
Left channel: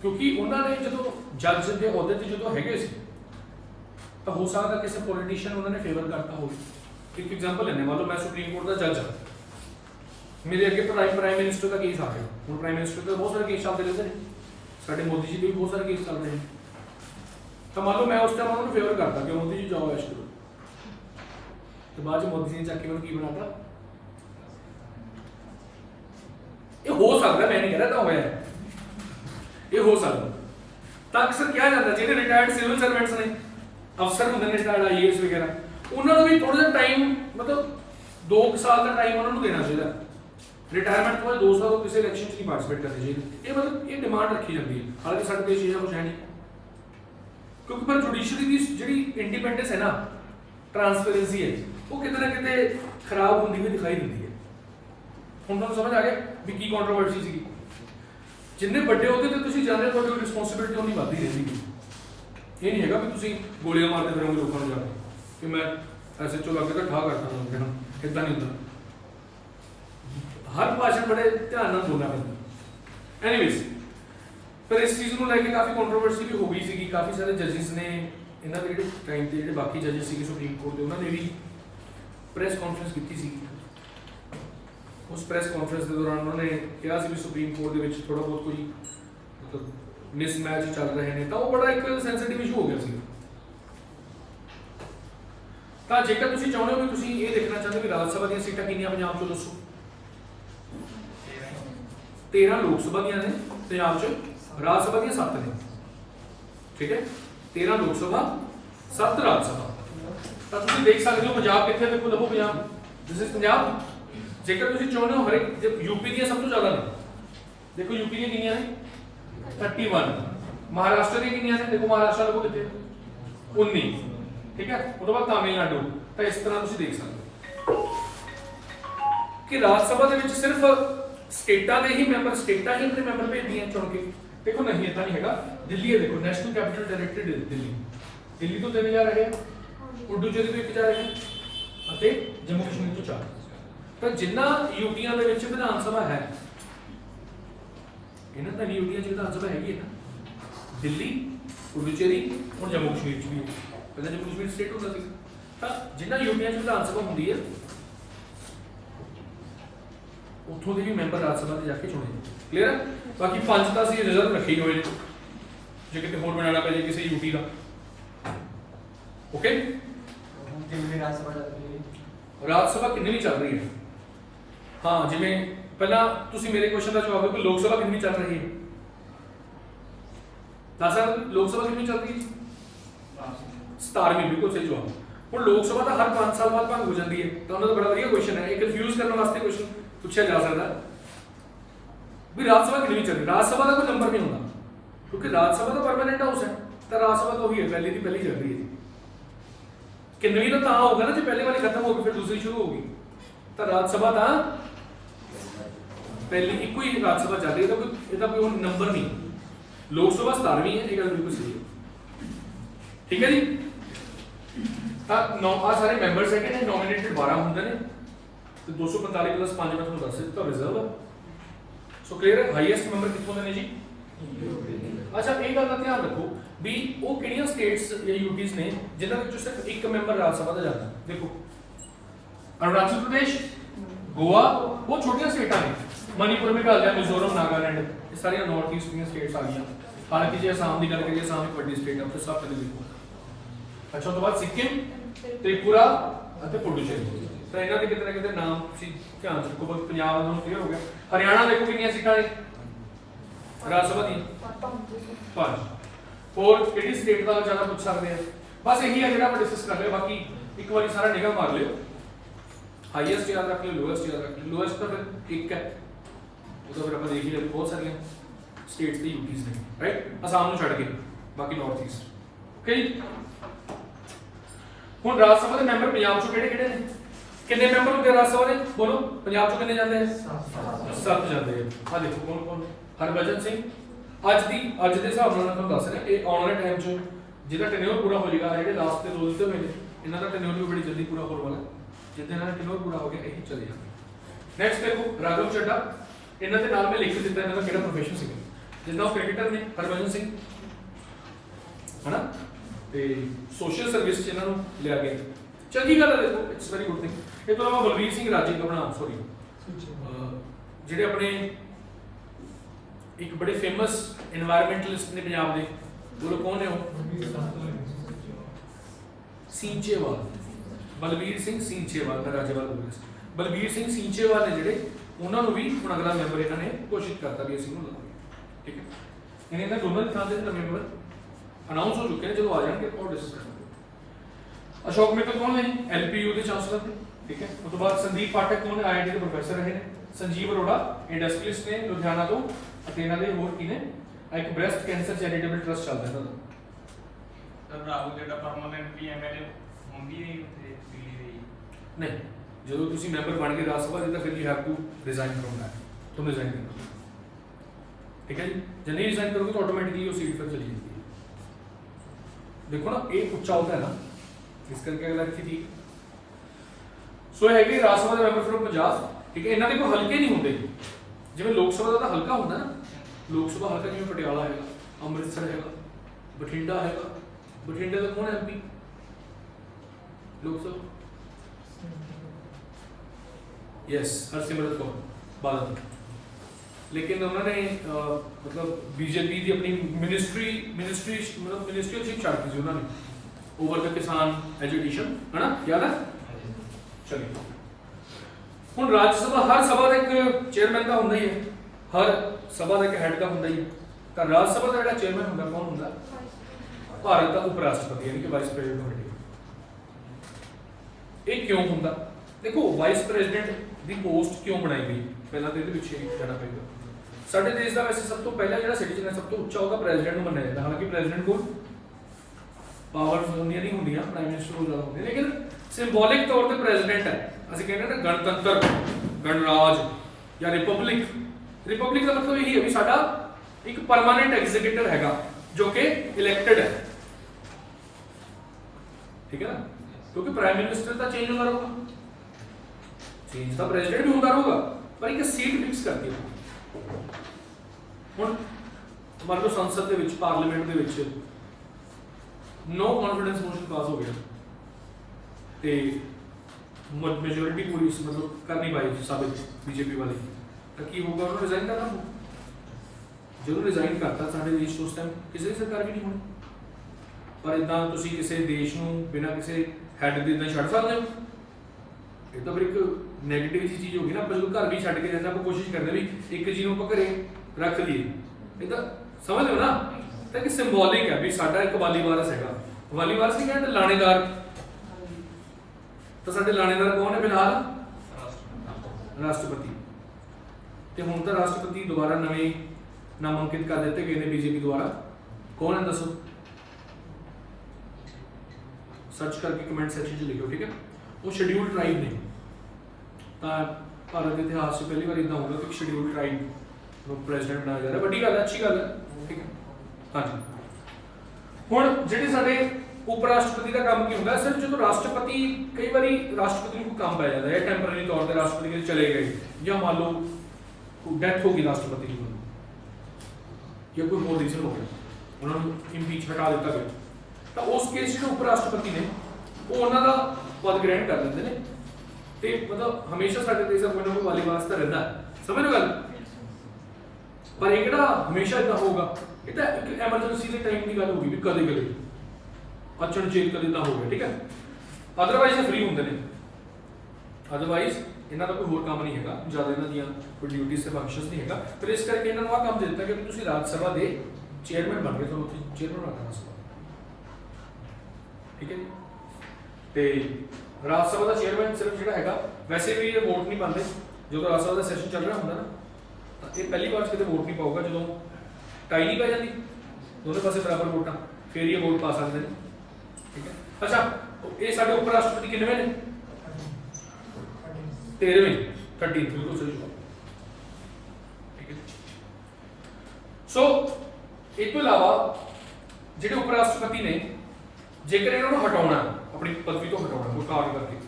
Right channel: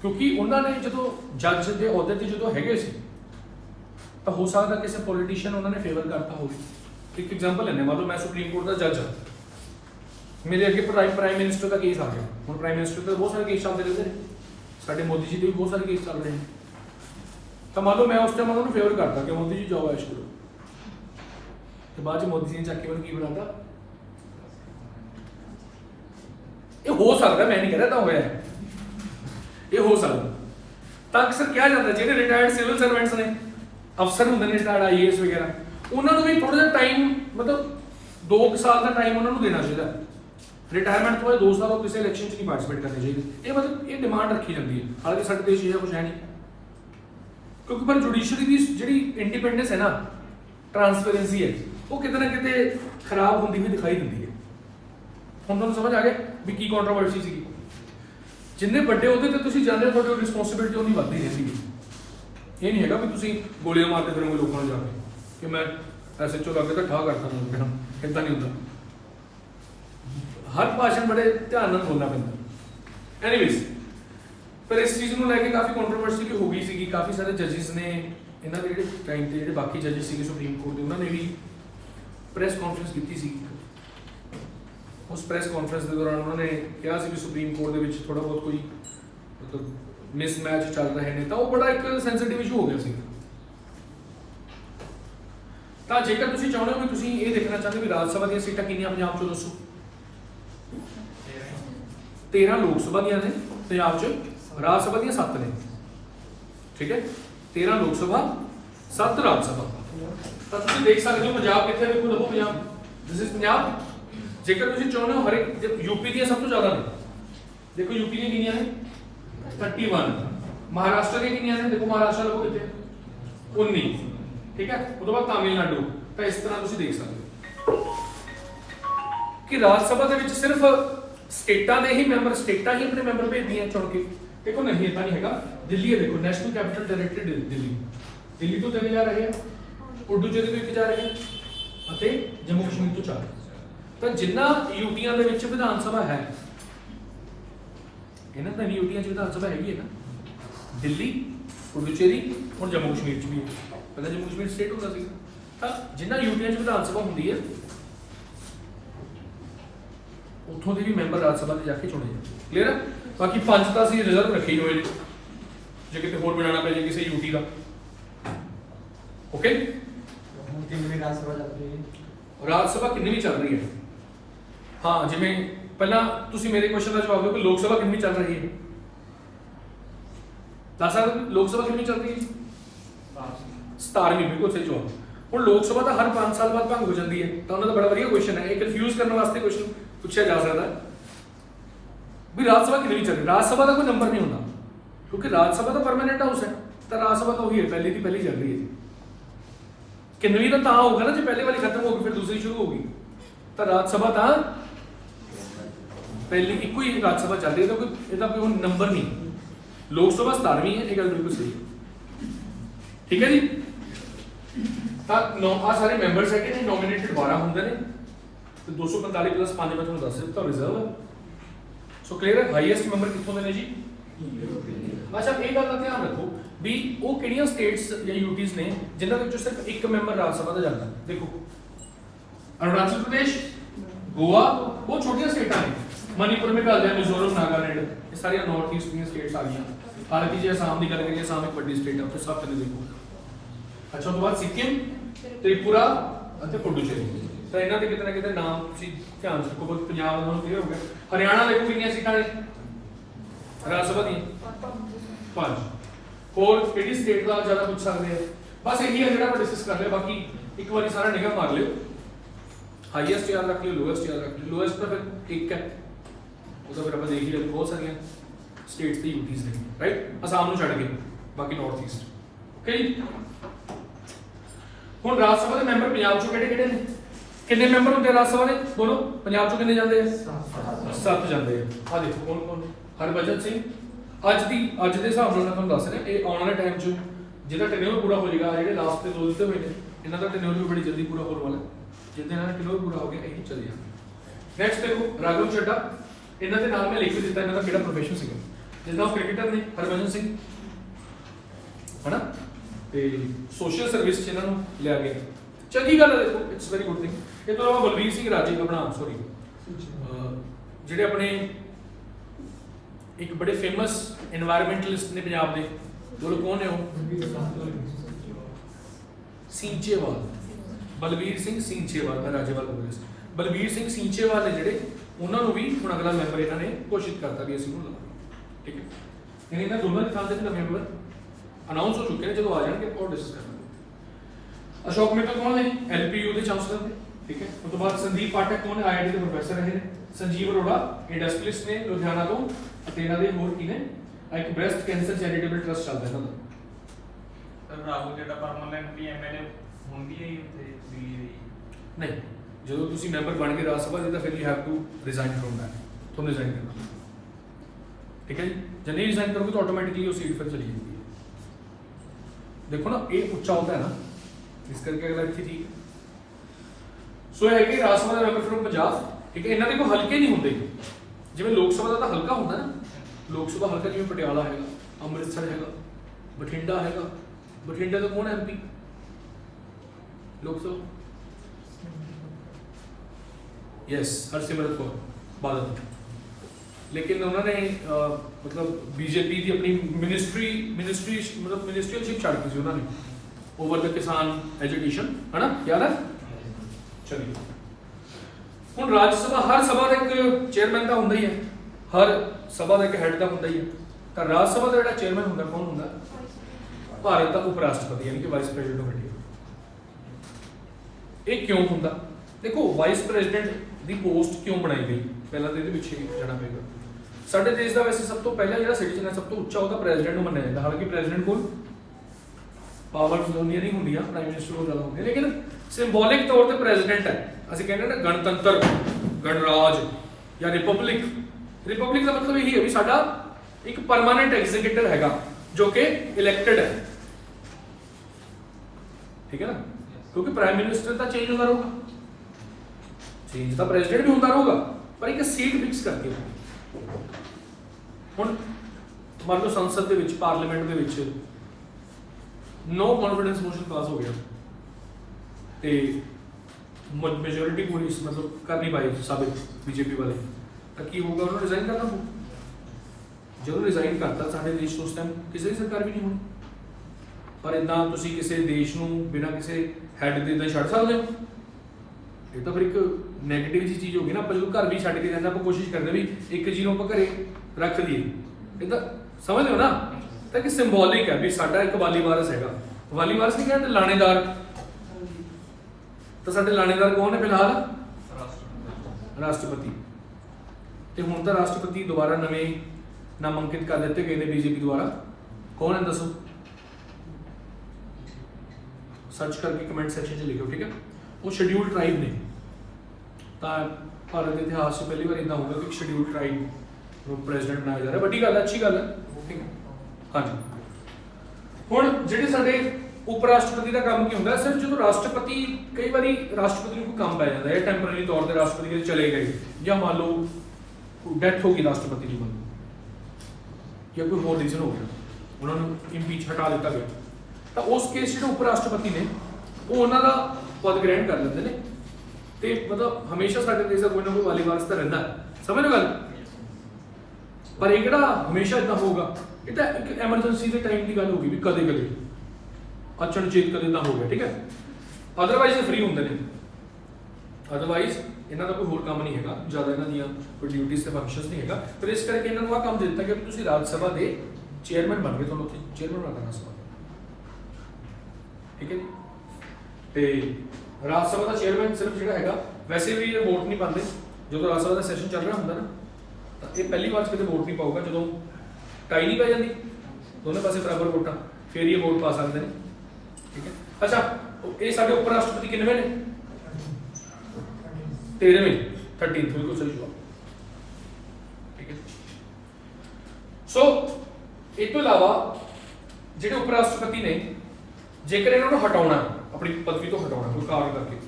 ਕਿਉਂਕਿ ਉਹਨਾਂ ਨੇ ਜਦੋਂ ਜੱਜ ਦੇ ਅਹੁਦੇ ਤੇ ਜਦੋਂ ਹੈਗੇ ਸੀ ਤਾਂ ਹੋ ਸਕਦਾ ਕਿਸੇ ਪੋਲੀਟੀਸ਼ੀਅਨ ਉਹਨਾਂ ਨੇ ਫੇਵਰ ਕਰਤਾ ਹੋਵੇ। ਇੱਕ ਐਗਜ਼ਾਮਪਲ ਲੈਂਦੇ, ਮੰਨ ਲਓ ਮੈਂ ਸੁਪਰੀਮ ਕੋਰਟ ਦਾ ਜੱਜ ਹਾਂ, ਮੇਰੇ ਅੱਗੇ ਪ੍ਰਾਈਮ ਮਿਨਿਸਟਰ ਦਾ ਕੇਸ ਆ ਗਿਆ, ਹੁਣ ਪ੍ਰਾਈਮ ਮਿਨਿਸਟਰ ਤੇ ਬਹੁਤ ਸਾਰੇ ਕੇਸ ਚੱਲਦੇ ਰਹਿੰਦੇ ਨੇ, ਸਾਡੇ ਮੋਦੀ ਜੀ ਦੇ ਵੀ ਬਹੁਤ ਸਾਰੇ ਕੇਸ ਚੱਲ ਰਹੇ ਨੇ, ਤਾਂ ਮੰਨ ਲਓ ਮੈਂ ਉਸ ਟਾਈਮ ਉਹਨਾਂ ਨੂੰ ਫੇਵਰ ਕਰਦਾ ਕਿ ਮੋਦੀ ਜੀ ਜਾਓ ਐਸ਼ ਕਰੋ, ਤੇ ਬਾਅਦ ਚ ਮੋਦੀ ਜੀ ਨੇ ਚੱਕ ਕੇ ਮੈਨੂੰ ਕੀ ਬਣਾਤਾ। ਇਹ ਹੋ ਸਕਦਾ, ਮੈਂ ਨਹੀਂ ਕਹਿ ਰਿਹਾ ਤਾਂ ਹੋਇਆ, ਇਹ ਹੋ ਸਕਦਾ। ਤਾਂ ਅਕਸਰ ਕਿਹਾ ਜਾਂਦਾ ਜਿਹੜੇ ਰਿਟਾਇਰਡ ਸਿਵਲ ਸਰਵੈਂਟਸ ਨੇ, ਅਫਸਰ ਹੁੰਦੇ ਨੇ ਰਿਟਾਇਰਡ ਆਈਏਐਸ ਵਗੈਰਾ, ਉਹਨਾਂ ਨੂੰ ਵੀ ਥੋੜਾ ਜਿਹਾ ਟਾਈਮ, ਮਤਲਬ 2 ਸਾਲ ਦਾ ਟਾਈਮ ਉਹਨਾਂ ਨੂੰ ਦੇਣਾ ਚਾਹੀਦਾ। ਰਿਟਾਇਰਮੈਂਟ ਤੋਂ 2 ਸਾਲ ਉਹ ਕਿਸੇ ਇਲੈਕਸ਼ਨ 'ਚ ਨਹੀਂ ਪਾਰਟਿਸਿਪੇਟ ਕਰਨੇ ਚਾਹੀਦੇ। ਇਹ ਮਤਲਬ ਇਹ ਡਿਮਾਂਡ ਰੱਖੀ ਜਾਂਦੀ ਹੈ, ਹਾਲਾਂਕਿ ਸਾਡੇ ਦੇਸ਼ 'ਚ ਇਹ ਕੁਝ ਹੈ ਨਹੀਂ, ਕਿਉਂਕਿ ਪਰ ਜੁਡੀਸ਼ਰੀ ਦੀ ਜਿਹੜੀ ਇੰਡੀਪੈਂਡੈਂਸ ਹੈ ਨਾ, ਟਰਾਂਸਪੇਰੈਂਸੀ ਹੈ, ਉਹ ਕਿਤੇ ਨਾ ਕਿਤੇ ਖਰਾਬ ਹੁੰਦੀ ਹੋਈ ਦਿਖਾਈ ਦਿੰਦੀ ਹੈ। ਹੁਣ ਤੁਹਾਨੂੰ ਸਮਝ ਆ ਗਿਆ ਵੀ ਕੀ ਕੰਟਰੋਵਰਸੀ ਸੀਗੀ। ਜਿੰਨੇ ਵੱਡੇ ਅਹੁਦੇ ਤੇ ਤੁਸੀਂ ਜਾਂਦੇ ਹੋ, ਤੁਹਾਡੀ ਰਿਸਪੌਂਸਿਬਿਲਟੀ ਉਨੀ ਵੱਧਦੀ ਰਹਿੰਦੀ ਹੈ। ਇਹ ਨਹੀਂ ਹੈਗਾ ਵੀ ਤੁਸੀਂ ਗੋਲੀਆਂ ਮਾਰਦੇ ਫਿਰੋਗੇ ਲੋਕਾਂ ਨੂੰ ਜਾ ਕੇ ਕਿ ਮੈਂ ਐਸਐਚਓ ਲੱਗੇ ਤਾਂ ਠਾ ਕਰਦਾ ਹਾਂ, ਇੱਦਾਂ ਨਹੀਂ ਹੁੰਦਾ। ਹਰ ਭਾਸ਼ਣ ਬੜੇ ਧਿਆਨ ਨਾਲ ਬੋਲਣਾ ਪੈਂਦਾ। ਐਨੀਵੇਜ਼, ਪਰ ਇਸ ਚੀਜ਼ ਨੂੰ ਲੈ ਕੇ ਕਾਫੀ ਕੰਟਰੋਵਰਸੀ ਵੀ ਹੋ ਗਈ ਸੀਗੀ। ਕਾਫੀ ਸਾਰੇ ਜੱਜਿਸ ਨੇ, ਇਹਨਾਂ ਦੇ ਜਿਹੜੇ ਟਾਈਮ ਤੇ ਜਿਹੜੇ ਬਾਕੀ ਜੱਜਿਸ ਸੀਗੇ ਸੁਪਰੀਮ ਕੋਰਟ ਦੇ, ਉਹਨਾਂ ਨੇ ਵੀ ਪ੍ਰੈਸ ਕਾਨਫਰੰਸ ਕੀਤੀ ਸੀ। ਉਸ ਪ੍ਰੈਸ ਕਾਨਫਰੰਸ ਦੇ ਦੌਰਾਨ ਉਹਨਾਂ ਨੇ ਕਿਹਾ ਸੀ ਵੀ ਸੁਪਰੀਮ ਕੋਰਟ ਦੇ ਵਿੱਚ ਥੋੜਾ ਬਹੁਤ ਕੋਈ ਮਤਲਬ ਮਿਸਮੈਚ ਚੱਲ ਰਹੇ ਨੇ, ਤਾਂ ਉਹ ਬੜਾ ਇੱਕ ਸੈਂਸਿਟਿਵ ਇਸ਼ੂ ਹੋ ਗਿਆ ਸੀ। ਤਾਂ ਜੇਕਰ ਤੁਸੀਂ ਚਾਹੁੰਦੇ ਹੋ ਵੀ ਤੁਸੀਂ ਇਹ ਦੇਖਣਾ ਚਾਹੁੰਦੇ ਵੀ ਰਾਜ ਸਭਾ ਦੀਆਂ ਸੀਟਾਂ ਕਿੰਨੀਆਂ ਪੰਜਾਬ 'ਚੋਂ, ਦੱਸੋ। 13 ਲੋਕ ਸਭਾ ਦੀਆਂ ਨੇ ਪੰਜਾਬ 'ਚ, ਰਾਜ ਸਭਾ ਦੀਆਂ 7 ਨੇ, ਠੀਕ ਹੈ। 13 ਲੋਕ ਸਭਾ, 7 ਰਾਜ ਸਭਾ। ਤਾਂ ਤੁਸੀਂ ਦੇਖ ਸਕਦੇ ਹੋ ਪੰਜਾਬ ਕਿੱਥੇ, ਵੇਖੋ ਲੱਭੋ ਪੰਜਾਬ, ਦਿਸ ਇਜ਼ ਪੰਜਾਬ। ਜੇਕਰ ਤੁਸੀਂ ਚਾਹੁੰਦੇ ਹੋ ਹਰੇਕ, ਯੂਪੀ ਦੀਆਂ ਸਭ ਤੋਂ ਜ਼ਿਆਦਾ ਨੇ, ਦੇਖੋ ਯੂਪੀ ਦੀਆਂ ਕਿੰਨੀਆਂ ਨੇ, 31। ਮਹਾਰਾਸ਼ਟਰ ਦੀਆਂ ਕਿੰਨੀਆਂ ਨੇ, ਦੇਖੋ ਮਹਾਰਾਸ਼ਟਰ ਲੱਭੋ ਕਿੱਥੇ, 19, ਠੀਕ ਹੈ। ਉਹ ਤੋਂ ਬਾਅਦ ਤਾਮਿਲਨਾਡੂ। ਤਾਂ ਇਸ ਤਰ੍ਹਾਂ ਤੁਸੀਂ ਦੇਖ ਸਕਦੇ ਹੋ ਕਿ ਰਾਜ ਸਭਾ ਦੇ ਵਿੱਚ ਸਿਰਫ ਸਟੇਟਾਂ ਦੇ ਹੀ ਮੈਂਬਰ, ਸਟੇਟਾਂ ਹੀ ਆਪਣੇ ਮੈਂਬਰ ਭੇਜਦੀਆਂ ਚੁਣ ਕੇ। ਦੇਖੋ ਨਹੀਂ, ਇਦਾਂ ਨਹੀਂ ਹੈਗਾ। ਦਿੱਲੀ ਹੈ, ਦੇਖੋ national capital territory Delhi, Delhi ਤੋਂ 3 ਜਾ ਰਹੇ ਆ, ਪੁਡੂਚੇਰੀ ਤੋਂ 1 ਜਾ ਰਹੇ ਆ, ਅਤੇ ਜੰਮੂ ਕਸ਼ਮੀਰ ਤੋਂ 4। ਤਾਂ ਜਿੰਨਾ ਯੂਟੀਆਂ ਦੇ ਵਿੱਚ ਵਿਧਾਨ ਸਭਾ ਹੈ, ਇਹਨਾਂ ਤਾਂ ਯੂਟੀਆਂ 'ਚ ਵਿਧਾਨ ਸਭਾ ਹੈਗੀ ਹੈ ਨਾ, ਦਿੱਲੀ, ਪੁਡੂਚੇਰੀ ਔਰ ਜੰਮੂ ਕਸ਼ਮੀਰ 'ਚ ਵੀ ਹੈ। ਪਹਿਲਾਂ ਜੰਮੂ ਕਸ਼ਮੀਰ ਸਟੇਟ ਹੁੰਦਾ ਸੀ। ਤਾਂ ਜਿੰਨਾ ਯੂਟੀਆਂ 'ਚ ਵਿਧਾਨ ਸਭਾ ਹੁੰਦੀ ਹੈ, ਉੱਥੋਂ ਦੇ ਵੀ ਮੈਂਬਰ ਰਾਜ ਸਭਾ ਦੇ ਜਾ ਕੇ ਚੁਣੇ। ਕਲੀਅਰ ਹੈ। ਬਾਕੀ 5 ਤਾਂ ਅਸੀਂ ਰਿਜ਼ਰਵ ਰੱਖੇ ਹੋਏ ਨੇ, ਜੇ ਕਿਤੇ ਹੋਰ ਬਣਾਉਣਾ ਪੈ ਜੇ ਕਿਸੇ ਯੂਟੀ ਦਾ। ਓਕੇ, ਰਾਜ ਸਭਾ ਕਿੰਨੀ ਚੱਲ ਰਹੀ ਹੈ। ਹਾਂ, ਜਿਵੇਂ ਪਹਿਲਾਂ ਤੁਸੀਂ ਮੇਰੇ ਕੁਐਸਚਨ ਦਾ ਜਵਾਬ ਦਿਓ ਕਿ ਲੋਕ ਸਭਾ ਕਿੰਨੀ ਚੱਲ ਰਹੀ ਹੈ। ਦੱਸ ਸਕਦੇ ਲੋਕ ਸਭਾ ਕਿੰਨੀ ਚੱਲ ਰਹੀ ਹੈ, 17ਵੀਂ। ਬਿਲਕੁਲ ਸਹੀ ਜਵਾਬ। ਹੁਣ ਲੋਕ ਸਭਾ ਤਾਂ ਹਰ 5 ਸਾਲ ਬਾਅਦ ਭੰਗ ਹੋ ਜਾਂਦੀ ਹੈ, ਤਾਂ ਉਹਨਾਂ ਦਾ ਬੜਾ ਵਧੀਆ ਕੁਐਸਚਨ ਹੈ। ਇਹ ਕਨਫਿਊਜ਼ ਕਰਨ ਵਾਸਤੇ ਕੁਐਸਚਨ ਪੁੱਛਿਆ ਜਾ ਸਕਦਾ ਵੀ ਰਾਜ ਸਭਾ ਕਿੰਨੀ ਚੱਲ ਰਹੀ। ਰਾਜ ਸਭਾ ਦਾ ਕੋਈ ਨੰਬਰ ਨਹੀਂ ਹੁੰਦਾ, ਕਿਉਂਕਿ ਰਾਜ ਸਭਾ ਤਾਂ ਪਰਮਾਨੈਂਟ ਹਾਊਸ ਹੈ, ਤਾਂ ਰਾਜ ਸਭਾ ਤਾਂ ਉਹੀ ਹੈ, ਪਹਿਲੀ ਦੀ ਪਹਿਲੀ ਚੱਲ ਰਹੀ ਹੈ ਜੀ। ਕਿੰਨਵੀਂ ਦਾ ਤਾਂ ਹੋਊਗਾ ਨਾ ਜੇ ਪਹਿਲੇ ਵਾਲੀ ਖਤਮ ਹੋ ਗਈ ਫਿਰ ਦੂਸਰੀ ਸ਼ੁਰੂ ਹੋਗੀ। ਤਾਂ ਰਾਜ ਸਭਾ ਤਾਂ ਪਹਿਲੀ ਇੱਕੋ ਹੀ ਰਾਜ ਸਭਾ ਚੱਲ ਰਹੀ ਹੈ, ਤਾਂ ਇਹਦਾ ਕੋਈ ਨੰਬਰ ਨਹੀਂ। ਲੋਕ ਸਭਾ 17ਵੀਂ ਹੈ, ਇਹ ਗੱਲ ਬਿਲਕੁਲ ਸਹੀ ਹੈ। ਠੀਕ ਹੈ ਜੀ। ਤਾਂ ਆ ਸਾਰੇ ਮੈਂਬਰਸ ਹੈਗੇ ਨੇ, ਨੋਮੀਨੇਟਡ 12 ਹੁੰਦੇ ਨੇ, ਤੇ 245 + 5 ਮੈਂ ਤੁਹਾਨੂੰ ਦੱਸ ਦਿੱਤਾ ਰਿਜ਼ਰਵ ਹੈ। ਸੋ ਕਲੀਅਰ ਹੈ। ਹਾਈਐਸਟ ਮੈਂਬਰ ਕਿੱਥੋਂ ਦੇ ਨੇ ਜੀ। ਅੱਛਾ, ਇਹ ਗੱਲ ਦਾ ਧਿਆਨ ਰੱਖੋ ਵੀ ਉਹ ਕਿਹੜੀਆਂ ਸਟੇਟਸ ਜਾਂ ਯੂਟੀਜ਼ ਨੇ ਜਿਨ੍ਹਾਂ ਵਿੱਚੋਂ ਸਿਰਫ 1 ਮੈਂਬਰ ਰਾਜ ਸਭਾ ਦਾ ਜਾਂਦਾ। ਦੇਖੋ ਅਰੁਣਾਚਲ ਪ੍ਰਦੇਸ਼, ਗੋਆ, ਬਹੁਤ ਛੋਟੀਆਂ ਸਟੇਟਾਂ ਨੇ। ਮਨੀਪੁਰ, ਮੇਘਾਲਿਆ, ਮਿਜ਼ੋਰਮ, ਨਾਗਾਲੈਂਡ, ਇਹ ਸਾਰੀਆਂ ਨਾਰਥ ਈਸਟ ਦੀਆਂ ਸਟੇਟਸ ਆ ਗਈਆਂ। ਹਾਲਾਂਕਿ ਜੇ ਅਸਾਮ ਦੀ ਗੱਲ ਕਰੀਏ, ਅਸਾਮ ਇੱਕ ਵੱਡੀ ਸਟੇਟ ਹੈ, ਉੱਥੇ 7 ਨੇ। ਦੇਖੋ ਅੱਛਾ, ਉਸ ਤੋਂ ਬਾਅਦ ਸਿੱਕਿਮ, ਤ੍ਰਿਪੁਰਾ ਅਤੇ ਪੁਡੂਚੇਰੀ। ਤਾਂ ਇਹਨਾਂ ਦੇ ਕਿਤੇ ਨਾ ਕਿਤੇ ਨਾਮ ਤੁਸੀਂ ਧਿਆਨ ਚ ਰੱਖੋ। ਬਹੁਤ ਪੰਜਾਬ ਨੂੰ ਕਲੀਅਰ ਹੋ ਗਿਆ। ਹਰਿਆਣਾ ਦੇਖੋ ਕਿੰਨੀਆਂ ਸੀਟਾਂ ਨੇ ਰਾਜ ਸਭਾ ਦੀਆਂ, 5। ਹੋਰ ਕਿਹੜੀ ਸਟੇਟ ਦਾ ਜ਼ਿਆਦਾ ਪੁੱਛ ਸਕਦੇ ਆ। ਬਸ ਇਹੀ ਹੈ ਜਿਹੜਾ ਆਪਾਂ ਡਿਸਕਸ ਕਰ ਰਹੇ। ਬਾਕੀ ਇੱਕ ਵਾਰੀ ਸਾਰਾ ਨਿਗਾਹ ਮਾਰ ਲਿਓ। ਹਾਈਐਸਟ ਯਾਦ ਰੱਖ ਲਿਓ, ਲੋਐਸਟ ਯਾਦ ਰੱਖ ਲਿਓ। ਲੋਐਸਟ ਤਾਂ ਫਿਰ 1 ਹੈ, ਉਹ ਤਾਂ ਫਿਰ ਆਪਾਂ ਦੇਖ ਹੀ ਲਿਆ। ਬਹੁਤ ਸਾਰੀਆਂ ਸਟੇਟਸ ਦੀ ਯੂਟੀਜ਼ ਨੇ, ਰਾਈਟ, ਅਸਾਮ ਨੂੰ ਛੱਡ ਕੇ, ਬਾਕੀ ਨਾਰਥ ਈਸਟ। ਓਕੇ ਜੀ। ਹੁਣ ਰਾਜ ਸਭਾ ਦੇ ਮੈਂਬਰ ਪੰਜਾਬ ਚੋਂ ਕਿਹੜੇ ਕਿਹੜੇ ਨੇ। ਕਿੰਨੇ ਮੈਂਬਰ ਹੁੰਦੇ ਰਾਜ ਸਭਾ ਦੇ ਬੋਲੋ ਪੰਜਾਬ ਤੋਂ ਕਿੰਨੇ ਜਾਂਦੇ ਆ 7 ਜਾਂਦੇ ਆ ਦੇਖੋ ਕੌਣ ਕੌਣ ਹਰਭਜਨ ਸਿੰਘ ਅੱਜ ਦੇ ਹਿਸਾਬ ਨਾਲ ਮੈਂ ਤੁਹਾਨੂੰ ਦੱਸ ਰਿਹਾ ਇਹ ਆਉਣ ਵਾਲੇ ਟਾਈਮ 'ਚ ਜਿਹਦਾ ਟੈਨਿਓਰ ਪੂਰਾ ਹੋ ਜਾਏਗਾ ਜਿਹੜੇ ਲਾਸਟ ਤੇ 2 ਦਿੱਤੇ ਹੋਏ ਨੇ ਇਹਨਾਂ ਦਾ ਟੈਨਿਓਰ ਵੀ ਬੜੀ ਜਲਦੀ ਪੂਰਾ ਹੋਣ ਵਾਲਾ ਜਿੱਦਾਂ ਇਹਨਾਂ ਦਾ ਟੈਨਿਓਰ ਪੂਰਾ ਹੋ ਗਿਆ ਇਹ ਚਲੇ ਜਾਣਗੇ ਨੈਕਸਟ ਦੇਖੋ ਰਾਘਵ ਚੱਡਾ ਇਹਨਾਂ ਦੇ ਨਾਲ ਮੈਂ ਲਿਖ ਵੀ ਦਿੱਤਾ ਇਹਨਾਂ ਦਾ ਕਿਹੜਾ ਪ੍ਰੋਫੈਸ਼ਨ ਸੀਗਾ ਜਿੱਦਾਂ ਉਹ ਕ੍ਰਿਕਟਰ ਨੇ ਹਰਭਜਨ ਸਿੰਘ ਹਨਾ ਤੇ ਸੋਸ਼ਲ ਸਰਵਿਸ 'ਚ ਇਹਨਾਂ ਨੂੰ ਲਿਆ ਗਿਆ ਚੰਗੀ ਗੱਲ ਹੈ ਦੇਖੋ ਇਟਸ ਵੈਰੀ ਗੁੱਡ ਥਿੰਗ ਇਹ ਤੋਂ ਇਲਾਵਾ ਬਲਵੀਰ ਸਿੰਘ ਰਾਜੇ ਆਪਣਾ ਸੌਰੀ ਜਿਹੜੇ ਆਪਣੇ ਇੱਕ ਬੜੇ ਫੇਮਸ এনवायरमेंटलिस्ट ਨੇ ਪੰਜਾਬ ਦੇ ਬੋਲੋ ਕੌਣ ਹੈ ਉਹ ਸਿੰਚੇਵਾਲ ਬਲਵੀਰ ਸਿੰਘ ਸਿੰਚੇਵਾਲ ਮੈਂ ਰਾਜੇਵਾਲ ਬੋਲ ਰਿਹਾ ਸੀ ਬਲਵੀਰ ਸਿੰਘ ਸਿੰਚੇਵਾਲ ਨੇ ਜਿਹੜੇ ਉਹਨਾਂ ਨੂੰ ਵੀ ਹੁਣ ਅਗਲਾ ਮੈਂਬਰ ਇਹਨਾਂ ਨੇ ਘੋਸ਼ਿਤ ਕਰਤਾ ਵੀ ਅਸੀਂ ਉਹਨੂੰ ਲਾਵਾਂਗੇ ਠੀਕ ਹੈ ਇਹਨਾਂ ਦੋਨਾਂ ਦੇ ਥਾਂ ਤੇ ਨਵੇਂ ਮੈਂਬਰ ਅਨਾਉਂਸ ਹੋ ਚੁੱਕੇ ਨੇ ਜਦੋਂ ਆ ਜਾਣਗੇ ਆਪਾਂ ਡਿਸਕਸ ਕਰਾਂਗੇ ਅਸ਼ੋਕ ਮਿੱਤਲ ਕੌਣ ਨੇ ਐਲਪੀਯੂ ਦੇ ਚਾਂਸਲਰ ਨੇ ਠੀਕ ਹੈ ਉਸ ਤੋਂ ਬਾਅਦ ਸੰਦੀਪ ਪਾਠਕ ਕੌਣ ਨੇ ਆਈਆਈਟੀ ਦੇ ਪ੍ਰੋਫੈਸਰ ਰਹੇ ਨੇ ਸੰਜੀਵ ਅਰੋੜਾ ਇੰਡਸਟਰੀਅਲਿਸਟ ਨੇ ਲੁਧਿਆਣਾ ਤੋਂ ਅਤੇ ਇਹਨਾਂ ਦੇ ਹੋਰ ਕੀ ਨੇ ਇੱਕ ਬ੍ਰੈਸਟ ਕੈਂਸਰ ਚੈਰੀਟੇਬਲ ਟਰਸਟ ਚੱਲਦਾ ਇਹਨਾਂ ਦਾ ਸਰ ਰਾਘਵ ਜਿਹੜਾ ਪਰਮਾਨੈਂਟ ਵੀ ਐਮਐਲਏ ਹੁਣ ਵੀ ਨਹੀਂ ਤੇ ਦਿੱਲੀ ਦੇ ਨਹੀਂ ਜਦੋਂ ਤੁਸੀਂ ਮੈਂਬਰ ਬਣ ਕੇ ਰਾਜ ਸਭਾ ਦੇ ਤਾਂ ਫਿਰ ਯੂ ਹੈਵ ਟੂ ਰਿਜ਼ਾਈਨ ਕਰਨਾ ਹੈ ਤੁਹਾਨੂੰ ਰਿਜ਼ਾਈਨ ਕਰਨਾ ਠੀਕ ਹੈ ਜੀ ਜੇ ਨਹੀਂ ਰਿਜ਼ਾਈਨ ਕਰੋਗੇ ਤਾਂ ਆਟੋਮੈਟਿਕਲੀ ਉਹ ਸੀਟ ਫਿਰ ਚਲੀ ਜਾਂਦੀ ਹੈ ਦੇਖੋ ਨਾ ਇਹ ਉੱਚਾ ਹੁੰਦਾ ਹੈ ਨਾ ਇਸ ਕਰਕੇ ਅਗਲਾ ਇੱਥੇ ਠੀਕ ਸੋ ਇਹ ਹੈ ਕਿ ਰਾਜ ਸਭਾ ਦੇ ਮੈਂਬਰ ਫਰੋਮ ਪੰਜਾਬ ਠੀਕ ਹੈ ਇਹਨਾਂ ਦੇ ਕੋਈ ਹਲਕੇ ਨਹੀਂ ਹੁੰਦੇ ਜਿਵੇਂ ਲੋਕ ਸਭਾ ਦਾ ਤਾਂ ਹਲਕਾ ਹੁੰਦਾ ਨਾ ਲੋਕ ਸਭਾ ਹਲਕਾ ਜਿਵੇਂ ਪਟਿਆਲਾ ਹੈਗਾ ਅੰਮ੍ਰਿਤਸਰ ਹੈਗਾ ਬਠਿੰਡਾ ਹੈਗਾ ਬਠਿੰਡਾ ਦਾ ਕੌਣ ਐਮਪੀ ਲੋਕ ਸਭਾ यस हरसिमरत कौर बादल लेकिन उन्होंने मतलब बीजेपी की अपनी मिनिस्ट्री मतलब मिनिस्ट्रियलशिप छाड़ दी उन्होंने ओवर द किसान एजुकेशन है ना याद है चलिए ਹੁਣ ਰਾਜ ਸਭਾ ਹਰ ਸਭਾ ਦਾ ਇੱਕ ਚੇਅਰਮੈਨ ਦਾ ਹੁੰਦਾ ਹੀ ਹੈ ਹਰ ਸਭਾ ਦਾ ਇੱਕ ਹੈਡ ਦਾ ਹੁੰਦਾ ਹੀ ਹੈ ਤਾਂ ਰਾਜ ਸਭਾ ਦਾ ਜਿਹੜਾ ਚੇਅਰਮੈਨ ਹੁੰਦਾ ਕੌਣ ਹੁੰਦਾ ਭਾਰਤ ਦਾ ਉਪ ਰਾਸ਼ਟਰਪਤੀ ਯਾਨੀ ਕਿ ਵਾਈਸ ਪ੍ਰੈਜ਼ੀਡੈਂਟ ਆਫ ਇੰਡੀਆ ਇਹ ਕਿਉਂ ਹੁੰਦਾ ਦੇਖੋ ਵਾਈਸ ਪ੍ਰੈਜ਼ੀਡੈਂਟ ਦੀ ਪੋਸਟ ਕਿਉਂ ਬਣਾਈ ਗਈ ਪਹਿਲਾਂ ਤਾਂ ਇਹਦੇ ਪਿੱਛੇ ਜਾਣਾ ਪਏਗਾ ਸਾਡੇ ਦੇਸ਼ ਦਾ ਵੈਸੇ ਸਭ ਤੋਂ ਪਹਿਲਾ ਜਿਹੜਾ ਸਿਟੀਜ਼ਨ ਹੈ ਸਭ ਤੋਂ ਉੱਚਾ ਉਹਦਾ ਪ੍ਰੈਜ਼ੀਡੈਂਟ ਨੂੰ ਮੰਨਿਆ ਜਾਂਦਾ ਹਾਲਾਂਕਿ ਪ੍ਰੈਜ਼ੀਡੈਂਟ ਕੋਲ ਪਾਵਰਸ ਦੋਨੀਆਂ ਨਹੀਂ ਹੁੰਦੀਆਂ ਪ੍ਰਾਈਮ ਮਿਨਿਸਟਰ ਕੋਲ ਜ਼ਿਆਦਾ ਹੁੰਦੀਆਂ ਲੇਕਿਨ ਸਿੰਬੋਲਿਕ ਤੌਰ ਤੇ ਪ੍ਰੈਜ਼ੀਡੈਂਟ ਹੈ ਅਸੀਂ ਕਹਿੰਦੇ ਨਾ ਗਣਤੰਤਰ ਗਣਰਾਜ ਜਾਂ ਰਿਪਬਲਿਕ ਦਾ ਮਤਲਬ ਇਹ ਹੈ ਵੀ ਸਾਡਾ ਇੱਕ ਪਰਮਾਨੈਂਟ ਐਗਜ਼ੀਕਿਊਟਿਵ ਹੈਗਾ ਜੋ ਕਿ ਇਲੈਕਟਡ ਹੈ ਠੀਕ ਹੈ ਨਾ ਕਿਉਂਕਿ ਪ੍ਰਾਈਮ ਮਿਨਿਸਟਰ ਤਾਂ ਚੇਂਜ ਹੁੰਦਾ ਰਹੂਗਾ ਚੇਂਜ ਤਾਂ ਪ੍ਰੈਜ਼ੀਡੈਂਟ ਵੀ ਹੁੰਦਾ ਰਹੂਗਾ ਪਰ ਇੱਕ ਸੀਟ ਫਿਕਸ ਕਰਦੀ ਹੈ ਹੁਣ ਮੰਨ ਲਓ ਸੰਸਦ ਦੇ ਵਿੱਚ ਪਾਰਲੀਮੈਂਟ ਦੇ ਵਿੱਚ ਨੋ ਕੌਨਫੀਡੈਂਸ ਮੋਸ਼ਨ ਪਾਸ ਹੋ ਗਿਆ ਤੇ ਮੈਜੋਰਿਟੀ ਪੂਰੀ ਮਤਲਬ ਕਰ ਨਹੀਂ ਪਾਈ ਸਾਬਿਤ ਬੀਜੇਪੀ ਵਾਲੇ ਤਾਂ ਕੀ ਹੋਊਗਾ ਉਹਨੂੰ ਰਿਜ਼ਾਈਨ ਕਰਨਾ ਪਊ ਜਦੋਂ ਰਿਜ਼ਾਈਨ ਕਰਤਾ ਸਾਡੇ ਦੇਸ਼ ਤੋਂ ਉਸ ਟਾਈਮ ਕਿਸੇ ਦੀ ਸਰਕਾਰ ਵੀ ਨਹੀਂ ਹੋਣੀ ਪਰ ਇਦਾਂ ਤੁਸੀਂ ਕਿਸੇ ਦੇਸ਼ ਨੂੰ ਬਿਨਾਂ ਕਿਸੇ ਹੈਡ ਦੇ ਇਦਾਂ ਛੱਡ ਸਕਦੇ ਹੋ ਇਹ ਤਾਂ ਫਿਰ ਇੱਕ ਨੈਗੇਟਿਵ ਜੀ ਚੀਜ਼ ਹੋ ਗਈ ਨਾ ਆਪਾਂ ਜਦੋਂ ਘਰ ਵੀ ਛੱਡ ਕੇ ਜਾਂਦੇ ਆਪਾਂ ਕੋਸ਼ਿਸ਼ ਕਰਦੇ ਵੀ ਇੱਕ ਜੀ ਨੂੰ ਆਪਾਂ ਘਰੇ ਰੱਖ ਦਈਏ ਇਹ ਤਾਂ ਸਮਝ ਲਓ ਨਾ ਤਾਂ ਕਿ ਸਿੰਬੋਲਿਕ ਹੈ ਵੀ ਸਾਡਾ ਇੱਕ ਵਾਲੀ ਵਾਰਸ ਹੈਗਾ ਵਾਲੀ ਵਾਰਸ ਨਹੀਂ ਕਹਿੰਦੇ ਲਾਣੇਦਾਰ ਤਾਂ ਸਾਡੇ ਲਾਣੇਦਾਰ ਕੌਣ ਹੈ ਫਿਲਹਾਲ ਰਾਸ਼ਟਰਪਤੀ ਤੇ ਹੁਣ ਤਾਂ ਰਾਸ਼ਟਰਪਤੀ ਦੁਬਾਰਾ ਨਵੇਂ ਨਾਮਾਂਕਿਤ ਕਰ ਦਿੱਤੇ ਗਏ ਨੇ ਬੀਜੇਪੀ ਦੁਆਰਾ ਕੌਣ ਹੈ ਦੱਸੋ ਸਰਚ ਕਰਕੇ ਕਮੈਂਟ ਸੈਕਸ਼ਨ 'ਚ ਲਿਖੋ ਠੀਕ ਹੈ ਉਹ ਸ਼ਡਿਊਲਡ ਟ੍ਰਾਈਬ ਨੇ ਤਾਂ ਭਾਰਤ ਦੇ ਇਤਿਹਾਸ 'ਚ ਪਹਿਲੀ ਵਾਰ ਇਦਾਂ ਹੋਊਗਾ ਕਿ ਸ਼ਡਿਊਲਡ ਟ੍ਰਾਈਬ ਨੂੰ ਪ੍ਰੈਜ਼ੀਡੈਂਟ ਬਣਾਇਆ ਜਾ ਰਿਹਾ ਵੱਡੀ ਗੱਲ ਹੈ ਅੱਛੀ ਗੱਲ ਹੈ ਠੀਕ ਹੈ ਹਾਂਜੀ ਹੁਣ ਜਿਹੜੇ ਸਾਡੇ ਉਪ ਰਾਸ਼ਟਰਪਤੀ ਦਾ ਕੰਮ ਕੀ ਹੁੰਦਾ ਸਿਰਫ ਜਦੋਂ ਰਾਸ਼ਟਰਪਤੀ ਕਈ ਵਾਰੀ ਰਾਸ਼ਟਰਪਤੀ ਨੂੰ ਕੋਈ ਕੰਮ ਪੈ ਜਾਂਦਾ ਹੈ ਟੈਂਪਰੇਰੀ ਤੌਰ ਤੇ ਰਾਸ਼ਟਰਪਤੀ ਕਿਤੇ ਚਲੇ ਗਏ ਜਾਂ ਮੰਨ ਲਓ ਡੈਥ ਹੋ ਗਈ ਰਾਸ਼ਟਰਪਤੀ ਦੀ ਵੱਲੋਂ ਜਾਂ ਕੋਈ ਹੋਰ ਰੀਜ਼ਨ ਹੋ ਗਿਆ ਉਹਨਾਂ ਨੂੰ ਇੰਪੀਚ ਹਟਾ ਦਿੱਤਾ ਗਿਆ ਤਾਂ ਉਸ ਕੇਸ ਜਿਹੜੇ ਉਪ ਰਾਸ਼ਟਰਪਤੀ ਨੇ ਉਹ ਉਹਨਾਂ ਦਾ ਪਦ ਗ੍ਰਹਿਣ ਕਰ ਲੈਂਦੇ ਨੇ ਤੇ ਮਤਲਬ ਹਮੇਸ਼ਾ ਸਾਡੇ ਦੇਸ਼ ਦਾ ਕੋਈ ਨਾ ਕੋਈ ਵਾਲੀ ਵਾਰਸ ਤਾਂ ਰਹਿੰਦਾ ਸਮਝ ਲਓ ਗੱਲ ਪਰ ਇਹ ਕਿਹੜਾ ਹਮੇਸ਼ਾ ਇਦਾਂ ਹੋਊਗਾ ਇਹ ਤਾਂ ਇੱਕ ਐਮਰਜੈਂਸੀ ਦੇ ਟਾਈਮ ਦੀ ਗੱਲ ਹੋਗੀ ਵੀ ਕਦੇ ਕਦੇ ਅਚਨਚੇਤ ਕਦੇ ਤਾਂ ਹੋ ਗਿਆ ਠੀਕ ਹੈ ਅਦਰਵਾਈਜ਼ ਇਹ ਫ੍ਰੀ ਹੁੰਦੇ ਨੇ ਅਦਰਵਾਈਜ਼ ਇਹਨਾਂ ਦਾ ਕੋਈ ਹੋਰ ਕੰਮ ਨਹੀਂ ਹੈਗਾ ਜ਼ਿਆਦਾ ਇਹਨਾਂ ਦੀਆਂ ਕੋਈ ਡਿਊਟੀਜ਼ ਤੇ ਫੰਕਸ਼ਨਸ ਨਹੀਂ ਹੈਗਾ ਪਰ ਇਸ ਕਰਕੇ ਇਹਨਾਂ ਨੂੰ ਆਹ ਕੰਮ ਦੇ ਦਿੱਤਾ ਕਿ ਤੁਸੀਂ ਰਾਜ ਸਭਾ ਦੇ ਚੇਅਰਮੈਨ ਬਣ ਗਏ ਤੁਹਾਨੂੰ ਉੱਥੇ ਚੇਅਰਮੈਨ ਬਣਾਉਣਾ ਸਭਾ ਠੀਕ ਹੈ ਜੀ ਤੇ ਰਾਜ ਸਭਾ ਦਾ ਚੇਅਰਮੈਨ ਸਿਰਫ ਜਿਹੜਾ ਹੈਗਾ ਵੈਸੇ ਵੀ ਇਹ ਵੋਟ ਨਹੀਂ ਪਾਉਂਦੇ ਜਦੋਂ ਰਾਜ ਸਭਾ ਦਾ ਸੈਸ਼ਨ ਚੱਲ ਰਿਹਾ ਹੁੰਦਾ ਨਾ ਤਾਂ ਇਹ ਪਹਿਲੀ ਵਾਰ ਕਿਤੇ ਵੋਟ ਨਹੀਂ ਪਾਊਗਾ ਜਦੋਂ ਟਾਈ ਨਹੀਂ ਪੈ ਜਾਂਦੀ ਦੋਨੇ ਪਾਸੇ ਬਰਾਬਰ ਵੋਟਾਂ ਫਿਰ ਇਹ ਵੋਟ ਪਾ ਸਕਦੇ ਨੇ ਠੀਕ ਹੈ ਅੱਛਾ ਇਹ ਸਾਡੇ ਉਪ ਰਾਸ਼ਟਰਪਤੀ ਕਿੰਨਵੇਂ ਨੇ 13वें 13 बिल्कुल सही जवाब। ठीक है। सो ਇਸ ਤੋਂ ਇਲਾਵਾ ਜਿਹੜੇ ਉਪ ਰਾਸ਼ਟਰਪਤੀ ਨੇ ਜੇਕਰ ਇਹਨਾਂ ਨੂੰ ਹਟਾਉਣਾ ਆਪਣੀ ਪਦਵੀ ਤੋਂ ਹਟਾਉਣਾ ਕੋਈ ਕਾਰਨ ਕਰਕੇ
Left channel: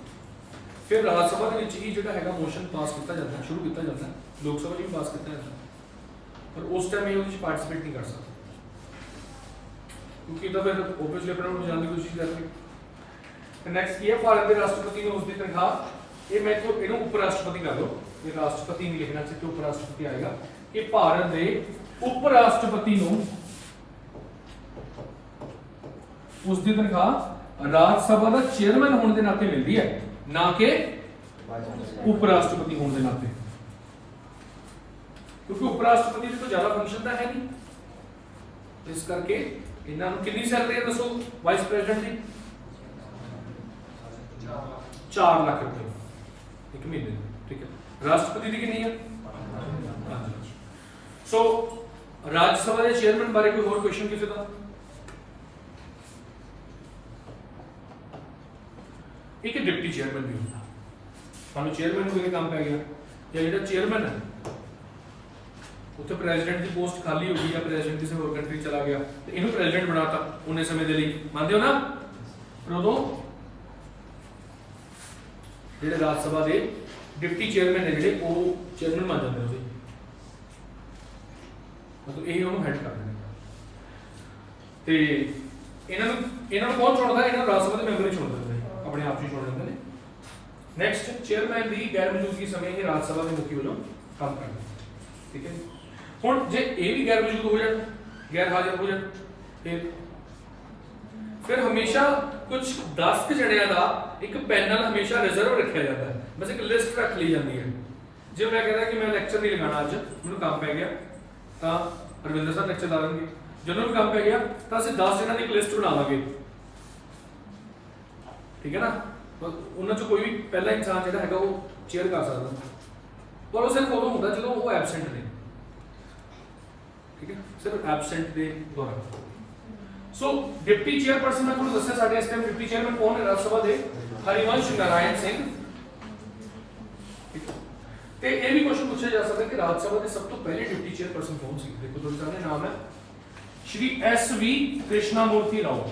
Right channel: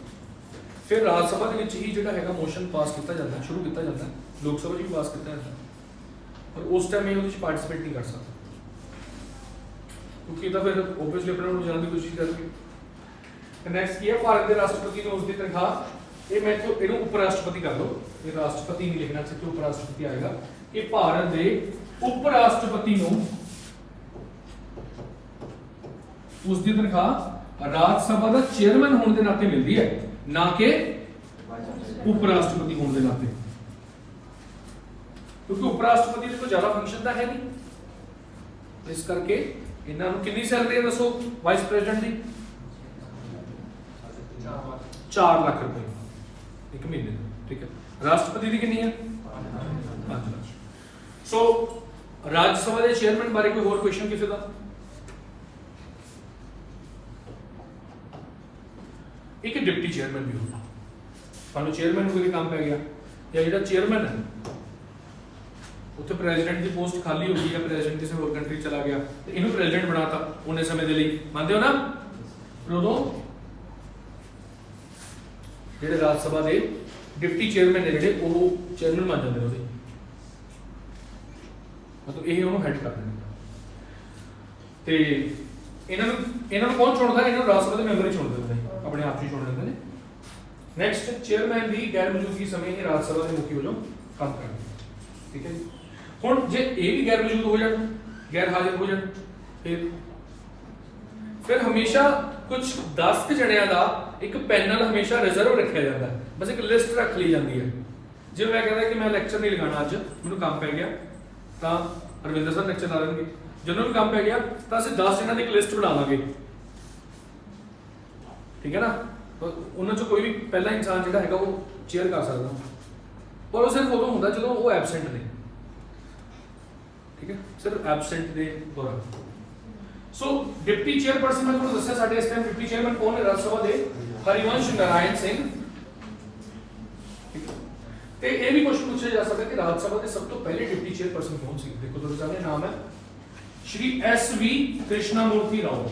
ਫਿਰ ਰਾਜ ਸਭਾ ਦੇ ਵਿੱਚ ਹੀ ਜਿਹੜਾ ਹੈਗਾ ਮੋਸ਼ਨ ਪਾਸ ਕੀਤਾ ਜਾਂਦਾ ਸ਼ੁਰੂ ਕੀਤਾ ਜਾਂਦਾ ਲੋਕ ਸਭਾ 'ਚ ਵੀ ਪਾਸ ਕੀਤਾ ਜਾਂਦਾ ਪਰ ਉਸ ਟਾਈਮ ਇਹ ਉਹਦੇ ਵਿੱਚ ਪਾਰਟਿਸਿਪੇਟ ਨਹੀਂ ਕਰ ਸਕਦਾ ਕਿਉਂਕਿ ਇਹਦਾ ਫਿਰ ਓਬਵੀਅਸਲੀ ਆਪਣੇ ਨੂੰ ਜਾਣ ਦੀ ਕੋਸ਼ਿਸ਼ ਕਰਨਗੇ। ਨੈਕਸਟ ਕੀ ਹੈ ਭਾਰਤ ਦੇ ਰਾਸ਼ਟਰਪਤੀ ਨੂੰ ਉਸ ਦੀ ਤਨਖਾਹ ਇਹ ਮੈਂ ਤੋਂ ਇਹਨੂੰ ਉਪ ਰਾਸ਼ਟਰਪਤੀ ਕਰ ਲਓ ਇਹ ਰਾਸ਼ਟਰਪਤੀ ਨਹੀਂ ਲਿਖਣਾ ਚਾਹੀਦਾ ਉਪ ਰਾਸ਼ਟਰਪਤੀ ਆਏਗਾ ਕਿ ਭਾਰਤ ਦੇ ਉਪ ਰਾਸ਼ਟਰਪਤੀ ਨੂੰ ਉਸ ਦੀ ਤਨਖਾਹ ਰਾਜ ਸਭਾ ਦਾ ਚੇਅਰਮੈਨ ਹੋਣ ਦੇ ਨਾਤੇ ਮਿਲਦੀ ਹੈ ਨਾ ਕਿ ਉਪ ਰਾਸ਼ਟਰਪਤੀ ਹੋਣ ਦੇ ਨਾਤੇ ਕਿਉਂਕਿ ਉਪ ਰਾਸ਼ਟਰਪਤੀ ਦੀ ਕੋਈ ਜ਼ਿਆਦਾ ਫੰਕਸ਼ਨ ਤਾਂ ਹੈ ਨਹੀਂ ਇਸ ਕਰਕੇ ਇਹਨਾਂ ਨੂੰ ਕਿੰਨੀ ਸੈਲਰੀ ਹੈ ਦੱਸੋ ਵਾਈਸ ਪ੍ਰੈਜ਼ੀਡੈਂਟ ਦੀ 4 ਲੱਖ ਰੁਪਏ ਇੱਕ ਮਹੀਨੇ ਦੀ ਠੀਕ ਹੈ ਰਾਸ਼ਟਰਪਤੀ ਦੀ ਕਿੰਨੀ ਹੈ 5 ਲੱਖ। ਸੋ ਰਾਜ ਸਭਾ ਦੇ ਚੇਅਰਮੈਨ ਬਾਰੇ ਕੋਈ ਹੋਰ ਕੁਐਸਚਨ ਕਿਸੇ ਦਾ ਇੱਕ ਡਿਪਟੀ ਚੇਅਰਮੈਨ ਵੀ ਹੁੰਦਾ ਸਾਨੂੰ ਚੇਅਰਮੈਨ ਨੂੰ ਕੋਈ ਕੰਮ ਪੈ ਗਿਆ ਜਾਂ ਜਿਹੜਾ ਚੇਅਰਮੈਨ ਹੈ ਉੱਥੇ ਪ੍ਰੈਜ਼ੀਡੈਂਟ ਦੀ ਪੋਸਟ ਖਾਲੀ ਹੋ ਗਈ ਜਾਂ ਪ੍ਰੈਜ਼ੀਡੈਂਟ ਕਿਸੇ ਹੋਰ ਕੰਟਰੀ ਚਲਾ ਗਿਆ ਤੇ ਇਹਨੂੰ ਪ੍ਰੈਜ਼ੀਡੈਂਟ ਬਣਾਤਾ ਉਹਨੇ ਸਮੇਂ ਦੇ ਲਈ ਮੰਨਦੇ ਹੋ ਨਾ ਪਰ ਉਦੋਂ ਜਿਹੜੇ ਰਾਜ ਸਭਾ ਦੇ ਡਿਪਟੀ ਚੇਅਰਮੈਨ ਨੇ ਜਿਹੜੇ ਉਹ ਚੇਅਰਮੈਨ ਮੰਨ ਜਾਂਦੇ ਉਹਦੇ ਮਤਲਬ ਇਹ ਉਹਨੂੰ ਹੈਡ ਕਰਦੇ ਨੇ ਤੇ ਇਹਨਾਂ ਨੂੰ ਕੌਣ ਚੁਣਦਾ ਇਹਨਾਂ ਨੂੰ ਰਾਜ ਸਭਾ ਦੇ ਮੈਂਬਰ ਹੀ ਚੁਣਦੇ ਨੇ ਆਪਣੇ ਆਪ ਹੀ ਚੁਣ ਲੈਂਦੇ ਨੇ। ਨੈਕਸਟ ਚੇਅਰਮੈਨ ਦੀ ਗੈਰ ਮੌਜੂਦਗੀ ਸਮੇਂ ਇਹ ਰਾਜ ਸਭਾ ਦੇ ਮੁਖੀ ਵਜੋਂ ਕੰਮ ਕਰਦਾ ਠੀਕ ਹੈ ਜੀ। ਹੁਣ ਜੇ ਇਹ ਵੀ ਗੈਰ ਮੌਜੂਦ ਹੋ ਜਾਣ ਗੈਰ ਹਾਜ਼ਰ ਹੋ ਜਾਣ ਫਿਰ ਹਮੇਸ਼ਾ ਕੁਝ 10 ਜਣਿਆਂ ਦਾ ਇੱਕ ਪੈਨਲ ਹਮੇਸ਼ਾ ਰਿਜ਼ਰਵ ਰੱਖਿਆ ਜਾਂਦਾ ਬਸ ਇੱਕ ਲਿਸਟ ਰੱਖ ਲਈ ਜਾਂਦੀ ਹੈ ਜੇ ਮੈਂ ਕਹਿੰਦਾ ਕਿ ਮੈਂ ਲੈਕਚਰ ਨਹੀਂ ਲਗਾਉਣਾ ਅੱਜ ਮੈਨੂੰ ਕੰਮ ਪੈ ਗਿਆ ਤਾਂ ਰਵਿੰਦਰ ਸਰ ਲੈਕਚਰ ਲਾ ਦੇਣਗੇ ਜਦੋਂ ਵੀ ਕੰਮ ਪੈ ਗਿਆ ਤਾਂ ਅਸੀਂ 10 ਜਣਾਂ ਦੀ ਇੱਕ ਲਿਸਟ ਬਣਾ ਲਾਂਗੇ ਠੀਕ ਹੈ ਨਾ ਉਹਨਾਂ ਚੋਂ ਕੋਈ ਵੀ ਪਹਿਲਾ ਇਨਸਾਨ ਜਿਹੜਾ ਹੈਗਾ ਉਹ ਚੇਅਰ ਕਰ ਸਕਦਾ ਪਰ ਉਹ ਸਿਰਫ ਉਦੋਂ ਹੁੰਦਾ ਜਦੋਂ ਉਹ ਐਬਸੈਂਟ ਨੇ ਠੀਕ ਹੈ ਸਿਰਫ ਐਬਸੈਂਟ ਦੇ ਦੌਰਾਨ। ਸੋ ਡਿਪਟੀ ਚੇਅਰਪਰਸਨ ਮੈਂ ਤੁਹਾਨੂੰ ਦੱਸਿਆ ਸਾਡੇ ਇਸ ਟਾਈਮ ਡਿਪਟੀ ਚੇਅਰਮੈਨ ਕੌਣ ਹੈ ਰਾਜ ਸਭਾ ਦੇ ਹਰੀਵੰਸ਼ ਨਾਰਾਇਣ ਸਿੰਘ ਤੇ ਇਹ ਵੀ ਕੁਐਸਚਨ ਪੁੱਛਿਆ ਜਾ ਸਕਦਾ ਕਿ ਰਾਜ ਸਭਾ ਦੇ ਸਭ ਤੋਂ ਪਹਿਲੇ ਡਿਪਟੀ ਚੇਅਰਪਰਸਨ ਕੌਣ ਸੀ ਦੇਖੋ ਤੁਹਾਡੇ ਸਾਹਮਣੇ ਨਾਮ ਹੈ ਸ਼੍ਰੀ SV ਕ੍ਰਿਸ਼ਨਾ ਮੂਰਤੀ ਰਾਓ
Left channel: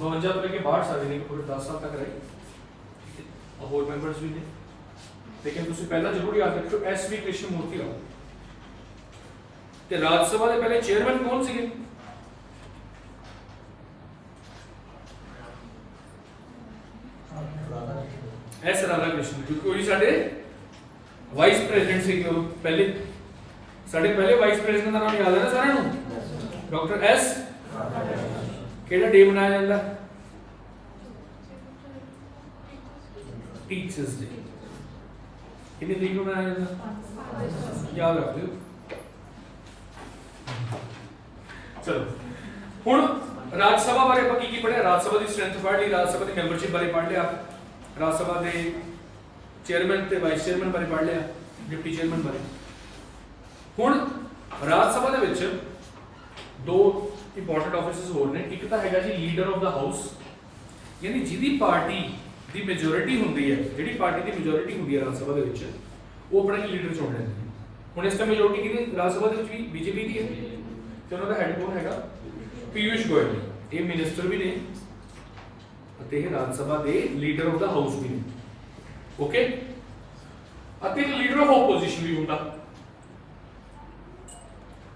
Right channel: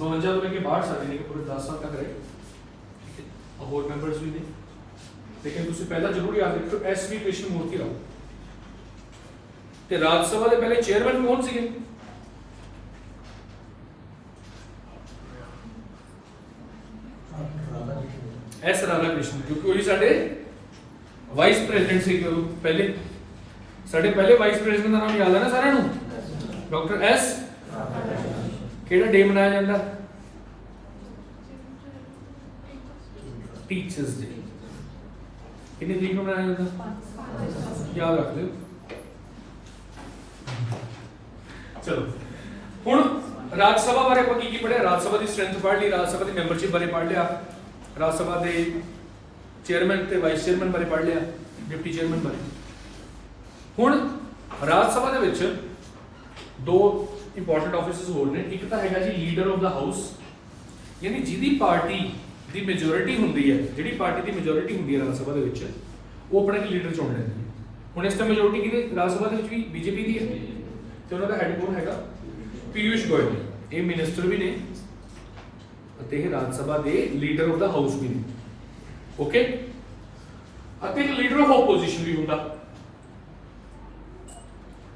52 ਤੋਂ ਲੈ ਕੇ 62 ਸਾਲ ਯਾਨੀ ਕਿ ਪੂਰੇ 10 ਸਾਲ ਤੱਕ ਰਹੇ ਠੀਕ ਹੈ ਹੋਰ ਮੈਂਬਰਸ ਵੀ ਨੇ ਲੇਕਿਨ ਤੁਸੀਂ ਪਹਿਲਾਂ ਜ਼ਰੂਰ ਯਾਦ ਰੱਖਿਓ SV ਕ੍ਰਿਸ਼ਨਾ ਮੂਰਤੀ ਰਾਓ ਤੇ ਰਾਜ ਸਭਾ ਦੇ ਪਹਿਲੇ ਚੇਅਰਮੈਨ ਕੌਣ ਸੀਗੇ S ਰਾਧਾ ਕ੍ਰਿਸ਼ਨ ਕਿਉਂਕਿ ਉਹੀ ਸਾਡੇ ਵਾਈਸ ਪ੍ਰੈਜ਼ੀਡੈਂਟ ਸੀ ਪਹਿਲੇ ਸਾਡੇ ਪਹਿਲੇ ਵਾਈਸ ਪ੍ਰੈਜ਼ੀਡੈਂਟ ਦਾ ਨਾਮ ਯਾਦ ਹੈ ਨਾ ਸਾਰਿਆਂ ਨੂੰ ਡਾਕਟਰ S ਕਿਹੜਾ ਡੇ ਮਨਾਇਆ ਜਾਂਦਾ ਟੀਚਰਸ ਡੇ ਕਿੰਨੀ ਤਰੀਕ ਨੂੰ ਮਨਾਇਆ ਜਾਂਦਾ ਯਾਦ ਰੱਖ ਲਿਓ ਚਲੋ ਹੁਣ ਰਾਜ ਸਭਾ ਬਾਰੇ ਆਪਾਂ ਕੀ ਪੜਿਆ ਰਾਜ ਸਭਾ ਦੀ ਸਟਰੈਂਥ ਪੜ੍ਹ ਲਈ ਰਾਜ ਸਭਾ ਦੀ ਮੈਂਬਰਸ਼ਿਪ ਬਾਰੇ ਪੜ੍ਹ ਲਿਆ ਰਾਜ ਸਭਾ ਦੇ ਚੇਅਰਮੈਨ ਤੇ ਵਾਈਸ ਚੇਅਰਮੈਨ ਬਾਰੇ ਪੜ੍ਹ ਲਿਆ ਡਿਪਟੀ ਚੇਅਰਮੈਨ ਬਾਰੇ ਹੁਣ ਰਾਜ ਸਭਾ ਦੇ ਵਿੱਚ ਦੋ ਇੰਪੋਰਟੈਂਟ ਆਫਿਸਸ ਹੋਰ ਨੇ ਇੱਕ ਤਾਂ ਹੈਗਾ ਜੀ ਲੀਡਰ ਆਫ ਦਾ ਹਾਊਸ ਯਾਨੀ ਜਿਹਦੀ ਪਾਰਟੀ ਦੀ ਮੈਜੋਰਿਟੀ ਹੁੰਦੀ ਹੈ ਜਿਹੜੀ ਪਾਰਟੀ ਦੀ ਮੈਜੋਰਿਟੀ ਹੁੰਦੀ ਹੈ ਰਾਜ ਸਭਾ ਦੇ ਵਿੱਚ ਉਹ ਆਪਣਾ ਲੀਡਰ ਚੁਣ ਲੈਂਦੀ ਹੈ ਹੁਣ ਇਸ ਟਾਈਮ ਮੈਜੋਰਿਟੀ ਕਿਹਦੀ ਰਾਜ ਸਭਾ ਦੇ ਵਿੱਚ ਵੀ ਬੀਜੇਪੀ ਦੀ ਹੈ ਤੇ ਉਹਨਾਂ ਦਾ ਹੈਡ ਕੌਣ ਹੈਗਾ ਪੀਯੂਸ਼ ਗੋਇਲ ਇਹ ਮਿਨਿਸਟਰ ਵੀ ਨੇ ਅਤੇ ਇਹ ਰਾਜ ਸਭਾ ਦੇ ਲੀਡਰ ਆਫ ਦਾ ਹਾਊਸ ਵੀ ਨੇ ਓਕੇ ਅਤੇ ਲੀਡਰ ਆਫ ਆਪੋਜੀਸ਼ਨ ਵੀ ਹੁੰਦਾ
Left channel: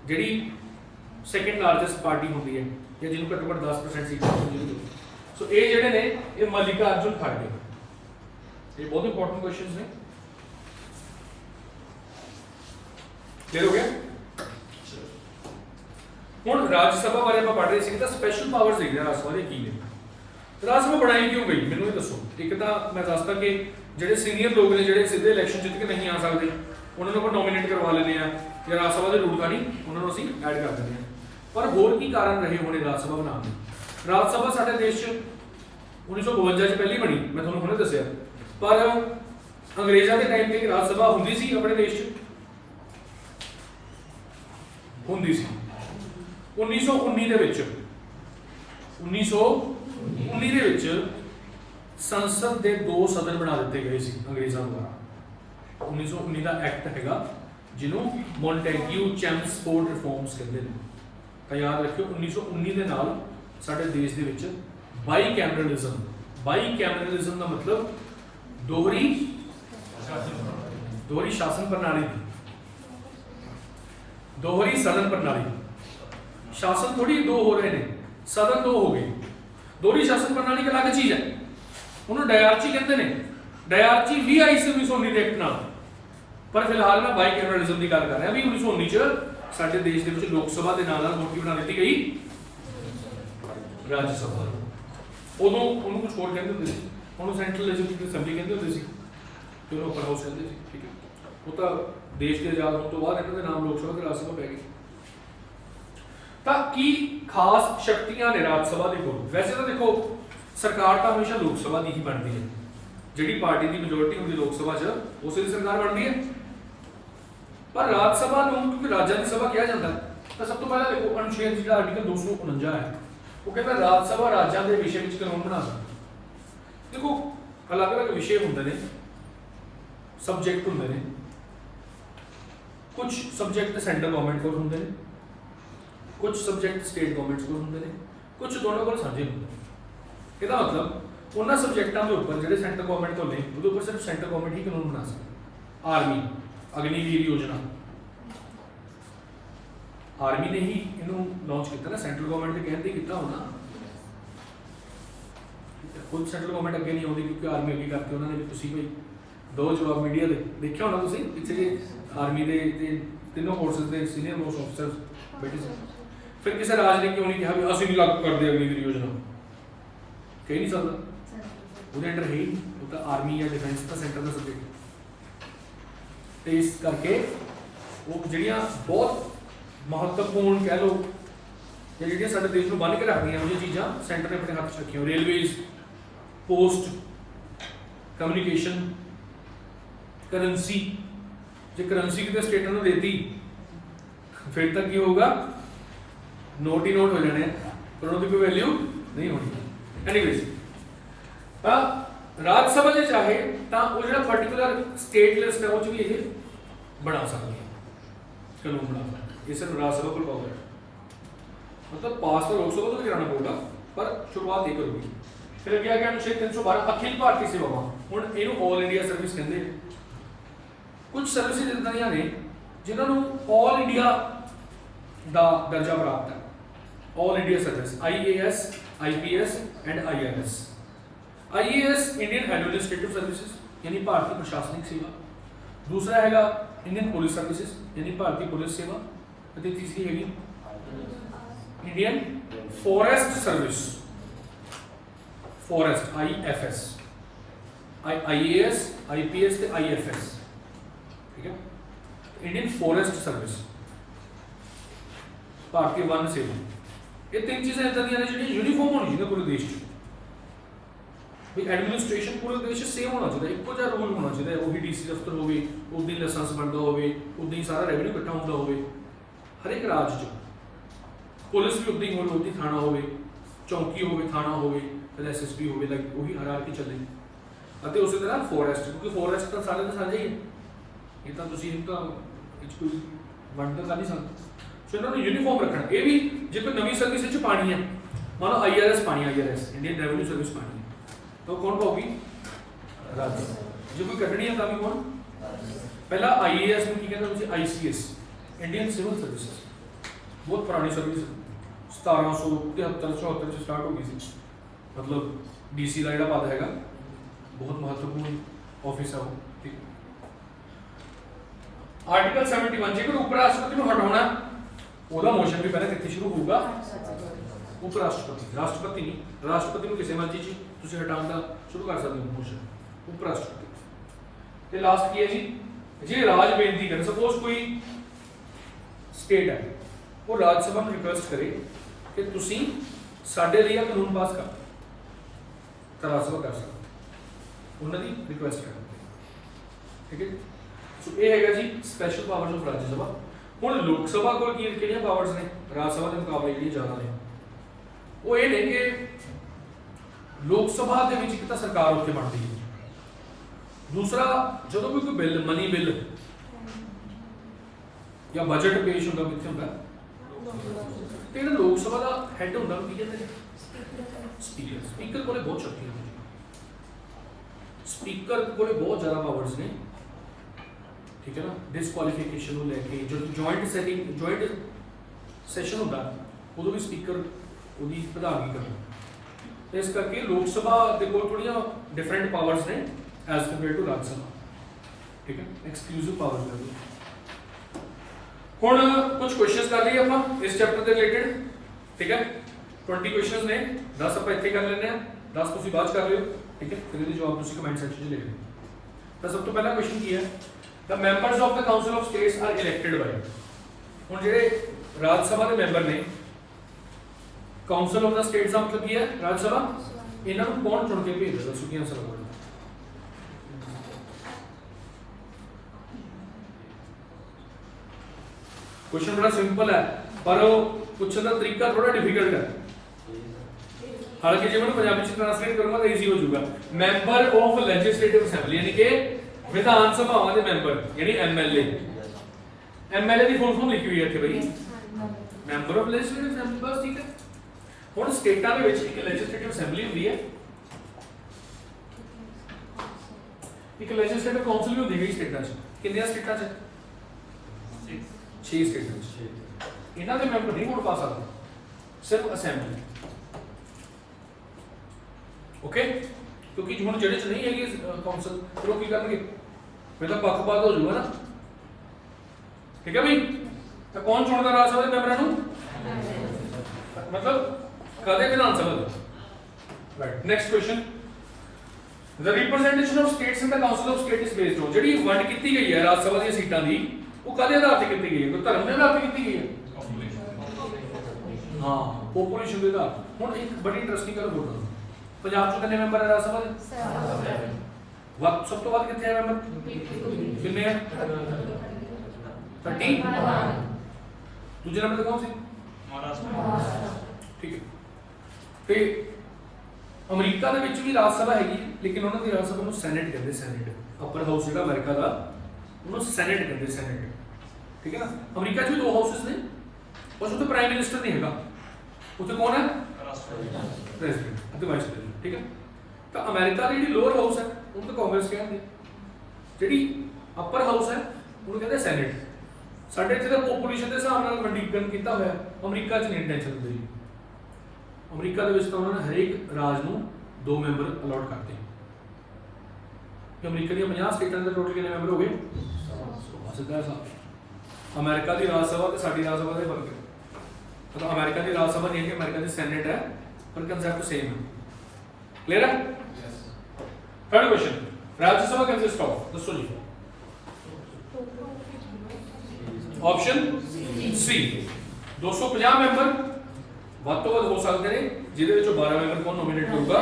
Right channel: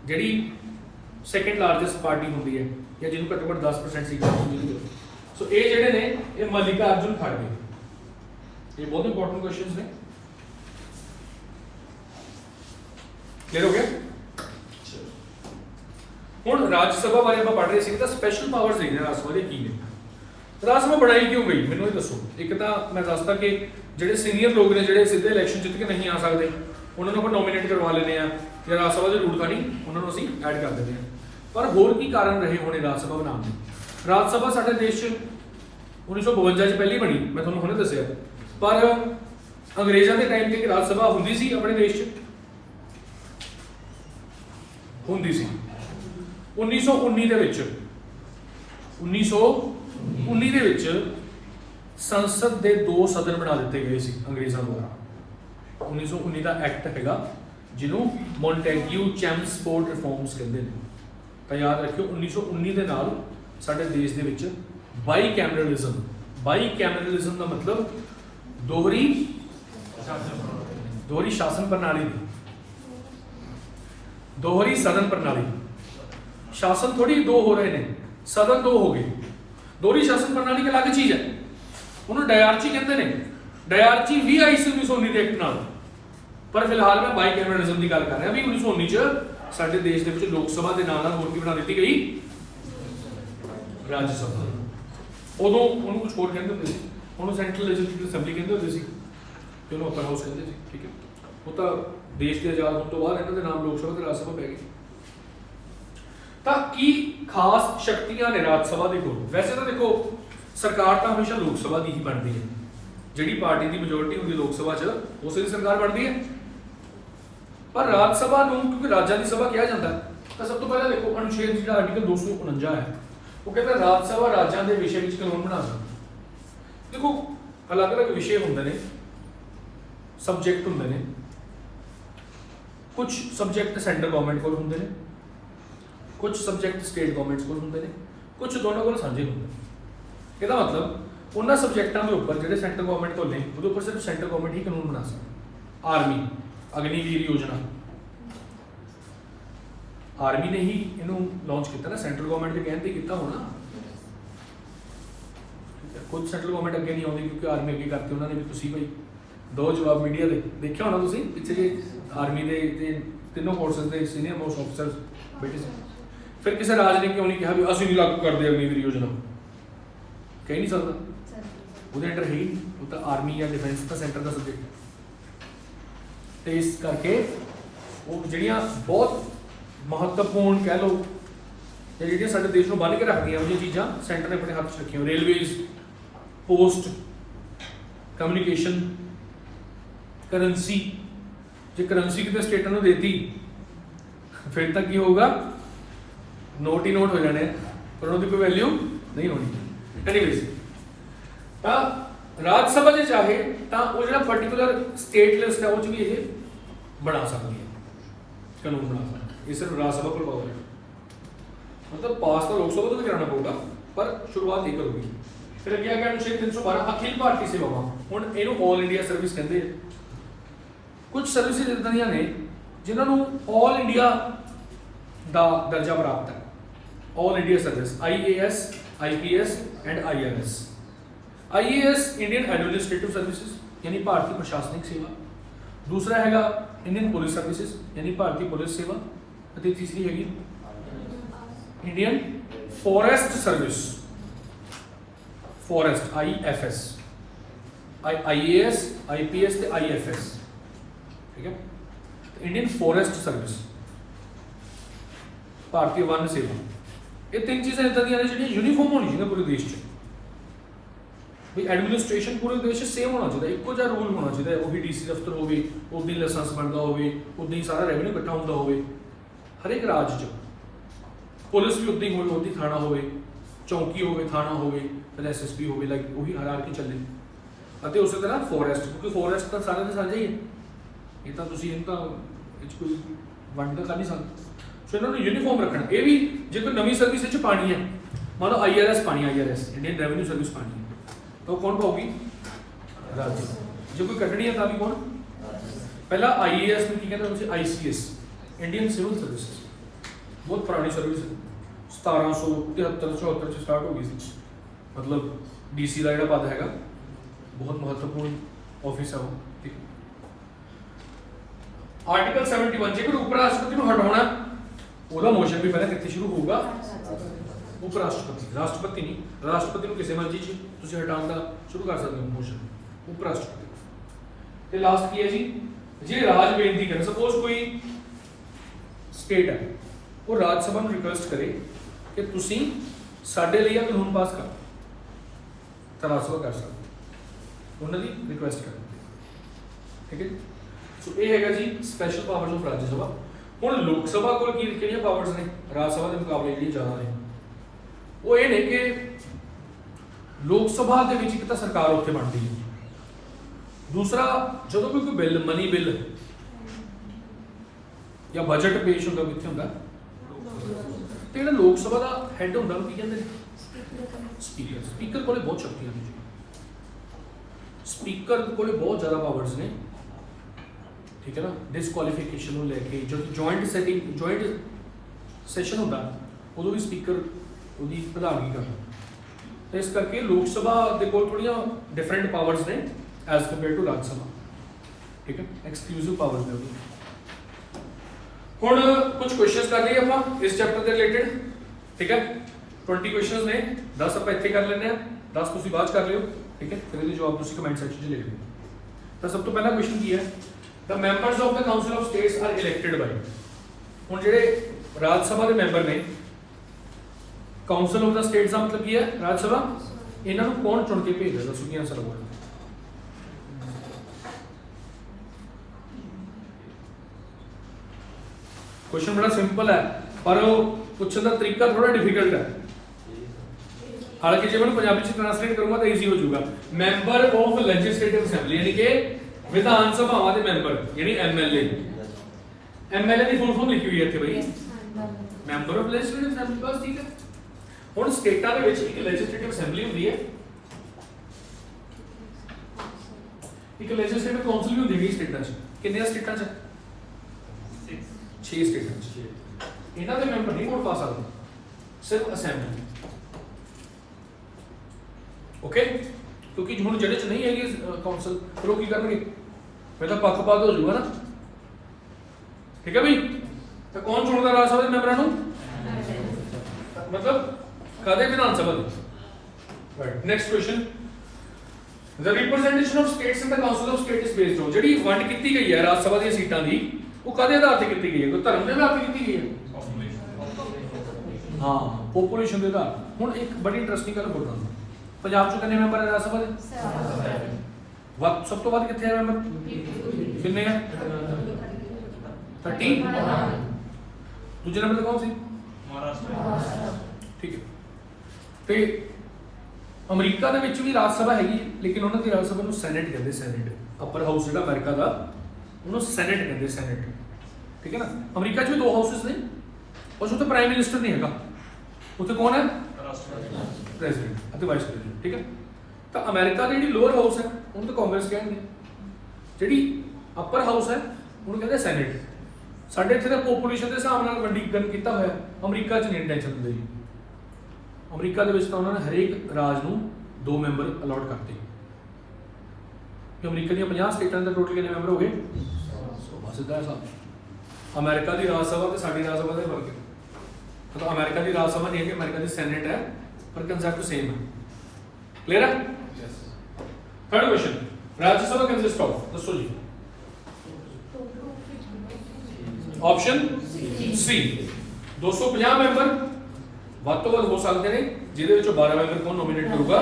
ਜਿਹੜੀ ਸੈਕੰਡ ਲਾਰਜੈਸਟ ਪਾਰਟੀ ਹੁੰਦੀ ਹੈ ਜਾਂ ਜਿਹਨੂੰ ਘੱਟੋ ਘੱਟ 10% ਸੀਟ ਮਿਲਦੀ ਹੈ ਸੋ ਇਹ ਜਿਹੜੇ ਨੇ ਇਹ ਮੱਲਿਕਾ ਅਰਜੁਨ ਖੜਗੇ ਇਹ ਬਹੁਤ ਇੰਪੋਰਟੈਂਟ ਕੁਐਸਚਨਸ ਨੇ ਕਲੀਅਰ ਹੋ ਗਿਆ ਹੁਣ ਰਾਜ ਸਭਾ ਬਾਰੇ ਆਪਾਂ ਪੜ੍ਹ ਰਹੇ ਸੀ ਤਾਂ ਸਪੈਸ਼ਲ ਪਾਵਰਸ ਦੇਖਦੇ ਹਾਂ ਰਾਜ ਸਭਾ ਦੇ ਕੀ ਨੇ ਰਾਜ ਸਭਾ ਬਣਾਈ ਕਿਉਂ ਗਈ ਮੈਨੂੰ ਇਹ ਦੱਸੋ ਇੱਕ ਤਾਂ ਮੈਂ ਦੱਸਦਾ ਕਿ ਜਿਹੜੇ ਸੀਨੀਅਰ ਲੋਕ ਨੇ ਜਿਹੜੇ ਸਿੱਧੇ ਇਲੈਕਸ਼ਨ ਜਿੱਤ ਕੇ ਨਹੀਂ ਆ ਸਕਦੇ ਉਹਨਾਂ ਨੂੰ ਆਪਾਂ ਨੋਮੀਨੇਟ ਕਰਵਾ ਲੈਂਦੇ ਆ ਜਾਂ ਰਾਜ ਸਭਾ ਦੇ ਰੂਲ ਤਾਂ ਨਹੀਂ ਉਹਨਾਂ ਨੂੰ ਅਸੀਂ ਐਡ ਕਰ ਦਿੰਦੇ ਆ ਪਰ ਹੋਰ ਕੀ ਕਾਰਨ ਰਹੇ ਹੋਣੇ ਰਾਜ ਸਭਾ ਬਣਾਉਣ ਦੇ ਰਾਜ ਸਭਾ ਸਾਡੇ ਦੇਸ਼ 'ਚ 1952 ਚ ਪਹਿਲੀ ਬਣੀ ਮੈਂ ਤੁਹਾਨੂੰ ਹੁਣੇ ਦੱਸਿਆ ਪਰ ਅੰਗਰੇਜ਼ਾਂ ਦੇ ਟਾਈਮ ਤੇ ਇੱਕ ਰਾਜ ਸਭਾ ਹੁੰਦੀ ਸੀ ਆਪਣੇ ਦੇਸ਼ 'ਚ ਹੁੰਦੀ ਸੀ 1919 ਦੇ ਵਿੱਚ 1919 ਦੇ ਵਿੱਚ ਸੰਸਦ ਦੇ 2 ਸਦਨ ਬਣਾ ਦਿੱਤੇ ਗਏ ਸੀ ਅੰਗਰੇਜ਼ਾਂ ਦੁਆਰਾ 1919 ਦਾ ਐਕਟ ਹੈਗਾ ਜਿਹਨੂੰ ਮੌਂਟੈਗਿਊ ਚੈਮਸਫੋਰਡ ਰਿਫਾਰਮਸ ਕਹਿੰਦੇ ਨੇ। ਤਾਂ ਯਾਦ ਰੱਖਿਓ 1919 ਦੇ ਨਾਲ ਸਾਡੇ ਦੇਸ਼ ਦੇ ਵਿੱਚ ਬਾਈਕੈਮਰਲਿਜ਼ਮ ਦਾ ਮਤਲਬ ਦੋਹਰੀ ਸ਼ਾਸਨ ਪ੍ਰਣਾਲੀ ਦੀ, ਦੋਹਰੀ ਸਦਨ ਪ੍ਰਣਾਲੀ। ਸ਼ਾਸਨ ਥੋੜੀ ਦੋ ਹੋ ਰਹੇ ਨੇ, ਸਦਨ ਦੋ ਹੋ ਗਏ। ਦੋਹਰੀ ਸ਼ਾਸਨ ਪ੍ਰਣਾਲੀ ਇੱਕ ਅਲੱਗ ਚੀਜ਼ ਹੈ, ਉਹਨੂੰ ਡਾਇਆਰਚੀ ਕਹਿੰਦੇ ਨੇ। ਡਾਇਆਰਚੀ ਵੀ ਆਈ ਸੀ 1919 ਦੇ ਐਕਟ ਨਾਲ, ਪਰ ਫਿਲਹਾਲ ਮੈਂ ਬਾਈਕੈਮਰਲਿਜ਼ਮ ਦੀ ਗੱਲ ਕਰ ਰਿਹਾ ਵੀ 1919 ਚ ਸਾਡੇ ਦੇਸ਼ ਦੇ ਵਿੱਚ ਲੋਕ ਸਭਾ ਦੇ ਨਾਲ ਹੋਰ ਕੀ ਬਣਾ ਦਿੱਤੀ ਗਈ, ਰਾਜ ਸਭਾ। ਉਦੋਂ ਉਹਨੂੰ ਕੁਝ ਹੋਰ ਕਹਿੰਦੇ ਹੁੰਦੇ ਸੀ, ਉਹਨੂੰ ਸੈਂਟਰਲ ਲੈਜਿਸਲੇਟਿਵ ਅਸੈਂਬਲੀ ਕਹਿੰਦੇ ਹੁੰਦੇ ਸੀ, ਤੇ ਉਹਨੂੰ ਅਪਰ ਹਾਊਸ ਕਹਿੰਦੇ ਸੀ। ਠੀਕ ਹੈ, ਉਹ ਤਾਂ ਦੇਸ਼ ਦੇ ਆਜ਼ਾਦ ਹੋਣ ਤੋਂ ਬਾਅਦ ਇਹਨਾਂ ਦੇ ਨਾਮ ਲੋਕ ਸਭਾ ਤੇ ਰਾਜ ਸਭਾ ਪੈ ਗਏ। ਤਾਂ ਕੀ ਖਾਸ ਸ਼ਕਤੀਆਂ ਨੇ ਰਾਜ ਸਭਾ ਦੇ ਕੋਲ? ਵੈਸੇ ਤਾਂ ਦੇਖੋ ਸਰਕਾਰ ਤਾਂ ਹਮੇਸ਼ਾ ਲੋਕ ਸਭਾ ਦੀ ਹੀ ਬਣਦੀ ਹੈ, ਜਿਹੜੀ ਪਾਰਟੀ ਦੀ ਮੈਜੋਰਿਟੀ ਹੁੰਦੀ ਲੋਕ ਸਭਾ 'ਚ ਉਸੇ ਦੀ ਸਰਕਾਰ ਬਣਦੀ ਹੈ। ਪਰ ਰਾਜ ਸਭਾ ਨੂੰ ਕਿਉਂਕਿ ਰਾਜਾਂ ਦੀ ਸਭਾ ਕਿਹਾ ਜਾਂਦਾ ਹੈ, ਤਾਂ ਸਭ ਤੋਂ ਪਹਿਲਾਂ ਦੇਖੋ ਅਨੁਛੇਦ ਜਿਹੜਾ ਆਰਟੀਕਲ 249 ਹੈ, ਉਹ ਕਹਿੰਦਾ ਰਾਜ ਸਭਾ ਰਾਜਾਂ ਦੇ ਵਿਸ਼ੇ ਵਿੱਚ ਕਾਨੂੰਨ ਬਣਾ ਸਕਦੀ। ਦੇਖੋ ਅਲੱਗ-ਅਲੱਗ ਵਿਸ਼ੇ ਹੁੰਦੇ ਨੇ, ਸਬਜੈਕਟ ਹੁੰਦੇ ਨੇ। ਕੁਝ ਸਬਜੈਕਟ ਸੈਂਟਰਲ ਗਵਰਨਮੈਂਟ ਕੋਲ ਹੁੰਦੇ ਨੇ, ਕੁਝ ਸਬਜੈਕਟ ਸਟੇਟ ਗਵਰਨਮੈਂਟਸ ਕੋਲ ਹੁੰਦੇ ਨੇ, ਕੁਝ ਦੋਨੋਂ ਕੋਲ ਸਾਂਝੇ ਹੁੰਦੇ ਨੇ। ਇਹਦਾ ਮਤਲਬ ਉਹਨਾਂ ਸਬਜੈਕਟਾਂ ਦੇ ਉੱਪਰ ਜਿਹੜੇ ਸੈਂਟਰਲ ਗਵਰਨਮੈਂਟ ਕੋਲ ਨੇ ਉਹਦੇ ਉੱਪਰ ਸਿਰਫ ਸੈਂਟਰਲ ਗਵਰਨਮੈਂਟ ਹੀ ਕਾਨੂੰਨ ਬਣਾ ਸਕਦੀ। ਆਰਮੀ, ਅਗਨੀਵੀਰ ਯੋਜਨਾ, ਆਰਮੀ ਨੇ ਹੀ ਇਹਨੂੰ ਲਾਂਚ ਕੀਤਾ ਨਾ, ਸੈਂਟਰਲ ਗਵਰਨਮੈਂਟ ਦੇ ਕਹਿਣ ਤੇ ਕੀਤਾ ਹੋਣਾ। ਖੁਦ ਸੈਂਟਰਲ ਗਵਰਨਮੈਂਟ ਅੱਗੇ ਨਹੀਂ ਆਉਂਦੀ ਕਿਉਂਕਿ ਆਰਮੀ ਅੱਗੇ ਕਰਤੀ ਉਹਨਾਂ ਨੇ ਵੀ ਤੁਸੀਂ ਭਾਈ ਦੋ ਜਵਾਬ ਮੀਡੀਆ ਦੇ ਦੇਖਿਆ ਹੋਣਾ ਤੁਸੀਂ ਪਿੱਛੇ ਜੇ ਆਰਮੀ ਦੇ ਤੇ ਤਿੰਨੋਂ ਫੋਰਸਸ ਦੇ ਸੀਨੀਅਰ ਮੋਸਟ ਆਫੀਸਰਸ ਬੈਠੇ ਸੀ। ਫਿਰ ਕਿਸੇ ਰਾਜ ਨੇ ਕਿਉਂ ਨਹੀਂ ਕਿਹਾ ਵੀ ਅਸੀਂ ਨਹੀਂ ਲਾਗੂ ਕਰਦੇ ਅਗਨੀਵੀਰ ਯੋਜਨਾ? ਕਹਿ ਨਹੀਂ ਸਕਦਾ, ਉਹਦੇ ਅੰਡਰ ਹੈ ਹੀ ਨਹੀਂ, ਉਹ ਤਾਂ ਆਰਮੀ ਜਾਂ ਡਿਫੈਂਸ ਦਾ ਸੈਂਟਰ ਦਾ ਸਬਜੈਕਟ। ਤੇ ਇਸ ਕਰਕੇ ਉਹ ਜਿਹੜੀਆਂ ਬਹੁਤ ਮਹੱਤਵਪੂਰਨ ਕਹਿ ਲਓ ਤੇ ਜਿਹੜੀਆਂ ਸਾਡੇ ਦੇਸ਼ ਨੂੰ ਬੰਨ੍ਹ ਕੇ ਰੱਖਦੀਆਂ ਉਹ ਚੀਜ਼ਾਂ ਸੈਂਟਰ ਨੇ ਆਪਣੇ ਹੱਥ 'ਚ ਰੱਖੀਆਂ। Railways, post, communication, currency. ਜੇ ਕਰੰਸੀ ਕਿਤੇ ਸਟੇਟਾਂ ਨੂੰ ਦੇਤੀ ਫਿਰ ਤਾਂ ਕੀ ਹੋਊਗਾ, ਨੋਟ ਹੀ ਨੋਟ ਹੋ ਜਾਣੇ, ਪਰ ਉਹਦੀ ਕੋਈ ਵੈਲਿਊ ਨਹੀਂ ਹੋਣੀ। ਐਨੀਵੇਜ਼, ਤਾਂ ਰਾਜ ਸਭਾ ਜੇ ਚਾਹੇ ਤਾਂ ਉਹ ਜਿਹੜਾ ਪਾਰਟਿਕੂਲਰ ਸਟੇਟ ਲਿਸਟ ਹੈ ਉਹ 'ਚ ਵੀ ਇਹ ਬਣਾ ਸਕਦੀ ਹੈ, ਕਾਨੂੰਨ ਬਣਾ ਸਕਦੀ ਹੈ। ਇਹ ਸਿਰਫ ਰਾਜ ਸਭਾ ਕੋਲ ਪਾਵਰ ਹੈ, ਮਤਲਬ ਪਾਸ ਤਾਂ ਲੋਕ ਸਭਾ ਤੋਂ ਵੀ ਕਰਾਉਣਾ ਪਊਗਾ, ਪਰ ਸ਼ੁਰੂਆਤ ਇਹ ਕਰੂਗੀ। ਫਿਰ ਅੱਗੇ ਆ ਗਿਆ ਅਨੁਛੇਦ 312 ਅਖਿਲ ਭਾਰਤੀ ਸੇਵਾਵਾਂ। ਹੁਣ ਇਹਨੂੰ ਆਲ ਇੰਡੀਆ ਸਰਵਿਸ ਕਹਿੰਦੇ ਆ। ਕੁਝ ਸਰਵਿਸਿਜ਼ ਇਦਾਂ ਦੀਆਂ ਨੇ ਜਿਨ੍ਹਾਂ ਨੂੰ ਆਲ ਇੰਡੀਆ ਦਾ ਦਰਜਾ ਪ੍ਰਾਪਤ ਹੈ। All India service, IAS, IPS and IRS। IAS Indian administrative services ਯਾਨੀ ਭਾਰਤੀ ਪ੍ਰਸ਼ਾਸਨਿਕ ਸੇਵਾ। ਦੂਸਰਾ ਹੈਗਾ ਇੰਡੀਅਨ ਪੁਲਿਸ ਸਰਵਿਸਿਜ਼ ਯਾਨੀ ਭਾਰਤੀ ਪੁਲਿਸ ਸੇਵਾ। ਅਤੇ ਤੀਸਰੀ ਹੈਗੀ Indian forest service, forest IFS, IAS, IPS ਤੇ IFS। ਠੀਕ ਹੈ, ਇੰਡੀਅਨ ਫੋਰੈਸਟ ਸਰਵਿਸ, ਭਾਰਤੀ ਵਨ ਸੇਵਾ। ਇਹ ਤਿੰਨ ਚੀਜ਼ਾਂ ਇਦਾਂ ਦੀਆਂ ਨੇ ਜਿਹੜੀਆਂ ਯੂਨੀਫਾਰਮ ਹੋਣੀ ਚਾਹੀਦੀਆਂ ਪੂਰੇ ਦੇਸ਼ 'ਚ। ਵੀ ਐਡਮਿਨਿਸਟ੍ਰੇਸ਼ਨ ਪੂਰੇ ਦੇਸ਼ 'ਚ ਸੇਮ ਹੋਣਾ ਚਾਹੀਦਾ, ਇੱਕੋ ਜਿਹਾ ਰੂਲ ਹੋਣਾ ਚਾਹੀਦਾ। ਉਹੀ DC ਦਫ਼ਤਰ ਹੋਵੇ, ਉਦਾਂ ਹੀ ਲਾਇਸੈਂਸ ਬਣਦਾ ਹੋਵੇ, ਉਦਾਂ ਹੀ ਸਾਰਾ ਰੈਵਨਿਊ ਇਕੱਠਾ ਹੁੰਦਾ ਹੋਵੇ ਹਰੇਕ ਰਾਜ 'ਚ। ਪੁਲਿਸ ਵੀ ਉਦਾਂ ਹੀ ਹੋਵੇ, ਉਦਾਂ ਹੀ ਥਾਣਾ ਹੋਵੇ, ਚੌਂਕੀ ਹੋਵੇ, ਥਾਣਾ ਹੋਵੇ, ਫਿਰ SSP ਹੋਵੇ, ਲਾਈਕ ਉਹੀ ਹਾਇਰਾਰਕੀ ਚੱਲੇ। ਅਤੇ ਉਸੇ ਤਰ੍ਹਾਂ ਫੋਰੈਸਟ, ਕਿਉਂਕਿ ਫੋਰੈਸਟ ਤਾਂ ਸਾਰੇ ਦੇ ਸਾਂਝਾ ਹੀ ਹੈ। ਇਹ ਤਾਂ ਤੁਸੀਂ ਇਹਨੂੰ ਤਾਂ ਇਹ 'ਚ ਕੋਈ ਵੰਡ ਤਾਂ ਕਰ ਨਹੀਂ ਸਕਦੇ। ਸੋ ਇਹਨਾਂ ਨੂੰ ਯੂਨੀਫਾਰਮ ਰੱਖਣਾ। ਇਹ ਵੀ ਜੇ ਕੋਈ ਨਵੀਂ ਸਰਵਿਸ ਵਿੱਚ ਪਾਣੀ ਹੈ, ਮੰਨ ਲਓ IRS ਪਾਣੀ, IRS ਇੰਡੀਅਨ ਰੈਵਨਿਊ ਸਰਵਿਸ ਪਾਣੀ ਹੈ, ਤਾਂ ਕੌਣ ਪਾਉਗੀ? ਰਾਜ। ਜੇ ਕੋਈ ਕੱਢਣੀ ਹੈ ਤਾਂ ਵੀ ਕੌਣ? ਪਹਿਲਾਂ IAS ਨੂੰ ਕੀ ਕਹਿੰਦੇ ਤੁਸੀਂ? ICS Indian civil services. ਬਹੁਤ ਪੁਰਾਣੀ ਸਰਵਿਸ, 1773-74 ਚ ਸਟਾਰਟ ਹੋ ਗਈ ਸੀ। ਮਤਲਬ DC ਦਾ ਜਿਹੜਾ ਪਦ ਹੈਗਾ ਬਹੁਤ ਮਹੱਤਵਪੂਰਨ ਆਫਿਸ ਆ ਉਹ। ਠੀਕ ਹੈ, ਆਰਟੀਕਲ 71 ਜੇਕਰ ਉਪ ਰਾਸ਼ਟਰਪਤੀ ਨੂੰ ਹਟਾਉਣਾ ਉਹਦਾ ਮੋਸ਼ਨ ਵੀ ਪਹਿਲਾਂ ਕਿੱਥੇ ਸ਼ੁਰੂ ਹੋਊਗਾ? ਉਪ ਰਾਸ਼ਟਰਪਤੀ, ਰਾਸ਼ਟਰਪਤੀ ਨਹੀਂ। ਰਾਸ਼ਟਰਪਤੀ ਨੂੰ ਕਿਸੇ ਮਰਜ਼ੀ ਚ ਤੁਸੀਂ ਹਟਾਉਣ ਦਾ ਸ਼ੁਰੂ ਕਰ ਸਕਦੇ ਹੋ ਮੋਸ਼ਨ, ਉਪ ਰਾਸ਼ਟਰਪਤੀ। ਤੇ ਲਾਸਟ ਕੀ ਹੈ ਜੀ? ਜੇ ਰਾਜ ਬੇਨਤੀ ਕਰੇ, ਸਪੋਜ਼ ਕੋਈ ਸਟੇਟ ਹੈ, ਉਹ ਰਾਜ ਸਭਾ ਨੂੰ ਰਿਕੁਐਸਟ ਕਰੇ ਕਿ ਤੁਸੀਂ ਸਾਡੇ ਲਈ ਇਹ ਕਾਨੂੰਨ ਪਾਸ ਕਰੋ, ਤਾਂ ਰਾਜ ਸਭਾ ਕਰ ਸਕਦੀ ਉਹਨਾਂ ਦੀ ਰਿਕੁਐਸਟ ਕਰਕੇ। ਠੀਕ ਹੈ, ਸੋ ਇਹ ਹੈਗਾ ਜੀ ਸਪੈਸ਼ਲ ਪਾਵਰਸ ਆਫ ਰਾਜ ਸਭਾ। ਹੁਣ ਲੋਕ ਸਭਾ ਕੋਲ ਕਿਹੜੀਆਂ ਪਾਵਰਸ ਨੇ ਰਾਜ ਸਭਾ ਦੇ ਮੁਕਾਬਲੇ ਜਿਹੜੀਆਂ ਜ਼ਿਆਦਾ ਨੇ? ਉਹ ਇਹ ਨੇ ਕਿ ਲੋਕ ਸਭਾ ਦੇ ਵਿੱਚ ਇੱਕ ਤਾਂ ਸਰਕਾਰ ਉੱਥੇ ਬਣਦੀ ਹੈ, दूसरा जो भी कोई बिल मनी बिल या बजट पेश होंदा कित्थे होंदा ते जेह्ड़ा लोक सभा दा हैड होंदा ओह् की कहंदे ने स्पीकर स्पीकर कोले बहुत शक्तियां ने स्पीकर कोले बहुत ज़्यादा पावर्स ने ठीक है ना डिसकुआलीफिकेशन को लेके जो जॉइंट सैशन होंदा उदों भी स्पीकर ਉਹਦੀ ਪ੍ਰਧਾਨਗੀ ਕਰਦਾ ਤੇ ਇਸ ਕਰਕੇ ਲੋਕ ਸਭਾ ਦੇ ਕੋਲ ਥੋੜੀਆਂ ਡਿਫਰੈਂਟ ਪਾਵਰਸ ਨੇ ਐਜ਼ ਕੰਪੇਅਰ ਟੂ ਰਾਜ ਸਭਾ ਠੀਕ ਹੈ ਐਕਸਕਲੂਸਿਵ ਪਾਵਰਸ ਨੇ ਹੁਣ ਕੁਝ ਕੁਐਸਚਨਸ ਕਰ ਲਈਏ ਆਪਾਂ ਇਸ ਚੈਪਟਰ ਦੇ ਰਿਲੇਟਡ ਠੀਕ ਹੈ 20 ਕੁਐਸਚਨਸ ਨੇ 10 ਆਪਾਂ ਇੱਥੇ ਕਰ ਲੈਂਦੇ ਆ 10 ਤੁਸੀਂ ਬਾਅਦ 'ਚ ਕਰ ਲਿਓ ਠੀਕ ਹੈ ਫਿਰ ਇਹਦੇ ਜਵਾਬ ਤੁਸੀਂ ਕਮੈਂਟ ਸੈਕਸ਼ਨ 'ਚ ਲਿਖ ਦਿਓ ਤਾਂ ਸਭ ਤੋਂ ਪਹਿਲਾ ਕੁਐਸਚਨ ਕੀ ਹੈ the members of the council of states are elected by ਹੁਣ ਜਿਹੜੇ ਰਾਜ ਸਭਾ ਦੇ ਮੈਂਬਰ ਨੇ ਕਾਉਂਸਲ ਆਫ ਦਾ ਸਟੇਟਸ ਦਾ ਮਤਲਬ ਕੀ ਹੈ ਰਾਜ ਸਭਾ ਇਹਨਾਂ ਨੂੰ ਕੌਣ ਚੁਣ ਕੇ ਭੇਜਦਾ ਦੱਸੋ ਕੀ ਆਨਸਰ ਹੋਊਗਾ क्वेश्चन बड़ा सिंपल है पर वो पूछने का तरीका थोड़ा डिफिकल्ट है हालांकि जब मैं पंजाबी में ट्रांसलेट करूंगा तो इजी हो जाएगा मैंबर ऑफ लेजिस्लेटिव असेंबली यानी कि विधान सभावां दे मैंबर यानी एमएलए एमएलए की फुल फॉर्म लिखी हुई है इत्थे भाई मैंबर ऑफ लेजिस्लेटिव असेंबली बस ठीक है हुण स्टेटां दे विच एक लेजिस्लेटिव असेंबली हुंदी है एक लेजिस्लेटिव काउंसिल भी हुंदी है स्टेटां च कितने स्टेटां च 6 स्टेटां च इन्हां दे मैंबर नहीं होण पा सकदे सिर्फ असेंबली ओके क्योंकि हुण जेहड़े च नहीं हैगी काउंसिल फिर वो की करनगे फिर तो पक्षपात हो जाऊगा ना ठीक है भाई तो कौन चुनदा राज सभा दे मैंबरां नूं मतलब कदे Vidhan Sabha right next question the representation of states in the council of state is based on जेहड़ी वंड कीती गई है राज सभा दी सीटां दी वो कदे आधार ते कीती गई है कोई धर्म दे आधार ते कीती गई है हां पॉपुलेशन दे आधार हुण एक बड़ी इंटरेस्टिंग गल बोल रहा पंजाब च कितने मैंबर है राज सभा दे वक्त सब तो बाद कितने है मैंबर कितने है 30 दूसरे नंबर ते कौन सी महाराष्ट्र ठीक है ਤੇ ਅਮਰੀਕਾ ਦੇ ਵਿੱਚ ਵੀ ਰਾਜ ਸਭਾ ਹੈਗੀ ਲੇਕਿਨ ਉਹਨਾਂ ਦੀ ਰਾਜ ਸਭਾ ਨੂੰ ਸੈਨੇਟ ਕਹਿੰਦੇ ਸੈਨੇਟ ਅਪਰ ਹਾਊਸ ਜਿਹੜਾ ਅਮਰੀਕਾ ਦਾ ਉਹਨੂੰ ਸੈਨੇਟ ਕਹਿੰਦੇ ਸੈਨੇਟ ਠੀਕ ਹੈ ਨਾ ਅਮਰੀਕਾ 'ਚ ਵੀ ਦੋ ਹਾਊਸਸ ਨੇ ਉਸ ਉੱਤੇ ਪ੍ਰਾਈਮ ਮਿਨਿਸਟਰ ਨਹੀਂ ਹੈਗਾ ਉੱਥੇ ਕੌਣ ਹੈ ਪ੍ਰੈਜ਼ੀਡੈਂਟ ਅਤੇ ਵਾਈਸ ਪ੍ਰੈਜ਼ੀਡੈਂਟ ਠੀਕ ਹੈ ਤਾਂ ਅਮਰੀਕਾ ਦੀ ਜਿਹੜੀ ਲੋਅਰ ਹਾਊਸ ਹੈ ਉਹਨੂੰ ਤਾਂ ਕਾਂਗਰਸ ਕਹਿੰਦੇ ਜਿਹੜੀ ਅਪਰ ਹਾਊਸ ਹੈ ਉਹਨੂੰ ਕਹਿੰਦੇ ਸੈਨੇਟ ਸਾਡੇ ਇੱਥੇ ਦਾ ਪੋਪੂਲੇਸ਼ਨ ਦੇ ਹਿਸਾਬ ਨਾਲ ਵੰਡੀਕਰਨ ਕੀਤਾ ਹੋਇਆ ਅਮਰੀਕਾ 'ਚ ਨਹੀਂ ਇੰਟੈਂਸ਼ਨ ਹੁੰਦੀ ਜੀ ਅਮਰੀਕਾ ਦੇ ਵਿੱਚ ਤਾਂ ਉਹਨਾਂ ਨੇ ਹਰੇਕ ਰਾਜ ਨੂੰ 2 ਮੈਂਬਰ ਅਲਾਟ ਕਰਤੇ ਕਿ ਅਮਰੀਕਾ ਦੀਆਂ 50 ਸਟੇਟਾਂ ਦੇ ਟੋਟਲ ਕਿੰਨੇ ਮੈਂਬਰ ਹੋ ਗਏ 100 ਸਿੱਧਾ ਹਿਸਾਬ ਅਮਰੀਕਾ ਦੀ ਰਾਜ ਸਭਾ ਤੇ ਸਾਡੀ ਰਾਜ ਸਭਾ ਦੇ ਫਰਕ ਹੈ ਤਾਂ ਅਮਰੀਕਾ ਦੀ ਰਾਜ ਸਭਾ ਨਹੀਂ ਹੈ ਕਿ ਅਮਰੀਕਾ ਦੀ ਸੈਨੇਟ ਹੈ ਪਰ ਕਨਸੈਪਟ ਸੇਮ ਹੈ ਕਲੀਅਰ ਹੈ third question Raj Sabha consist of ਦੱਸੋ ਜੀ ਆਪਸ਼ਨ ਸੀ 250 ਮੈਂਬਰ ਵੱਧ ਤੋਂ ਵੱਧ ਹੋ ਸਕਦੇ ਨੇ ਜਿਹਦੇ ਵਿੱਚੋਂ 12 ਮੈਂਬਰ ਕੌਣ ਨੋਮੀਨੇਟ ਕਰੂਗਾ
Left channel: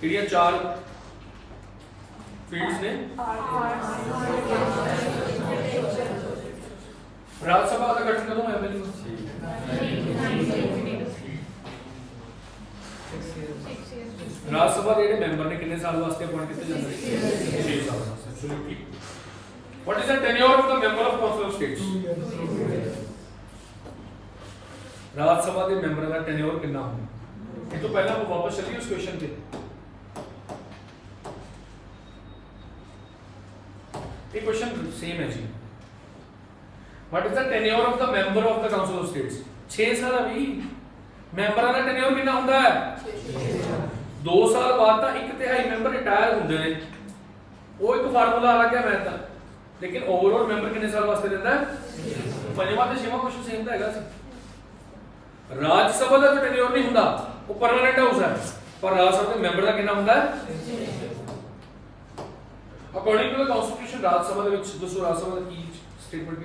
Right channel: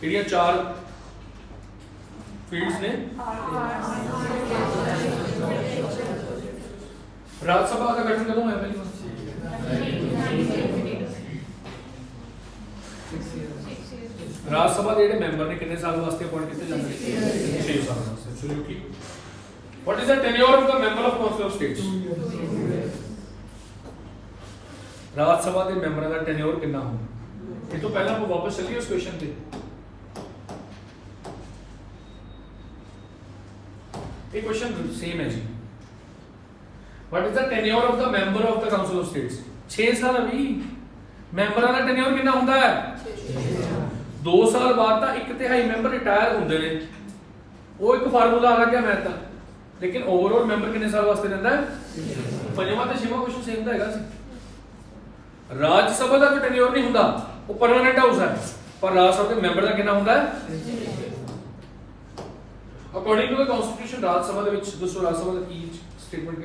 ਕਿਹੜੀਆਂ 4 ਫੀਲਡਸ ਨੇ ਰਾਜ ਸਭਾ ਦਾ ਗਠਨ ਕਦੋਂ ਹੋਇਆ ਪਹਿਲੀ ਰਾਜ ਸਭਾ ਦੇ ਜਿਹੜੇ ਮੈਂਬਰ ਨੇ ਕਿੰਨੇ ਸਾਲ ਵਾਸਤੇ ਅਪਾਇੰਟ ਕੀਤੇ ਜਾਂਦੇ ਨੇ 6 ਸਾਲ ਵਾਸਤੇ absolutely what is the tenure of the member of council of states ਰਾਜ ਸਭਾ ਦੇ ਮੈਂਬਰਾਂ ਦਾ ਟੈਨਿਓਰ ਕਿੰਨਾ ਹੁੰਦਾ ਇਹ ਤੋਂ ਪਹਿਲਾਂ ਆਪਾਂ ਵਾਪਸ ਚੱਲੀਏ ਉਸ ਕੁਐਸਚਨ ਤੇ ਇਹ ਕੁਐਸਚਨ ਸੇਮ ਹੈ ਜੀ what is the tenure of the member of the council of states 6 ਸਾਲ ਹੈ ਵੀ ਮੈਂਬਰਾਂ ਦਾ ਟੈਨਿਓਰ ਕਿੰਨਾ ਹੁੰਦਾ ਹੈ 2 ਸਾਲ ਬਾਅਦ ਤਾਂ 1/3 ਮੈਂਬਰ ਰਿਟਾਇਰ ਹੁੰਦੇ ਨੇ ਉਹ ਇੱਕ ਫਾਰਮੂਲਾ ਆ ਗਿਆ ਮੈਂ ਤਾਂ लेकिन ओवरऑल मेंबर कितने साल वास्ते रहता है पंजवां ते छेवां क्वेश्चन सेम दा हैगा सी राज्य सभा दा कोई टेन्योर नहीं हुंदा वो परमानेंट हाउस है पर राज्य सभा दे मेंबर दा कितना हुंदा है अकॉर्डिंग टू द कॉन्स्टिट्यूशन राज्य सभा दे विच दसो राज्य सभा दा की स्टेटमेंट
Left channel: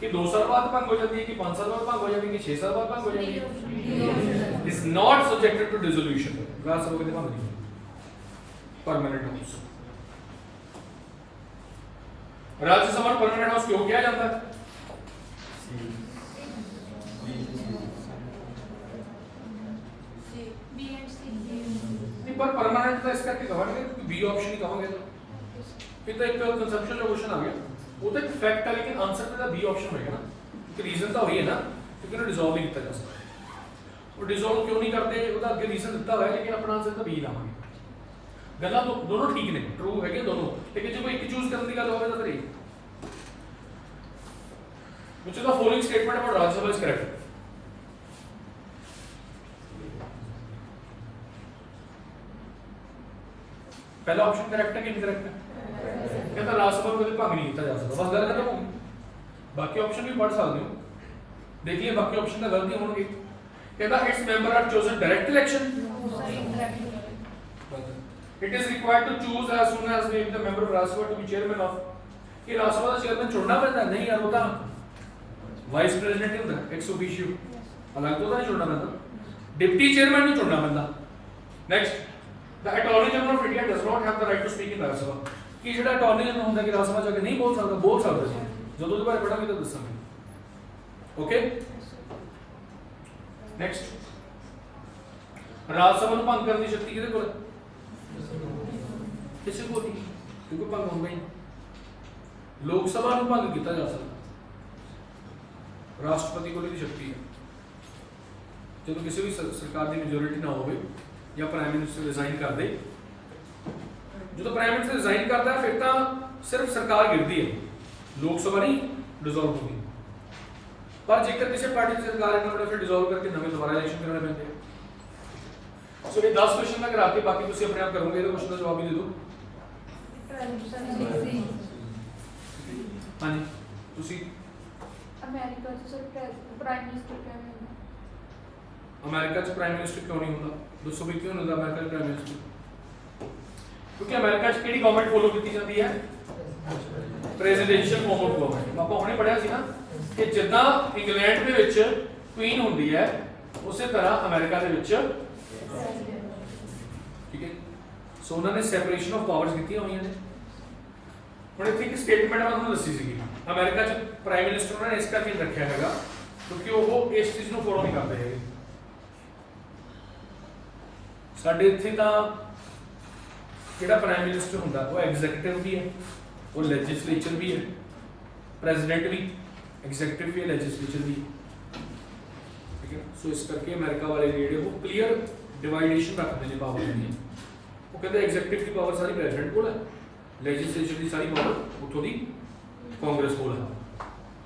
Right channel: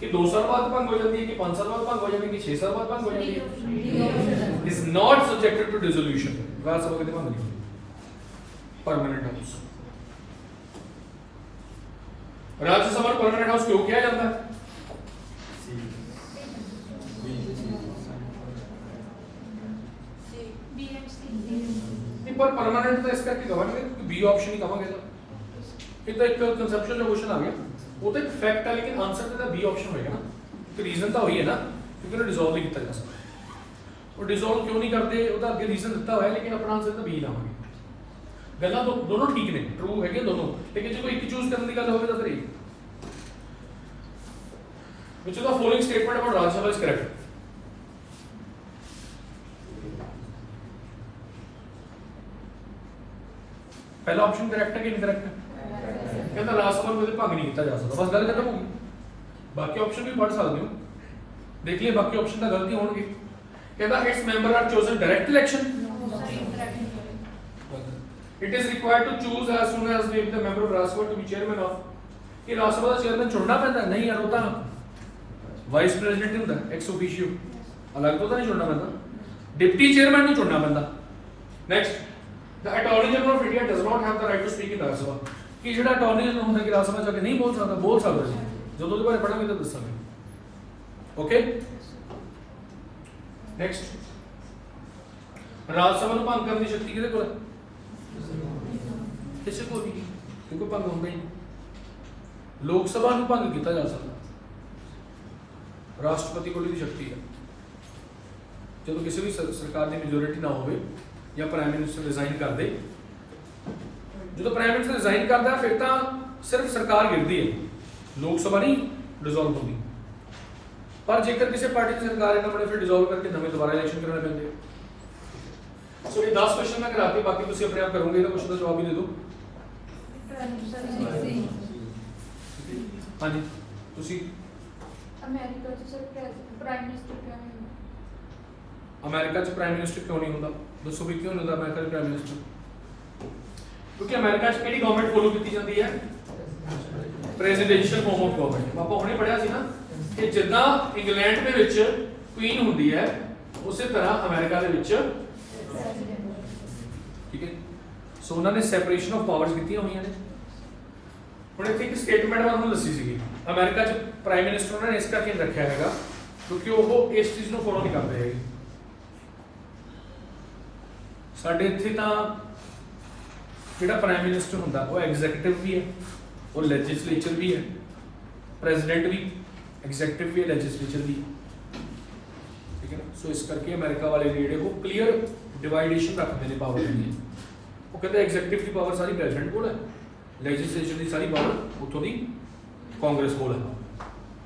कि 2 साल बाद भंग हो जाती है कि 5 साल बाद भंग हो जाती है कि 6 साल बाद भंग हो जाती है is not subjected to dissolution Rajya Sabha कदे भंग नहीं permanent house Rajya Sabha permanent house क्यों किया जाता है नहीं पर परमानेंट तो इसका गवर्नमेंट बी ऑप्शन ही कहांगे तो एक तो एक कंसेप्चुअल क्वेश्चन आ गया वो तो एक फैक्ट है लेकिन आंसर तो बी ऑप्शन होएगा ना तो रीजन तो वही है ना क्योंकि उन्हें डिसॉल्व नहीं किया जा सकता और डिसॉल्व क्यों नहीं करते ਉਹਦਾ ਅੱਗੇ ਰੀਜ਼ਨ ਦਿੱਤਾ ਹੋਇਆ लेकिन अपना आंसर तो बी ना होगी ਗੱਲਾਂ तो दोनों ठीक ने ट्रू है दोनों लेकिन जो एक चूज करने की गल होवे तो फिर which of the following statement about Rajya Sabha is correct पहला ऑप्शन करेक्ट है कि इनकरेक्ट है कहता लास्ट सवाल में भंग नहीं किया जा सकता बस गल खत्म होगी बाकी ऑप्शन भी पढ़ सकते हो देख लिए बाकी ऑप्शन का गलती होंगे कहता it's member are chosen direct election it is required to choose as soon as the member of Rajya Sabha to be chairman of ये राज्य सभा का चेयरमैन चुनना पैंदा नहीं यार होता वाइस प्रेसिडेंट ही होता एक्स ऑफिशियो अलग तो नहीं चुनना पैंदा डिप्टी चेयरमैन ਨੂੰ ਚੁਣਨਾ ਪੈਂਦਾ next The Attorney General of India does not have the right to speak in Rajya Sabha. कि ਜਿਹੜਾ Attorney General ਹੁੰਦਾ ਕਿ ਰਾਜ ਸਭਾ ਚ ਆ ਕੇ ਨਹੀਂ ਬੋਲ ਸਕਦਾ ਸੀ ਜਦੋਂ ਉਹਦੇ ਬਾਰੇ ਪੜਾਂਗੇ ਤਾਂ ਦੱਸਾਂਗੇ ਓਕੇ ਨੈਕਸਟ ਰਾਜ ਸਭਾ ਨੂੰ ਭੰਗ ਕਰਨ ਦੀ ਸ਼ਕਤੀ ਕਿਹਦੇ ਕੋਲ ਹੈ ਕਿਸੇ ਕੋਲ ਨਹੀਂ ਕਿਉਂਕਿ ਭੰਗ ਹੁੰਦਾ ਹੀ ਲੋਕ ਸਭਾ ਨੂੰ ਭੰਗ ਕੀਤਾ ਜਾ ਸਕਦਾ ਰਾਸ਼ਟਰਪਤੀ ਕੋਲ ਇਹਦੀ ਸ਼ਕਤੀ ਹੈ ਜਦੋਂ ਕਿਸੇ ਵੀ ਸਰਕਾਰ ਦੀ ਮੈਜੋਰਿਟੀ ਨਾ ਹੋਵੇ ਜਾਂ ਪ੍ਰਾਈਮ ਮਿਨਿਸਟਰ ਰਿਜ਼ਾਈਨ ਕਰ ਦੇ ਜਦੋਂ ਪ੍ਰਾਈਮ ਮਿਨਿਸਟਰ ਰਿਜ਼ਾਈਨ ਕਰਦਾ ਹੈ ਫਿਰ ਤਾਂ ਸਿਰਫ ਸਰਕਾਰ ਗਿਰਦੀ ਹੈ ਲੋਕ ਸਭਾ ਨਹੀਂ ਡਿਸੋਲਵ ਹੁੰਦੀ ਪਰ ਜੇਕਰ ਕਿਸੇ ਪਾਰਟੀ ਦੀ ਸਰਕਾਰ ਇਹਨਾਂ ਬੜੇ ਫਿਰ ਡਿਸੋਲਵ ਕਰਕੇ ਨਵੇਂ ਦੁਬਾਰਾ ਇਲੈਕਸ਼ਨ ਕਰਾਉਣੇ ਪੈਂਦੇ ਆ ਸੋ ਇਹ 10 ਕੁਐਸਚਨ ਮੈਂ ਕਰਾਤੇ ਬਾਕੀ ਤੁਸੀਂ ਆਪਣੇ ਆਪ ਕਰੋਗੇ ਇਹਦਾ ਕੁਐਸਚਨ ਦਾ ਜਵਾਬ ਵੀ ਦੇ ਦਿਓ ਹਾਂਜੀ ਤੁਸੀਂ ਅਮਰੀਕਾ ਚ ਸਰ ਪ੍ਰਾਈਮ ਮਿਨਿਸਟਰ ਅਮਰੀਕਾ ਚ ਪ੍ਰਾਈਮ ਮਿਨਿਸਟਰ ਕਿਉਂ ਨਹੀਂ ਹੁੰਦਾ ਦੱਸੋ ਵੀ ਕਿਉਂ ਨਹੀਂ ਹੁੰਦਾ ਅਮਰੀਕਾ ਚ ਪ੍ਰਾਈਮ ਮਿਨਿਸਟਰ ਕਿਉਂਕਿ ਅਮਰੀਕਾ ਚ ਕਿਹੜੀ ਗਵਰਨਮੈਂਟ ਫੋਲੋ ਕੀਤੀ ਜਾਂਦੀ ਹੈ ਪ੍ਰੈਜ਼ੀਡੈਂਸ਼ੀਅਲ ਫਾਰਮ ਆਫ ਗਵਰਨਮੈਂਟ ਆਪਾਂ ਹੁਣੇ ਪੜਿਆ ਸੀ ਨਾ ਕਿ ਜਿੱਦਾਂ ਇੰਗਲੈਂਡ ਦੇ ਵਿੱਚ ਕੁਈਨ ਹੁੰਦੀ ਹੈ ਉਸੇ ਤਰ੍ਹਾਂ ਅਮਰੀਕਾ ਦੇ ਵਿੱਚ ਠੀਕ ਹੈ ਸੋ ਉਹਨਾਂ ਨੇ ਸੈਪਰੇਸ਼ਨ ਆਫ ਪਾਵਰਸ ਕੀਤੀਆਂ ਹੋਈਆਂ ਨੇ ਹੁਣ ਇੱਥੇ ਇੱਕ ਸਟੇਟਮੈਂਟ ਮੈਂ ਤੁਹਾਨੂੰ ਦੱਸੀ ਸੀਗੀ ਅਮਰੀਕਾ ਚ ਪ੍ਰਾਈਮ ਮਿਨਿਸਟਰ ਉਹਨਾਂ ਨੇ ਇਸ ਕਰਕੇ ਰੱਖਿਆ ਹੈਗਾ ਕਿਉਂਕਿ ਉਹ ਇਸ ਚੀਜ਼ ਨੂੰ ਫੋਲੋ ਨਹੀਂ ਕਰਦੇ ਹੈਗੇ ਸਾਡੇ ਇੱਥੇ ਤਾਂ ਜਿਹੜਾ ਪ੍ਰਾਈਮ ਮਿਨਿਸਟਰ ਹੁੰਦਾ ਉਹ ਐਗਜ਼ੀਕਿਊਟਿਵ ਵੀ ਹੈ ਉਹ ਲੈਜਿਸਲੇਚਰ ਵੀ ਹੈ ਪ੍ਰੈਜ਼ੀਡੈਂਟ ਵੀ ਐਗਜ਼ੀਕਿਊਟਿਵ ਵੀ ਹੈ ਲੈਜਿਸਲੇਚਰ ਵੀ ਠੀਕ ਹੈ ਨਾ ਸੋ ਇਸ ਕਰਕੇ ਅਮਰੀਕਾ ਵਾਲੇ ਜਿਹੜੇ ਉਹ ਕਲੀਅਰ ਡਿਵਾਈਡੇਸ਼ਨ ਰੱਖਦੇ ਨੇ ਪਾਵਰ ਦੀ ਉਹ ਕਹਿੰਦੇ ਐਗਜ਼ੀਕਿਊਟਿਵ ਦੀ ਪਾਵਰ ਸਾਰੀ ਪ੍ਰੈਜ਼ੀਡੈਂਟ ਕੋਲ ਹੈ ਲੈਜਿਸਲੇਚਰ ਦੀ ਸਾਰੀ ਪਾਵਰ ਉੱਥੋਂ ਦੀ ਕਾਂਗਰਸ ਕੋਲ ਹੈ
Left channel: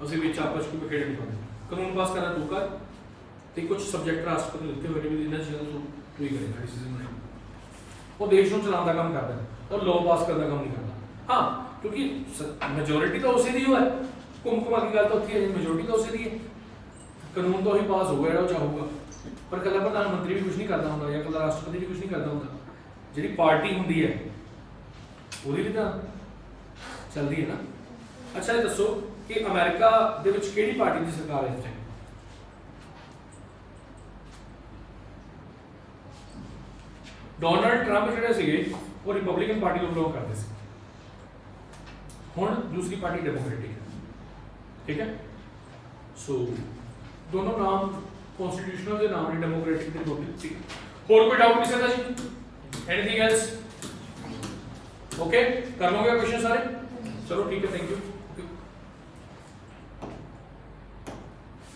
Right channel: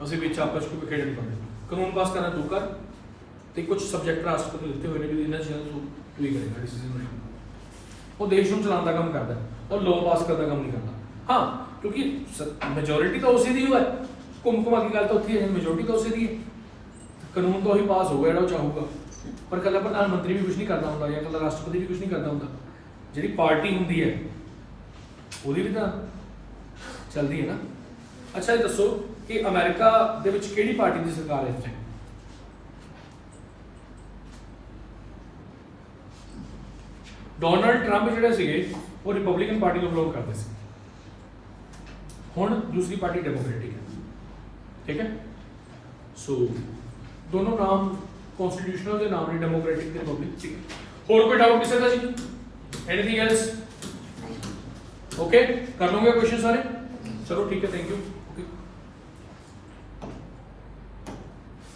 ਅਸੀਂ ਵਿੱਚ ਆਪਸ ਵਿੱਚ ਖੇਡ ਨਹੀਂ ਪਾਉਂਦੇ ਕਾਨੂੰਨ ਪਾਸ ਕਰਨਾ ਤੂੰ ਕਰ ਤੇ ਕੁਝ ਸਬਜੈਕਟ ਰਾਸ਼ਟਰਪਤੀ ਦਿੱਤੇ ਹੋਏ ਨੇ ਵੀ ਇਹਨਾਂ ਚੀਜ਼ਾਂ ਤੂੰ ਹੀ ਕਰੇਗਾ ਡਿਸੀਜਨ ਮੇਕਿੰਗ ਉਹ ਦੇਸ਼ ਨੂੰ ਚਲਾਉਣ ਦਾ ਕੰਮ ਕਰਦਾ ਉਹ ਲਾਅ ਪਾਸ ਕਰਨ ਦਾ ਕੰਮ ਨਹੀਂ ਕਰਦਾ ਹਾਂ ਕਿਉਂਕਿ ਮੈਜੋਰਿਟੀ ਤਾਂ ਉਸੇ ਦੀ ਹੈ ਘੁੰਮਾ ਦੀ ਗੱਲ ਤਾਂ ਉੱਥੇ ਹੈ ਮੈਜੋਰਿਟੀ ਤਾਂ ਉਸੇ ਦੀ ਹੈ ਕਾਨੂੰਨ ਤਾਂ ਉਹੀ ਪਾਸ ਹੋਊਗਾ ਜਿਹੜਾ ਉਹ ਚਾਹੂਗਾ ਪਰ ਕੱਲਾ ਪ੍ਰਧਾਨ ਮੰਤਰੀ ਵੀ ਕੁਝ ਨਹੀਂ ਕਰਦਾ ਹੁੰਦਾ ਜਾਂ ਕੱਲਾ ਰਾਸ਼ਟਰਪਤੀ ਵੀ ਕੁਝ ਨਹੀਂ ਕਰਦਾ ਹੁੰਦਾ ਜਿਹੜੀ ਪਾਰਟੀ ਹੁੰਦੀ ਹੈ ਉਹਦੀ ਵੀ ਤਾਂ ਚੱਲਦੀ ਹੈ ਨਾ ਅੱਛਾ ਇਹ ਦੱਸੋ ਕਿ ਅਮਰੀਕਾ ਦੇ ਵਿੱਚ ਕਿਹੜੀ ਪਾਰਟੀ ਦੀ ਸਰਕਾਰ ਹੈ ਇੱਥੇ ਡੋਨਲਡ ਟਰੰਪ ਜਿਹੜੇ ਸੀਗੇ ਉਹ ਰਿਪਬਲਿਕਨ ਪਾਰਟੀ ਨੂੰ ਬਿਲੋਂਗ ਕਰਦੇ ਸੀ ਹੁਣ ਦੂਸਰੀ ਪਾਰਟੀ ਡੈਮੋਕ੍ਰੈਟਿਕ ਹੈ ਠੀਕ ਹੈ ਸੋ ਦੋਨੋਂ ਨਾਮ ਕਨਸਟੀਟਿਊਸ਼ਨਲ ਦੇ ਨਾਮ ਨੇ ਡੈਮੋਕ੍ਰੈਟਿਕ ਤੇ ਰਿਪਬਲਿਕ ਠੀਕ ਹੋਰ ਕੋਈ ਡਾਊਟ ਕਿਸੇ ਦਾ ਜੀ ਐਨੀਥਿੰਗ ਐਲਸ ਓਕੇ ਕਰ ਲਓਗੇ ਕੁਐਸਚਨ ਸਾਰੇ ਚਲੋ ਠੀਕ ਹੈ ਥੈਂਕ ਯੂ